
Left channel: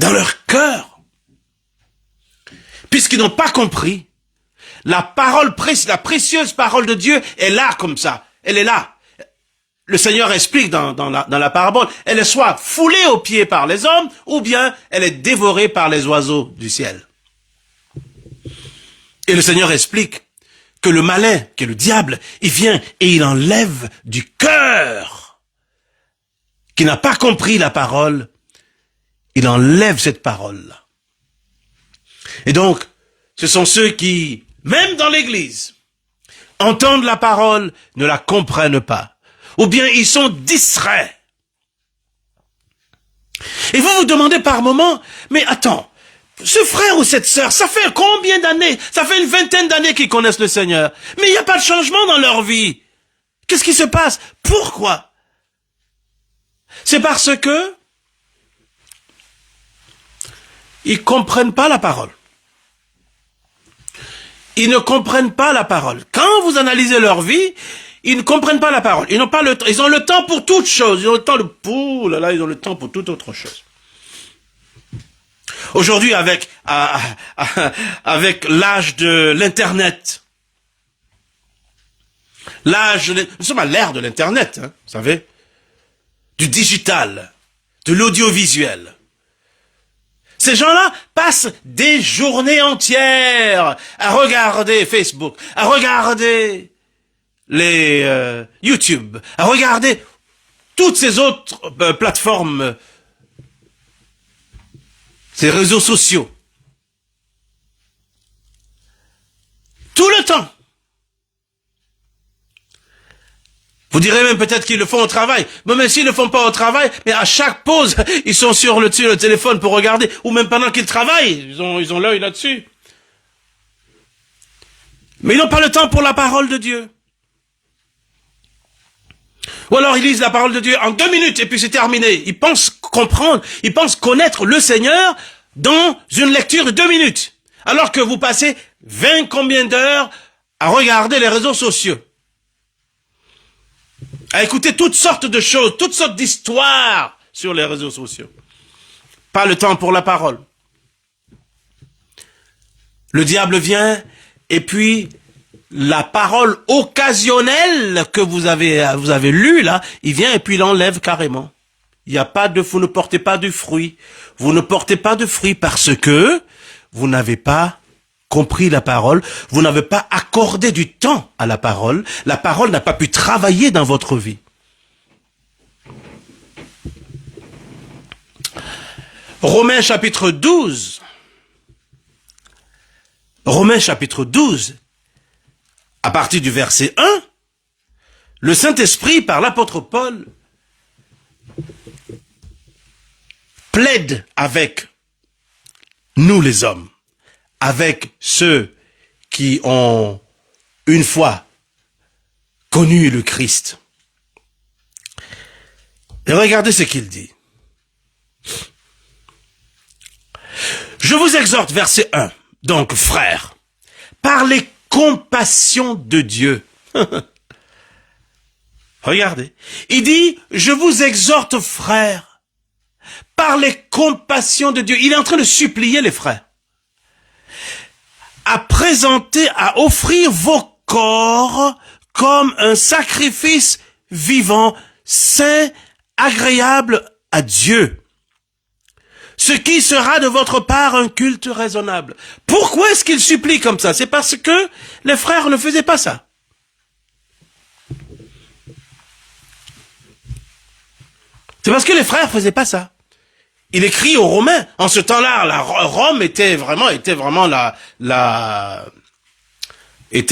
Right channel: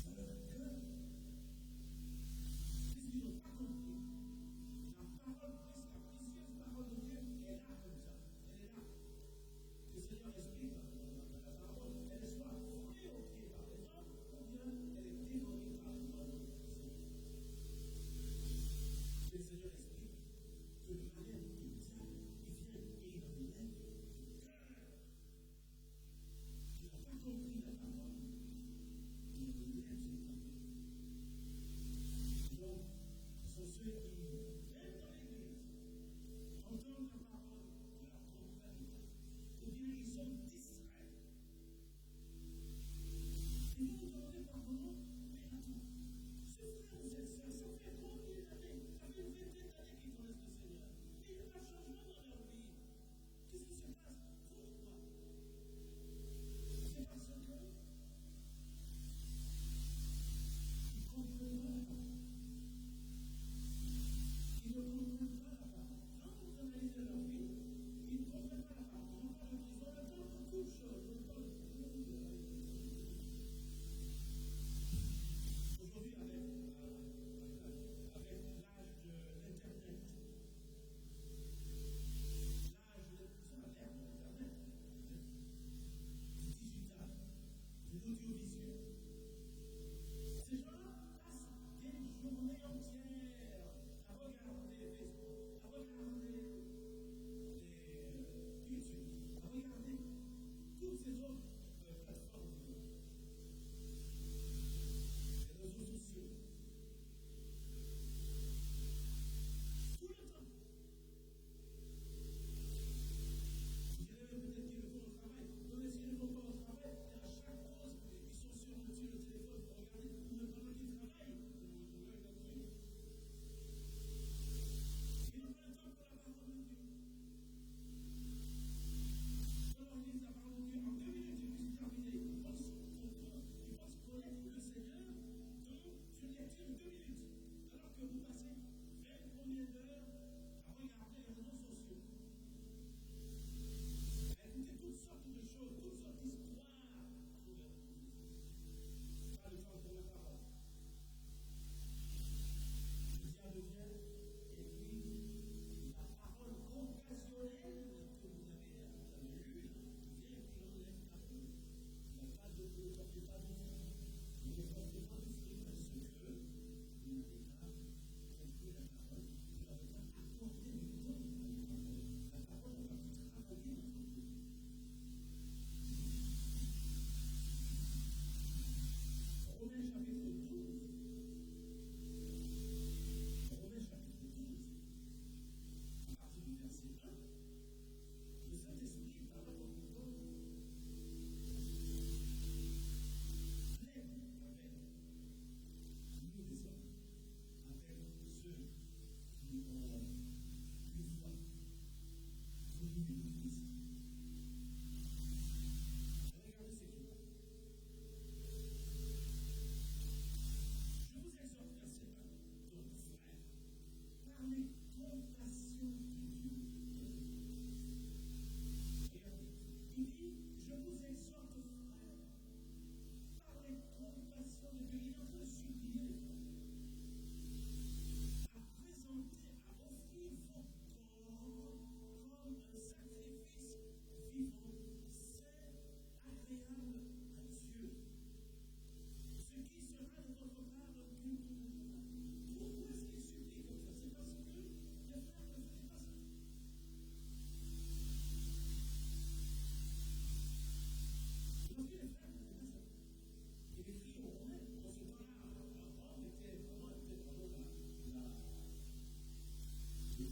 Dans leur cœur. Puisqu'ils n'ont pas compris, la précieuse parole de Dieu est là comme ça. Elle est là. Le Seigneur explique dans la parabole, elle est soit foulée aux pieds par les hommes, ou bien elle est dévorée par les oiseaux du ciel. Et le Seigneur explique que le malin, qui est le diable, il vient et il enlève du cœur, qui n'a pas compris la parole, il enlève cette parole-là. Et donc, ce sont ceux qui, même dans l'église, entendent la parole, ne la comprennent pas. Ou bien ils sont distraits. Et vous vous demandez par moment, mais attends, ce frère ou cette sœur, ça fait combien d'années? Ça fait une vingtaine d'années qu'ils connaissent le Seigneur. Mais il n'y a pas de changement dans leur vie. Qu'est-ce qui se passe? Pourquoi? C'est parce que ils comprennent pas la parole. Ils ne comprennent pas la parole. Quand vous analysez leur vie, ils ne comprennent pas la parole. Ils n'ont pas le temps. Ils ont le temps pour toute chose. Ils ont le temps ils ont le temps pour toute autre chose. Aujourd'hui, avec l'âge de l'Internet, nous sommes à l'ère de l'Internet, hein, vous savez, du digital, de l'audiovisuel. Ces gens-là passent des journées entières à regarder Facebook, à regarder les YouTube, à regarder toutes ces autres plateformes, ces réseaux sociaux. Tout le temps. Vous direz même peut-être qu'ils le font au travail. Mais même s'ils ne le font pas au travail, mais à chaque pause, ils sont sur le téléphone pour regarder. Ou même pendant qu'ils travaillent, ils ont l'œil là-dessus. Mais ils n'ont pas le temps pour la parole de Dieu. Ou alors ils lisent la parole de Dieu en 2 minutes et puis c'est terminé. Ils pensent comprendre, ils pensent connaître le Seigneur dans une lecture de 2 minutes. Alors que vous passez 20 combien d'heures à regarder les réseaux sociaux. À écouter toutes sortes de choses, toutes sortes d'histoires sur les réseaux sociaux. Pas le temps pour la parole. Le diable vient et puis la parole occasionnelle que vous avez lue là, il vient et puis il l'enlève carrément. Il n'y a pas de, vous ne portez pas de fruit. Vous ne portez pas de fruit parce que vous n'avez pas compris la parole, vous n'avez pas accordé du temps à la parole n'a pas pu travailler dans votre vie. Romains chapitre 12, à partir du verset 1, le Saint-Esprit, par l'apôtre Paul, plaide avec nous les hommes, avec ceux qui ont une fois connu le Christ. Et regardez ce qu'il dit. Je vous exhorte, verset 1, donc frères, par les compassions de Dieu. Regardez, il dit, je vous exhorte, frères, par les compassions de Dieu. Il est en train de supplier les frères à présenter, à offrir vos corps comme un sacrifice vivant, saint, agréable à Dieu. Ce qui sera de votre part un culte raisonnable. Pourquoi est-ce qu'il supplie comme ça? C'est parce que les frères ne faisaient pas ça. C'est parce que les frères ne faisaient pas ça. Il écrit aux Romains. En ce temps-là, Rome était vraiment était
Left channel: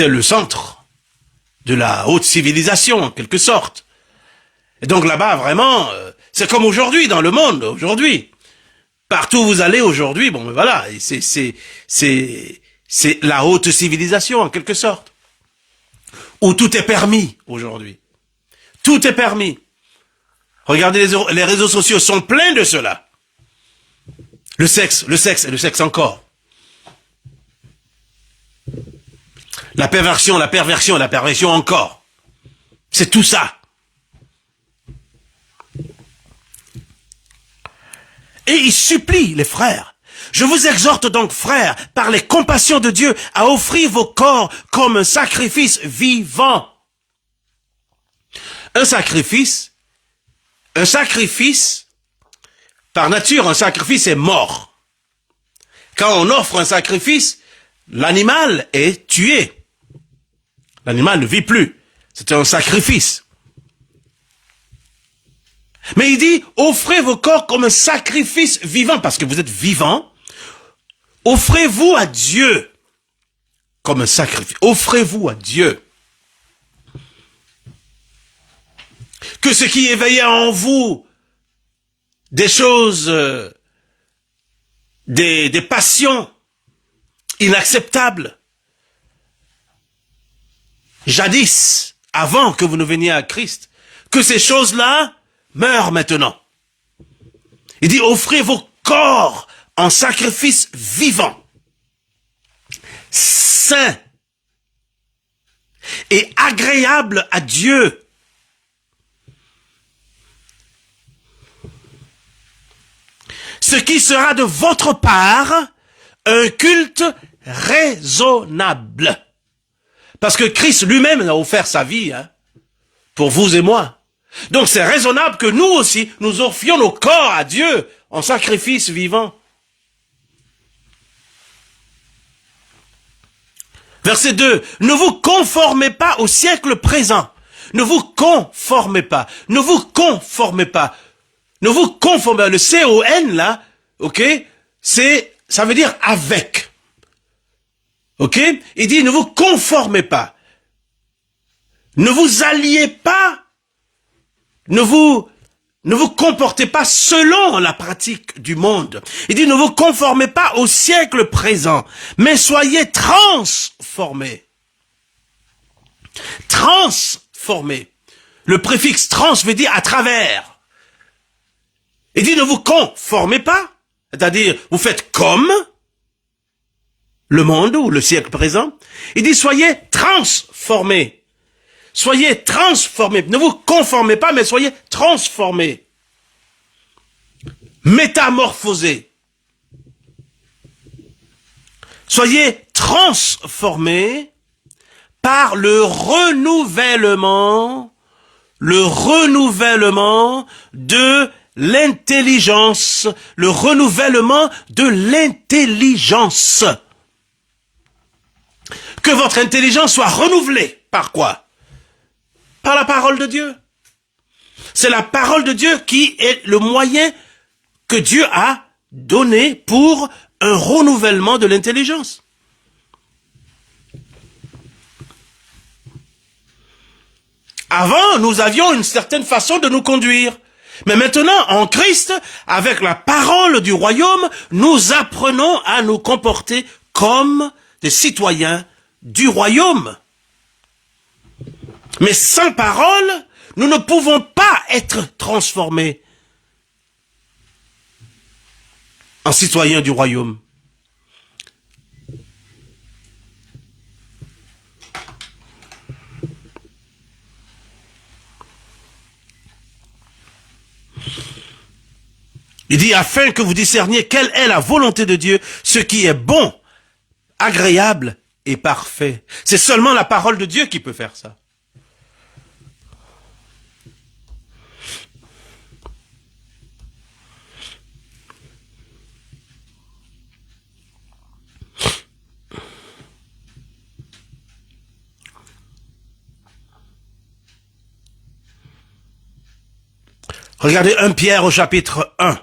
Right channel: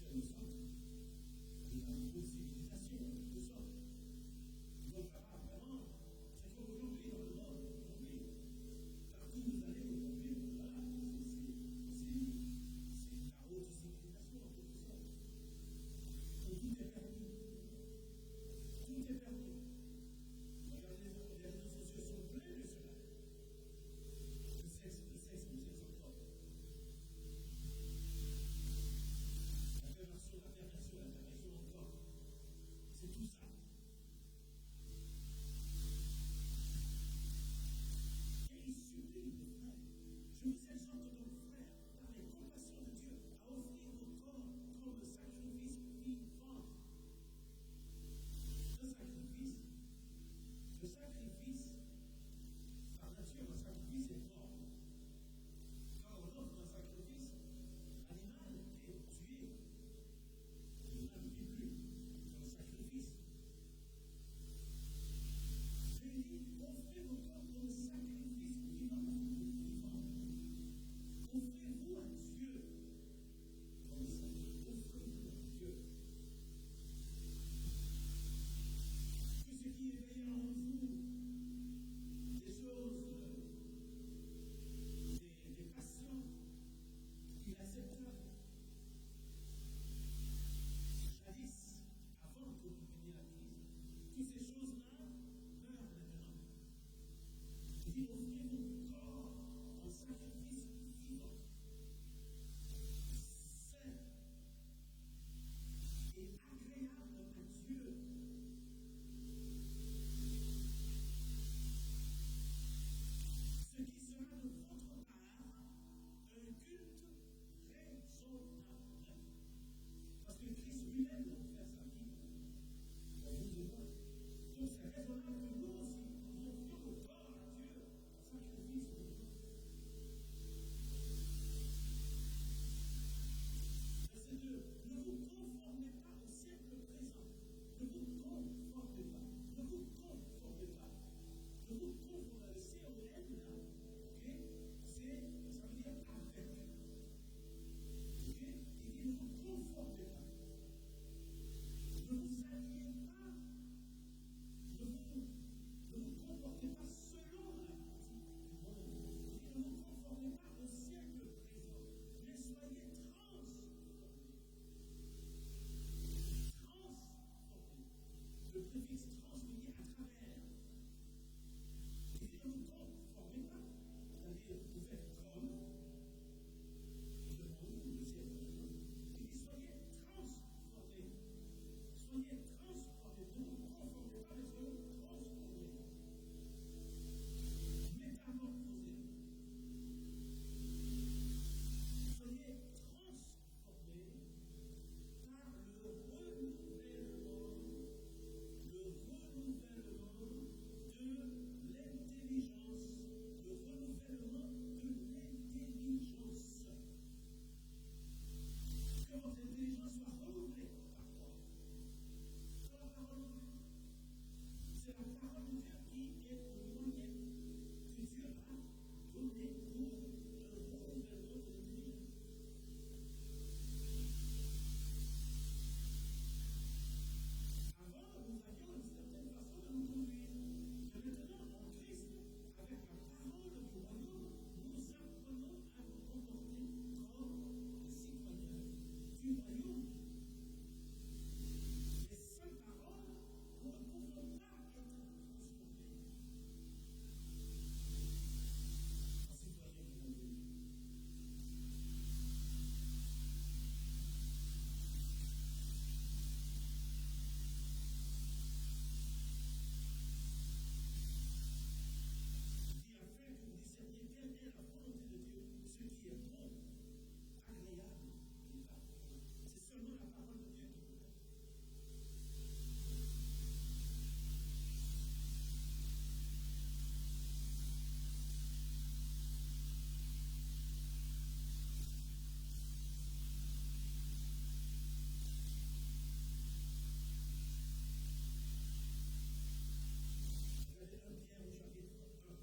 le centre de la haute civilisation, en quelque sorte. Et donc là-bas, vraiment, c'est comme aujourd'hui, dans le monde, aujourd'hui. Partout où vous allez aujourd'hui, bon, voilà, c'est la haute civilisation, en quelque sorte. Où tout est permis, aujourd'hui. Tout est permis. Regardez, les réseaux sociaux sont pleins de cela. Le sexe et le sexe encore. La perversion encore. C'est tout ça. Et il supplie les frères. Je vous exhorte donc, frères, par les compassions de Dieu, à offrir vos corps comme un sacrifice vivant. Un sacrifice, par nature, un sacrifice est mort. Quand on offre un sacrifice, l'animal est tué. L'animal ne vit plus. C'est un sacrifice. Mais il dit, offrez vos corps comme un sacrifice vivant, parce que vous êtes vivant. Offrez-vous à Dieu comme un sacrifice. Offrez-vous à Dieu. Que ce qui éveillait en vous des choses, des passions inacceptables, jadis, avant que vous ne veniez à Christ, que ces choses-là meurent maintenant. Il dit, offrez vos corps en sacrifice vivant, saint et agréable à Dieu. Ce qui sera de votre part un culte raisonnable. Parce que Christ lui-même a offert sa vie pour vous et moi. Donc c'est raisonnable que nous aussi, nous offrions nos corps à Dieu en sacrifice vivant. Verset 2. Ne vous conformez pas au siècle présent. Ne vous conformez pas. Ne vous conformez pas. Ne vous conformez pas. Le C-O-N là, ok, ça veut dire avec. Ok? Il dit ne vous conformez pas. Ne vous alliez pas. Ne vous comportez pas selon la pratique du monde. Il dit ne vous conformez pas au siècle présent, mais soyez transformés. Transformés. Le préfixe trans veut dire à travers. Il dit ne vous conformez pas, c'est-à-dire vous faites comme le monde ou le siècle présent. Il dit soyez transformés. Soyez transformés. Ne vous conformez pas, mais soyez transformés. Métamorphosés. Soyez transformés par le renouvellement de l'intelligence, le renouvellement de l'intelligence. Que votre intelligence soit renouvelée. Par quoi? Par la parole de Dieu. C'est la parole de Dieu qui est le moyen que Dieu a donné pour un renouvellement de l'intelligence. Avant, nous avions une certaine façon de nous conduire. Mais maintenant, en Christ, avec la parole du royaume, nous apprenons à nous comporter comme des citoyens du royaume. Mais sans parole, nous ne pouvons pas être transformés en citoyens du royaume. Il dit, afin que vous discerniez quelle est la volonté de Dieu, ce qui est bon, agréable et parfait. C'est seulement la parole de Dieu qui peut faire ça. Regardez 1 Pierre au chapitre 1.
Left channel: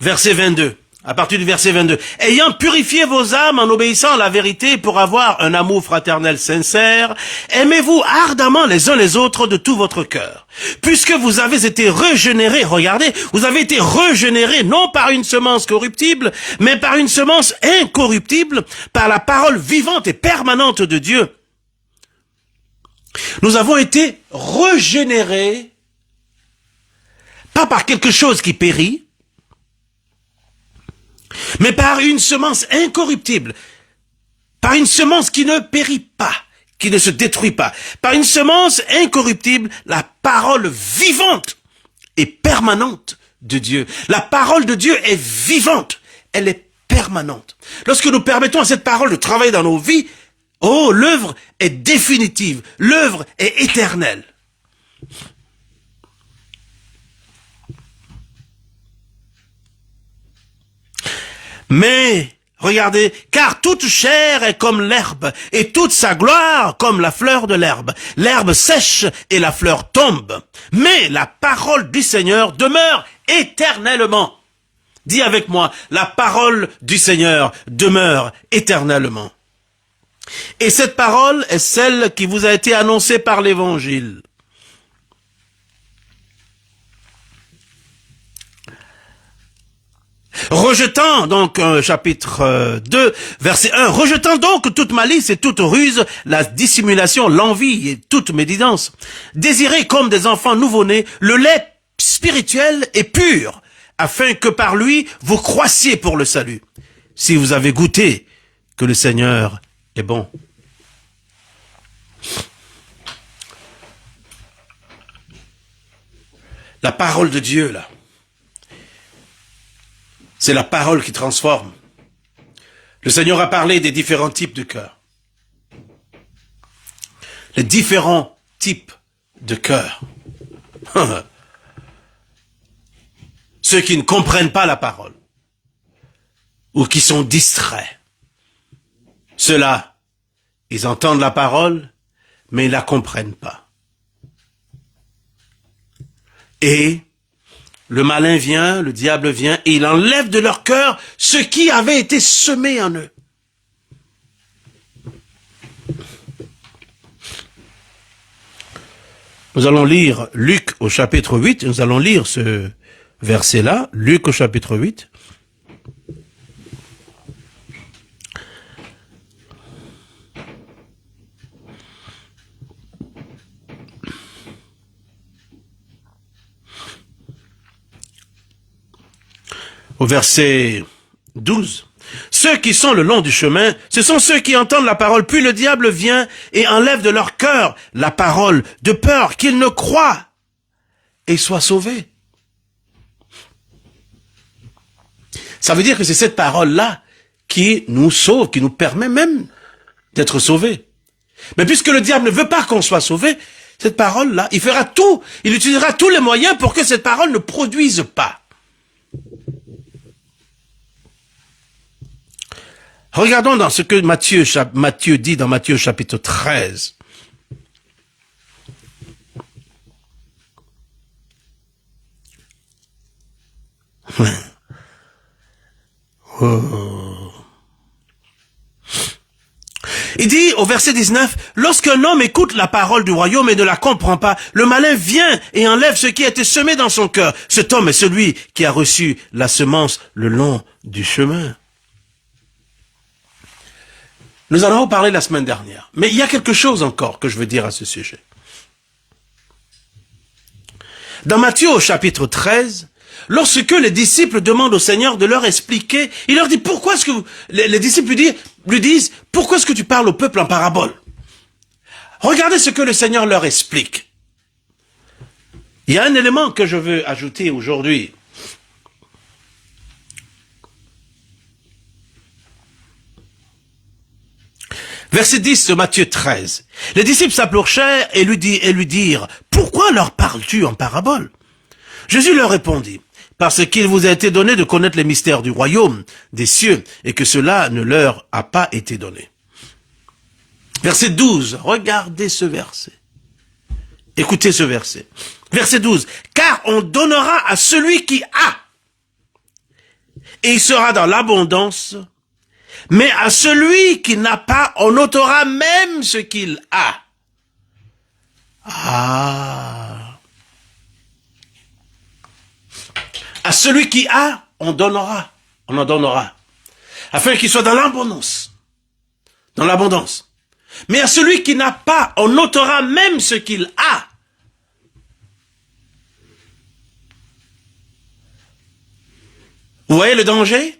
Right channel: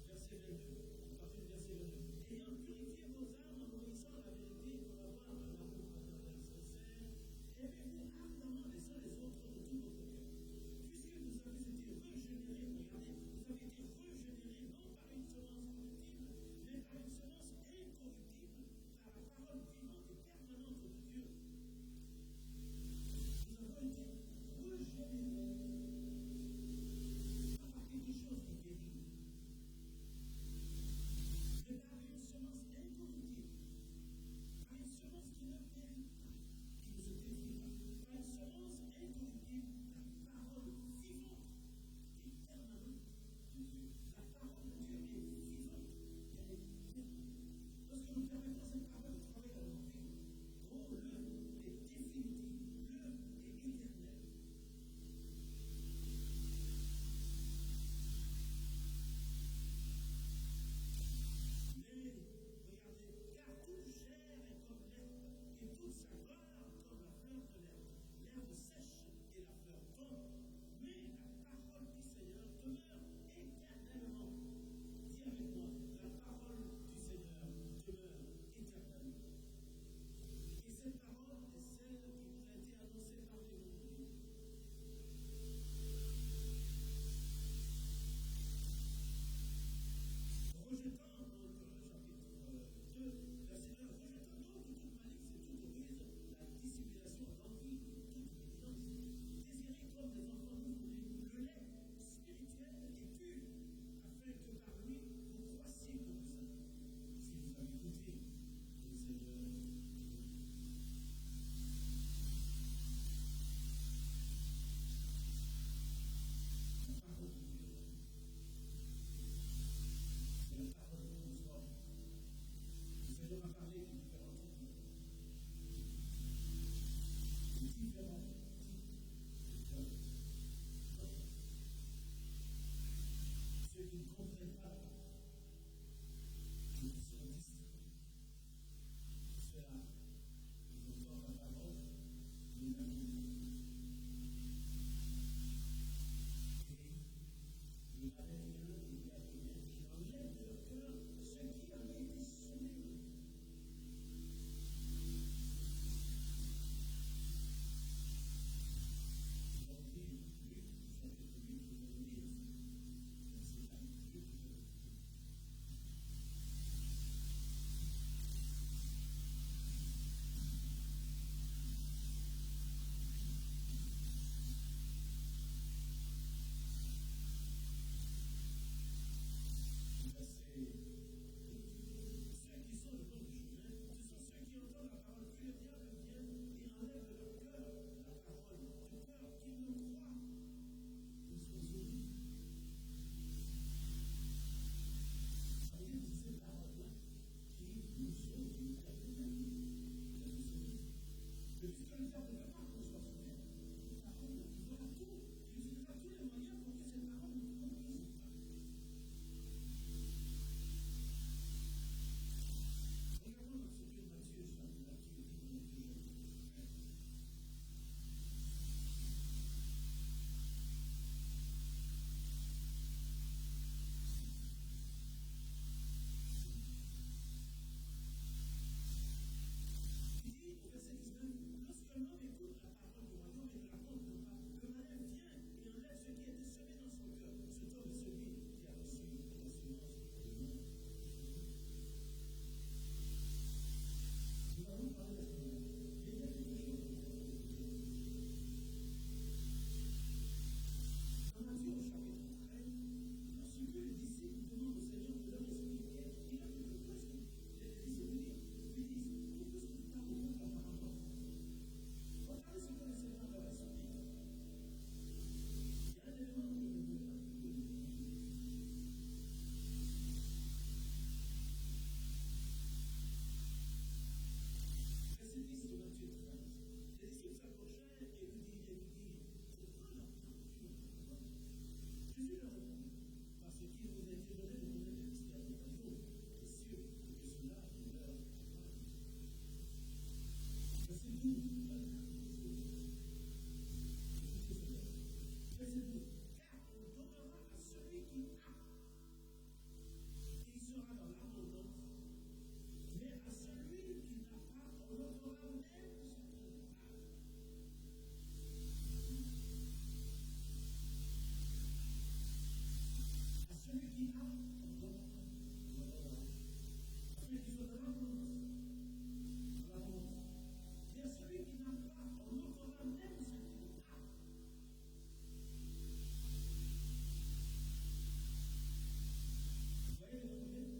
Verset 22, à partir du verset 22. « Ayant purifié vos âmes en obéissant à la vérité pour avoir un amour fraternel sincère, aimez-vous ardemment les uns les autres de tout votre cœur. Puisque vous avez été régénérés, regardez, vous avez été régénérés non par une semence corruptible, mais par une semence incorruptible, par la parole vivante et permanente de Dieu. Nous avons été régénérés, pas par quelque chose qui périt, mais par une semence incorruptible, par une semence qui ne périt pas, qui ne se détruit pas, par une semence incorruptible, la parole vivante et permanente de Dieu. La parole de Dieu est vivante, elle est permanente. Lorsque nous permettons à cette parole de travailler dans nos vies, oh, l'œuvre est définitive, l'œuvre est éternelle. Mais, regardez, car toute chair est comme l'herbe, et toute sa gloire comme la fleur de l'herbe. L'herbe sèche et la fleur tombe. Mais la parole du Seigneur demeure éternellement. Dis avec moi, la parole du Seigneur demeure éternellement. Et cette parole est celle qui vous a été annoncée par l'Évangile. Rejetant donc chapitre 2, verset 1, rejetant donc toute malice et toute ruse, la dissimulation, l'envie et toute médisance, désirez comme des enfants nouveau-nés le lait spirituel et pur, afin que par lui vous croissiez pour le salut, si vous avez goûté que le Seigneur est bon. La parole de Dieu, là, c'est la parole qui transforme. Le Seigneur a parlé des différents types de cœurs. Les différents types de cœurs. Ceux qui ne comprennent pas la parole ou qui sont distraits. Ceux-là, ils entendent la parole, mais ils ne la comprennent pas. Et le malin vient, le diable vient, et il enlève de leur cœur ce qui avait été semé en eux. Nous allons lire Luc au chapitre 8, nous allons lire ce verset-là, Luc au chapitre 8. Au verset 12. Ceux qui sont le long du chemin, ce sont ceux qui entendent la parole, puis le diable vient et enlève de leur cœur la parole, de peur qu'ils ne croient et soient sauvés. Ça veut dire que c'est cette parole-là qui nous sauve, qui nous permet même d'être sauvés. Mais puisque le diable ne veut pas qu'on soit sauvé, cette parole-là, il fera tout, il utilisera tous les moyens pour que cette parole ne produise pas. Regardons dans ce que Matthieu dit dans Matthieu chapitre 13. Oh. Il dit au verset 19, « Lorsqu'un homme écoute la parole du royaume et ne la comprend pas, le malin vient et enlève ce qui a été semé dans son cœur. Cet homme est celui qui a reçu la semence le long du chemin. » Nous en avons parlé la semaine dernière. Mais il y a quelque chose encore que je veux dire à ce sujet. Dans Matthieu au chapitre 13, lorsque les disciples demandent au Seigneur de leur expliquer, il leur dit, pourquoi est-ce que les disciples lui disent, pourquoi est-ce que tu parles au peuple en parabole? Regardez ce que le Seigneur leur explique. Il y a un élément que je veux ajouter aujourd'hui. Verset 10 de Matthieu 13. Les disciples s'approchèrent et lui dirent, pourquoi leur parles-tu en parabole? Jésus leur répondit, parce qu'il vous a été donné de connaître les mystères du royaume des cieux et que cela ne leur a pas été donné. Verset 12, regardez ce verset. Écoutez ce verset. Verset 12, car on donnera à celui qui a, et il sera dans l'abondance. Mais à celui qui n'a pas, on ôtera même ce qu'il a. Ah. À celui qui a, on donnera. On en donnera. Afin qu'il soit dans l'abondance. Dans l'abondance. Mais à celui qui n'a pas, on ôtera même ce qu'il a. Vous voyez le danger?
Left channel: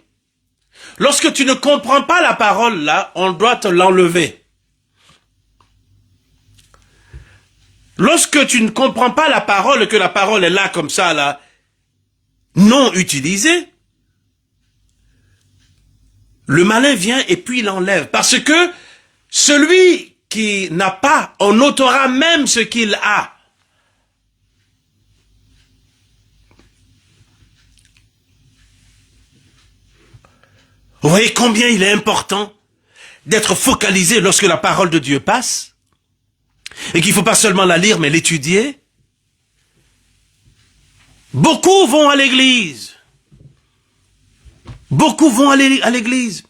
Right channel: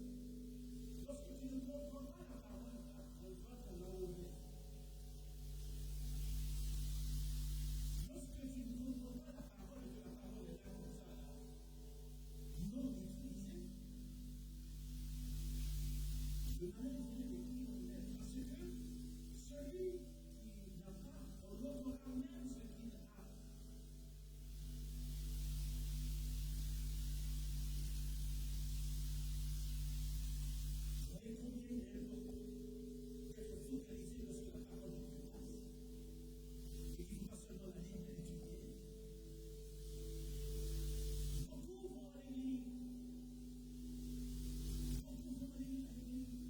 Lorsque tu ne comprends pas la parole, là, on doit te l'enlever. Lorsque tu ne comprends pas la parole, que la parole est là, comme ça, là, non utilisée, le malin vient et puis il l'enlève. Parce que celui qui n'a pas, on ôtera même ce qu'il a. Vous voyez combien il est important d'être focalisé lorsque la parole de Dieu passe et qu'il ne faut pas seulement la lire mais l'étudier. Beaucoup vont à l'église. Beaucoup vont à l'église.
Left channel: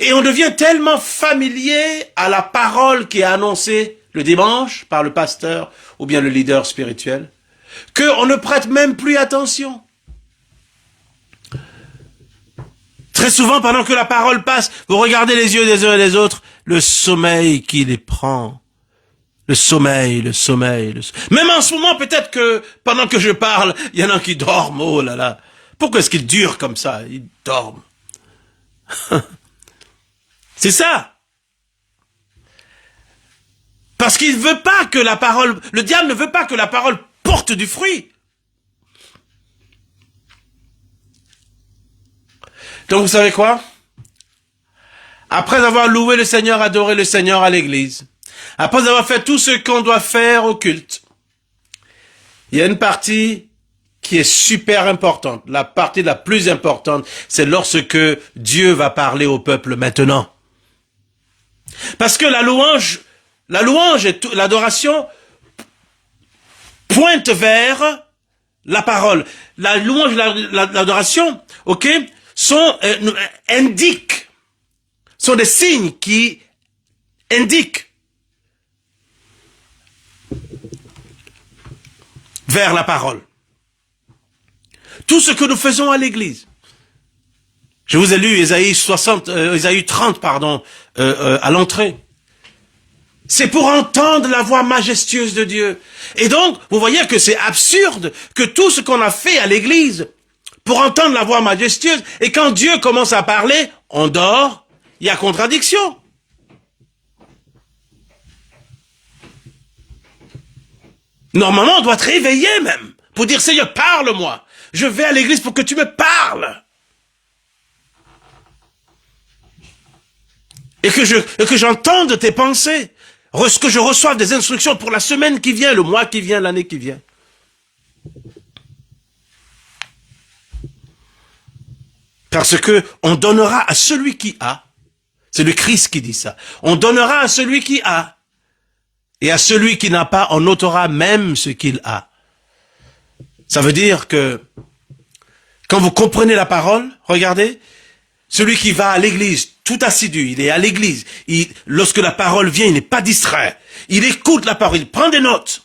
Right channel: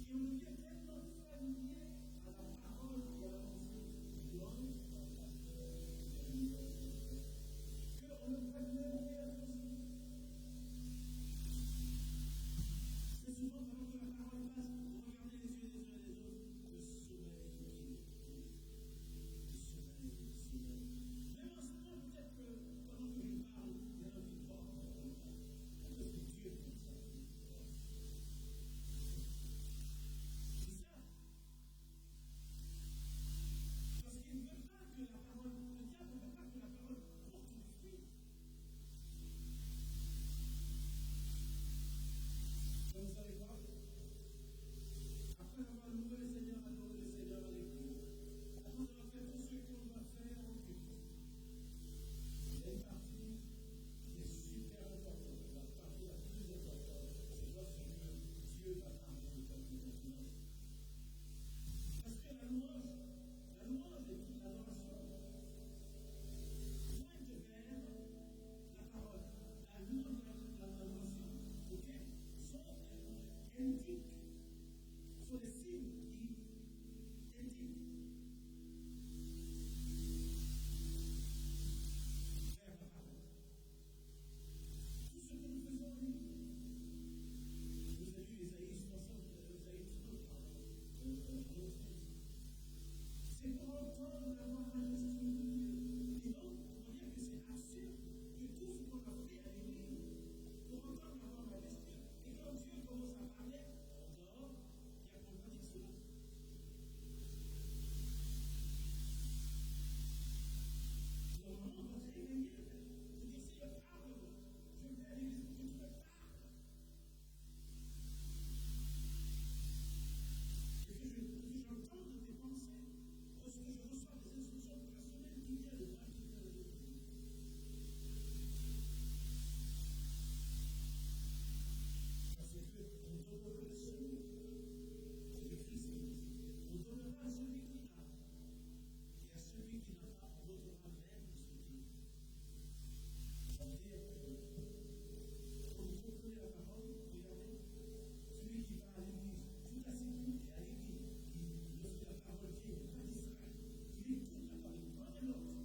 Et on devient tellement familier à la parole qui est annoncée le dimanche par le pasteur ou bien le leader spirituel qu'on ne prête même plus attention. Très souvent, pendant que la parole passe, vous regardez les yeux des uns et des autres, le sommeil qui les prend. Le sommeil. Même en ce moment, peut-être que pendant que je parle, il y en a qui dorment. Oh là là. Pourquoi est-ce qu'ils durent comme ça? Ils dorment. C'est ça. Parce qu'il ne veut pas que la parole, le diable ne veut pas que la parole porte du fruit. Donc vous savez quoi? Après avoir loué le Seigneur, adoré le Seigneur à l'église, après avoir fait tout ce qu'on doit faire au culte, il y a une partie qui est super importante. La partie la plus importante, c'est lorsque Dieu va parler au peuple maintenant. Parce que la louange et l'adoration pointent vers la parole. La louange et l'adoration, ok, sont des signes qui indiquent vers la parole. Tout ce que nous faisons à l'église. Je vous ai lu Ésaïe 30, à l'entrée. C'est pour entendre la voix majestueuse de Dieu. Et donc, vous voyez que c'est absurde que tout ce qu'on a fait à l'église pour entendre la voix majestueuse, et quand Dieu commence à parler, on dort, il y a contradiction. Normalement, on doit être réveillé même, pour dire, Seigneur, parle-moi. Je vais à l'église pour que tu me parles. Et que j'entende tes pensées. Que je reçoive des instructions pour la semaine qui vient, le mois qui vient, l'année qui vient. Parce que on donnera à celui qui a. C'est le Christ qui dit ça. On donnera à celui qui a. Et à celui qui n'a pas, on ôtera même ce qu'il a. Ça veut dire que quand vous comprenez la parole, regardez, Celui qui va à l'église, tout assidu, il est à l'église. Lorsque la parole vient, il n'est pas distrait. Il écoute la parole, il prend des notes.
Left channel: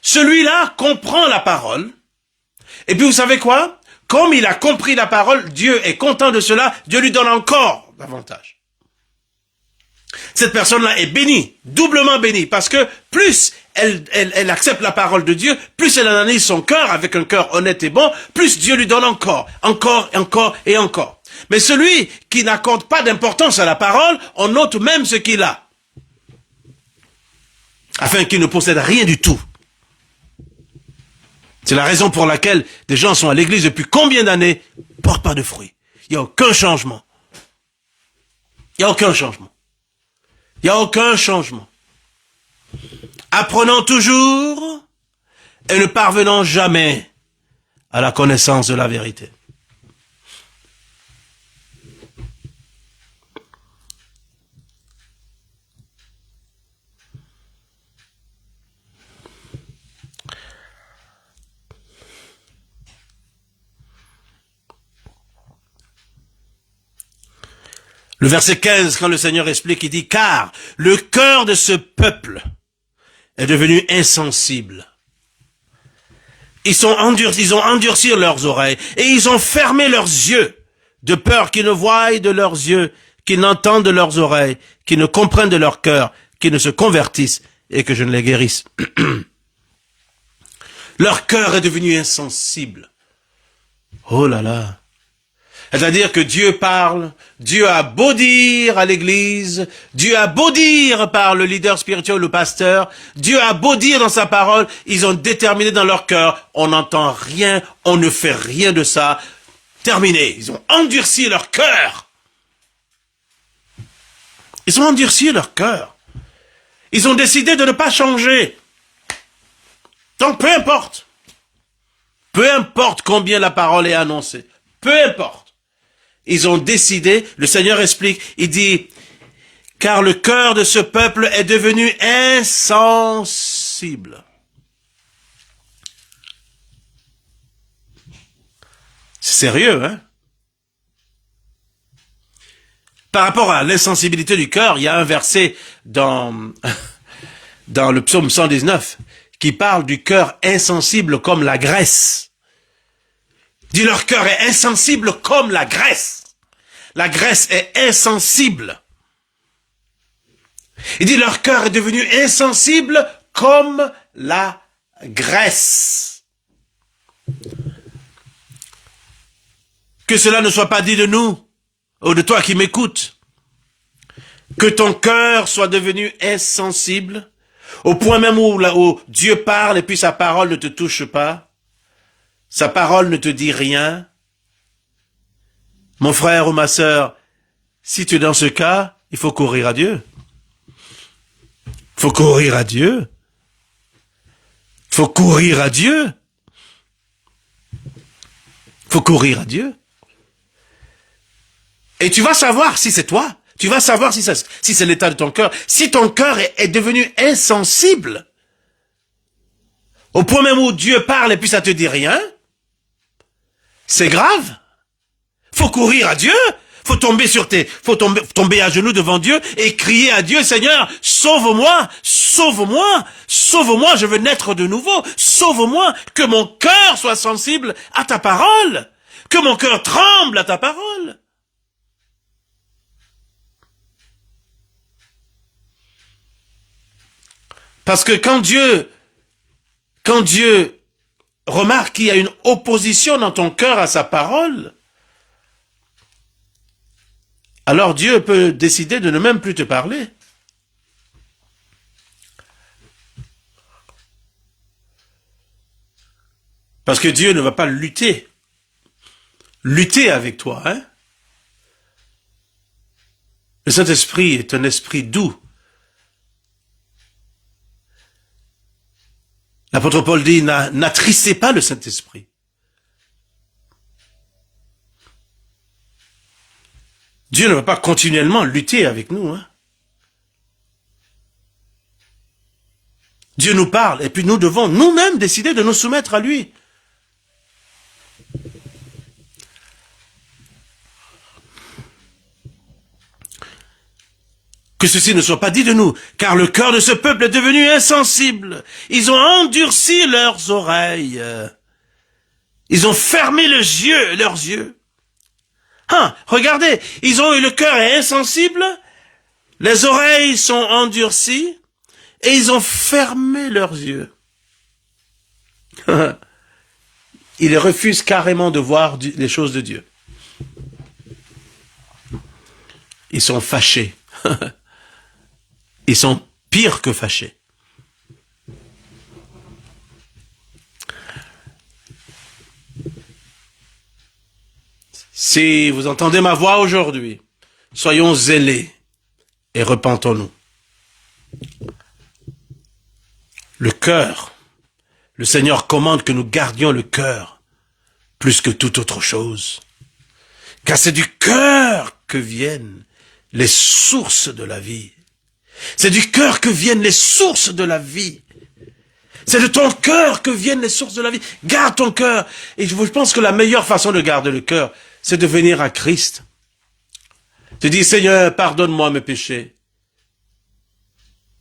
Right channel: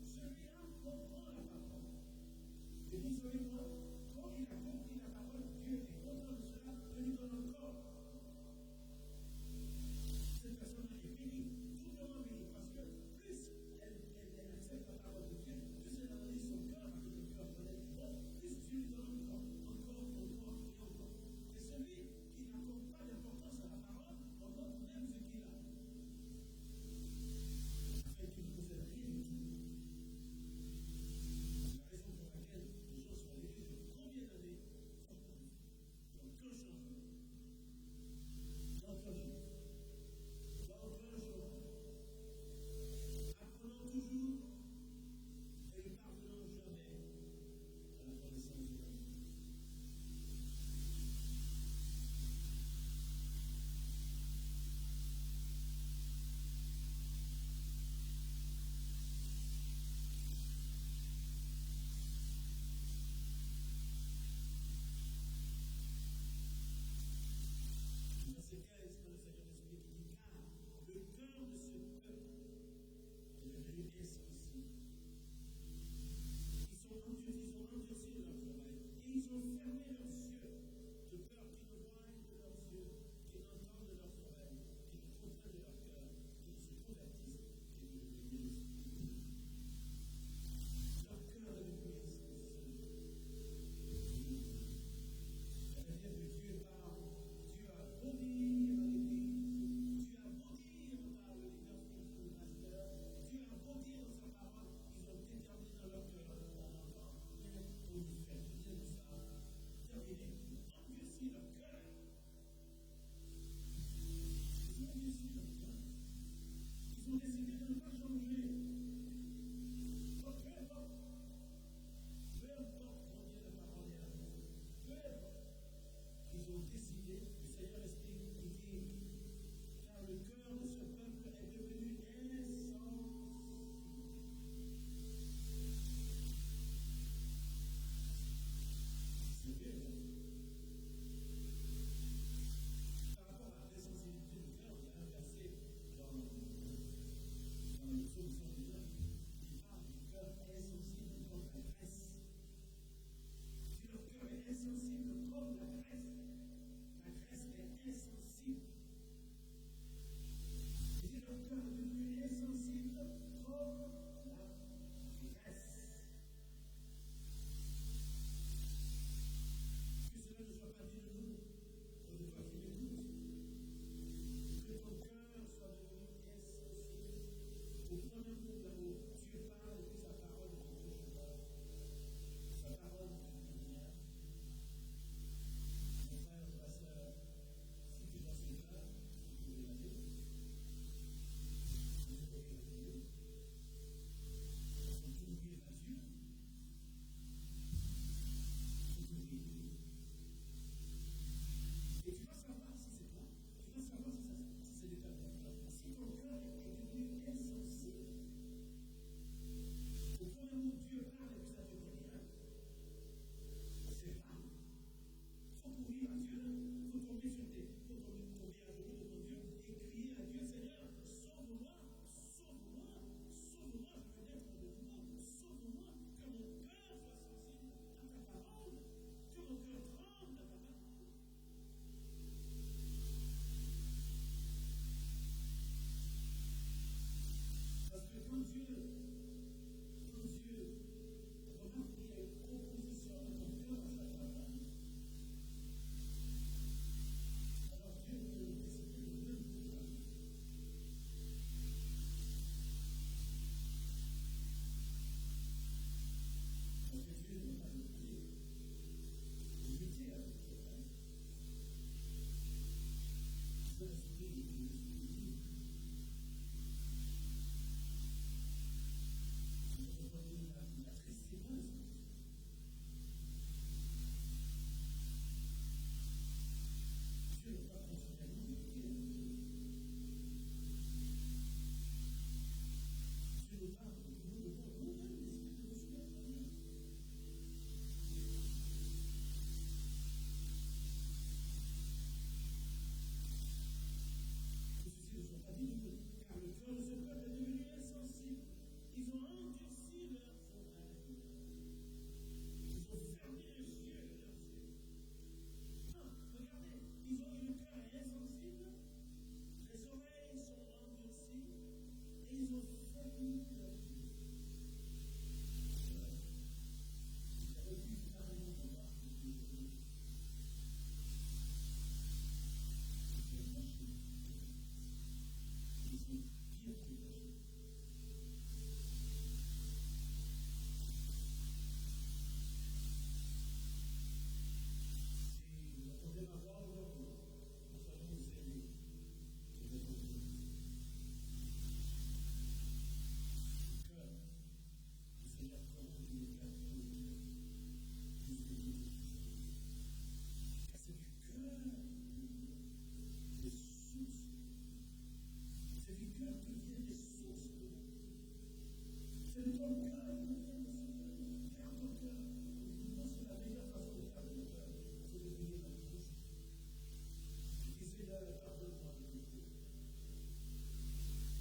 Celui-là comprend la parole. Et puis vous savez quoi? Comme il a compris la parole, Dieu est content de cela, Dieu lui donne encore davantage. Cette personne-là est bénie, doublement bénie, parce que plus elle accepte la parole de Dieu, plus elle analyse son cœur avec un cœur honnête et bon, plus Dieu lui donne encore, et encore. Mais celui qui n'accorde pas d'importance à la parole, on note même ce qu'il a, afin qu'il ne possède rien du tout. C'est la raison pour laquelle des gens sont à l'église depuis combien d'années, ne portent pas de fruits. Il n'y a aucun changement. Il n'y a aucun changement. Il n'y a aucun changement. Apprenant toujours et ne parvenant jamais à la connaissance de la vérité. Le verset 15, quand le Seigneur explique, il dit, car le cœur de ce peuple est devenu insensible. Ils ont endurci leurs oreilles et ils ont fermé leurs yeux, de peur qu'ils ne voient de leurs yeux, qu'ils n'entendent de leurs oreilles, qu'ils ne comprennent de leur cœur, qu'ils ne se convertissent et que je ne les guérisse. Leur cœur est devenu insensible. Oh là là. C'est-à-dire que Dieu parle, Dieu a beau dire à l'église, Dieu a beau dire par le leader spirituel, le pasteur, Dieu a beau dire dans sa parole, ils ont déterminé dans leur cœur, on n'entend rien, on ne fait rien de ça, terminé. Ils ont endurci leur cœur. Ils ont endurci leur cœur. Ils ont décidé de ne pas changer. Donc peu importe combien la parole est annoncée, peu importe. Ils ont décidé, le Seigneur explique, il dit, car le cœur de ce peuple est devenu insensible. C'est sérieux, hein? Par rapport à l'insensibilité du cœur, il y a un verset dans le psaume 119 qui parle du cœur insensible comme la graisse. Il dit, leur cœur est insensible comme la graisse. La graisse est insensible. Il dit, leur cœur est devenu insensible comme la graisse. Que cela ne soit pas dit de nous, ou de toi qui m'écoutes, que ton cœur soit devenu insensible, au point même où Dieu parle et puis sa parole ne te touche pas, sa parole ne te dit rien. Mon frère ou ma sœur, si tu es dans ce cas, il faut courir à Dieu. Il faut courir à Dieu. Il faut courir à Dieu. Il faut courir à Dieu. Et tu vas savoir si c'est toi. Tu vas savoir si c'est l'état de ton cœur. Si ton cœur est devenu insensible, au point même où Dieu parle et puis ça te dit rien, c'est grave. Faut courir à Dieu. Faut tomber à genoux devant Dieu et crier à Dieu, Seigneur, sauve-moi, sauve-moi, sauve-moi, je veux naître de nouveau, sauve-moi, que mon cœur soit sensible à ta parole, que mon cœur tremble à ta parole. Parce que quand Dieu remarque qu'il y a une opposition dans ton cœur à sa parole, alors Dieu peut décider de ne même plus te parler. Parce que Dieu ne va pas lutter avec toi. Hein? Le Saint-Esprit est un esprit doux. L'apôtre Paul dit, n'attristez pas le Saint-Esprit. Dieu ne va pas continuellement lutter avec nous. Hein? Dieu nous parle et puis nous devons nous-mêmes décider de nous soumettre à lui. que ceci ne soit pas dit de nous, car le cœur de ce peuple est devenu insensible. Ils ont endurci leurs oreilles. Ils ont fermé leurs yeux. Regardez, ils ont eu le cœur insensible, les oreilles sont endurcies, et ils ont fermé leurs yeux. Ils refusent carrément de voir les choses de Dieu. Ils sont fâchés. Ils sont pires que fâchés. Si vous entendez ma voix aujourd'hui, soyons zélés et repentons-nous. Le cœur, le Seigneur commande que nous gardions le cœur plus que toute autre chose. Car c'est du cœur que viennent les sources de la vie. C'est du cœur que viennent les sources de la vie. C'est de ton cœur que viennent les sources de la vie. Garde ton cœur. Et je pense que la meilleure façon de garder le cœur, c'est de venir à Christ. Tu dis, Seigneur, pardonne-moi mes péchés.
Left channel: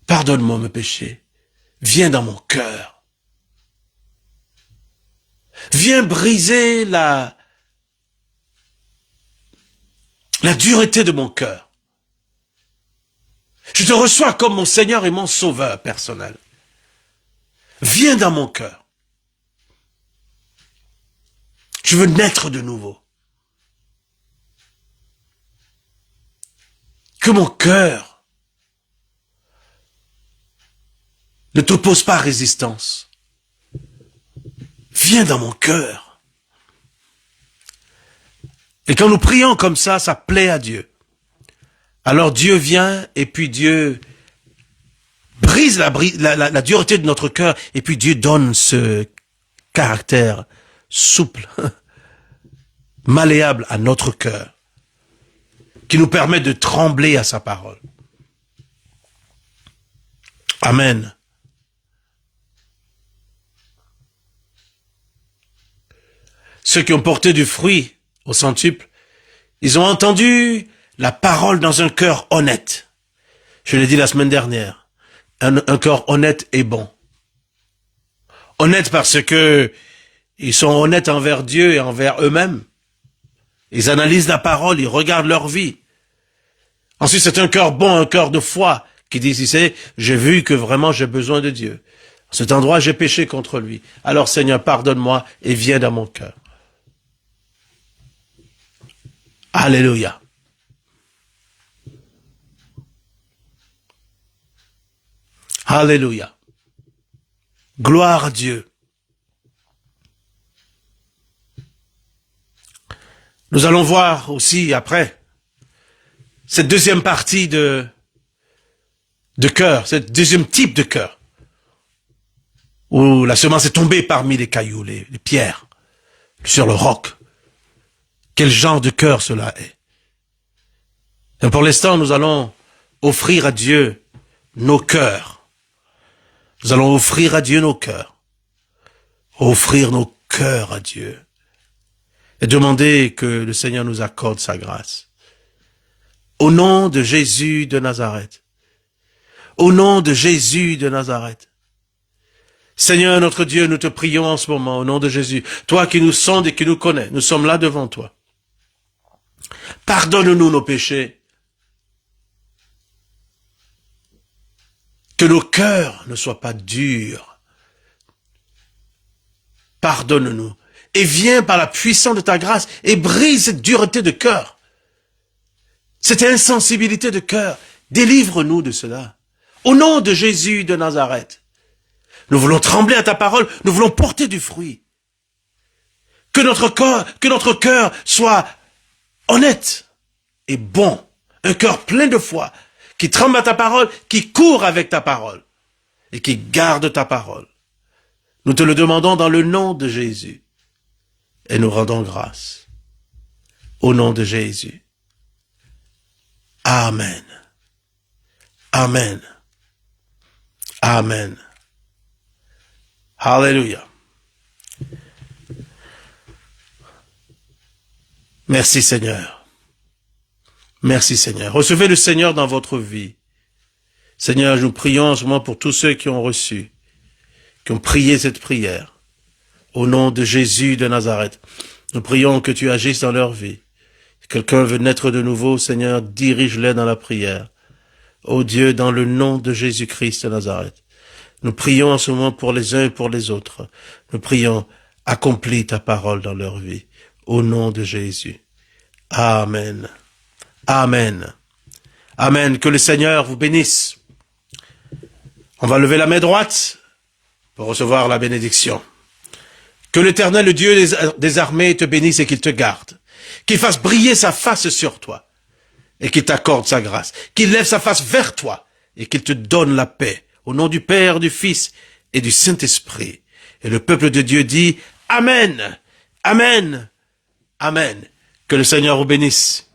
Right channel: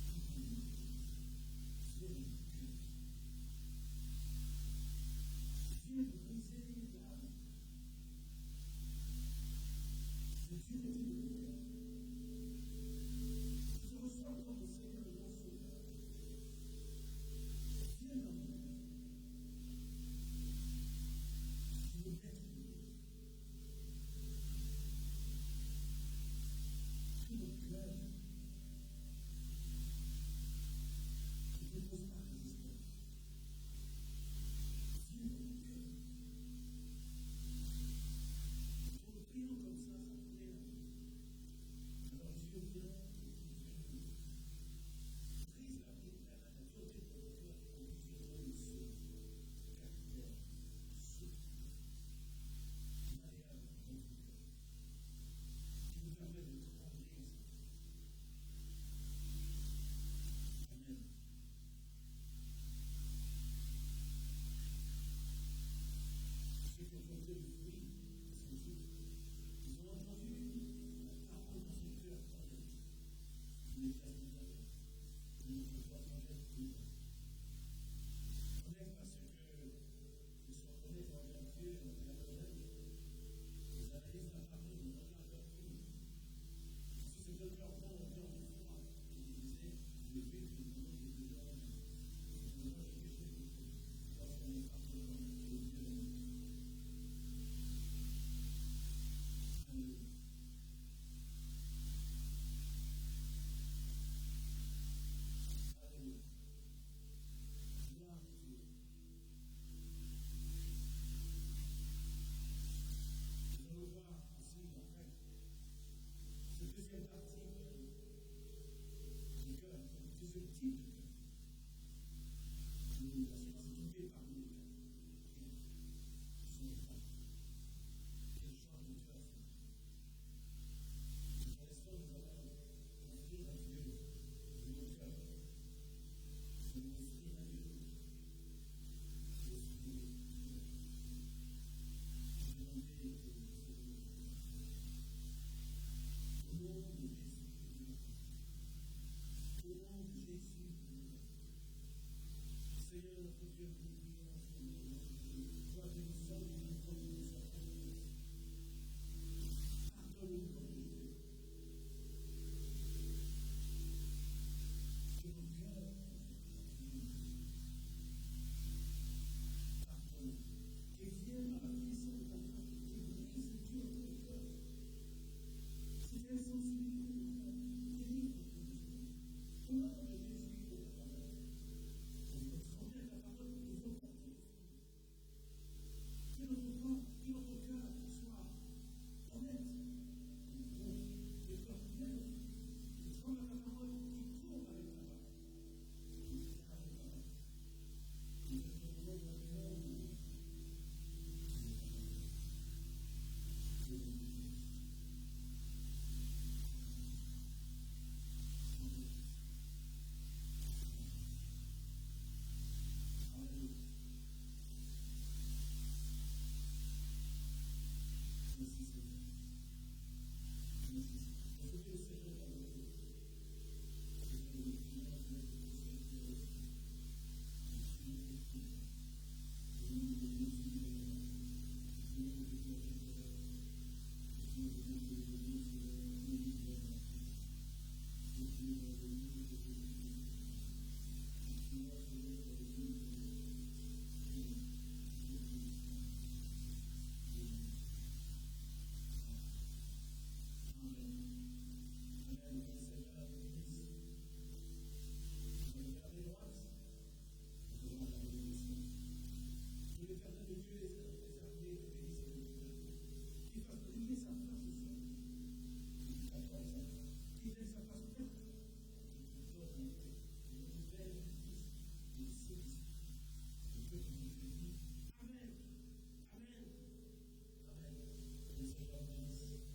Pardonne-moi mes péchés. Viens dans mon cœur. Viens briser la dureté de mon cœur. Je te reçois comme mon Seigneur et mon Sauveur personnel. Viens dans mon cœur. Je veux naître de nouveau. Que mon cœur ne t'oppose pas résistance. Viens dans mon cœur. Et quand nous prions comme ça plaît à Dieu. Alors Dieu vient et puis Dieu brise la dureté de notre cœur et puis Dieu donne ce caractère souple, malléable à notre cœur, qui nous permet de trembler à sa parole. Amen. Ceux qui ont porté du fruit au centuple, ils ont entendu la parole dans un cœur honnête. Je l'ai dit la semaine dernière. Un cœur honnête et bon. Honnête parce que ils sont honnêtes envers Dieu et envers eux-mêmes. Ils analysent la parole, ils regardent leur vie. Ensuite, c'est un cœur bon, un cœur de foi, qui dit, si j'ai vu que vraiment j'ai besoin de Dieu. À cet endroit, j'ai péché contre lui. Alors, Seigneur, pardonne-moi et viens dans mon cœur. Alléluia. Alléluia. Gloire à Dieu. Nous allons voir aussi après cette deuxième partie de cœur, ce deuxième type de cœur, où la semence est tombée parmi les cailloux, les pierres, sur le roc. Quel genre de cœur cela est? Et pour l'instant, nous allons offrir à Dieu nos cœurs. Nous allons offrir à Dieu nos cœurs. Offrir nos cœurs à Dieu. Et demander que le Seigneur nous accorde sa grâce. Au nom de Jésus de Nazareth. Au nom de Jésus de Nazareth. Seigneur notre Dieu, nous te prions en ce moment, au nom de Jésus. Toi qui nous sondes et qui nous connais, nous sommes là devant toi. Pardonne-nous nos péchés. Que nos cœurs ne soient pas durs. Pardonne-nous. Et viens par la puissance de ta grâce et brise cette dureté de cœur. Cette insensibilité de cœur. Délivre-nous de cela. Au nom de Jésus de Nazareth. Nous voulons trembler à ta parole. Nous voulons porter du fruit. Que notre cœur soit honnête et bon. Un cœur plein de foi. Qui tremble à ta parole, qui court avec ta parole. Et qui garde ta parole. Nous te le demandons dans le nom de Jésus. Et nous rendons grâce. Au nom de Jésus. Amen. Amen. Amen. Alléluia. Merci Seigneur. Merci Seigneur. Recevez le Seigneur dans votre vie. Seigneur, nous prions en ce moment pour tous ceux qui ont reçu, qui ont prié cette prière. Au nom de Jésus de Nazareth, nous prions que tu agisses dans leur vie. Si quelqu'un veut naître de nouveau, Seigneur, dirige-les dans la prière. Ô Dieu, dans le nom de Jésus-Christ de Nazareth, nous prions en ce moment pour les uns et pour les autres. Nous prions, accomplis ta parole dans leur vie. Au nom de Jésus. Amen. Amen. Amen. Que le Seigneur vous bénisse. On va lever la main droite pour recevoir la bénédiction. Que l'Éternel, le Dieu des armées, te bénisse et qu'il te garde. Qu'il fasse briller sa face sur toi et qu'il t'accorde sa grâce. Qu'il lève sa face vers toi et qu'il te donne la paix. Au nom du Père, du Fils et du Saint-Esprit. Et le peuple de Dieu dit Amen. Amen. Amen. Que le Seigneur vous bénisse.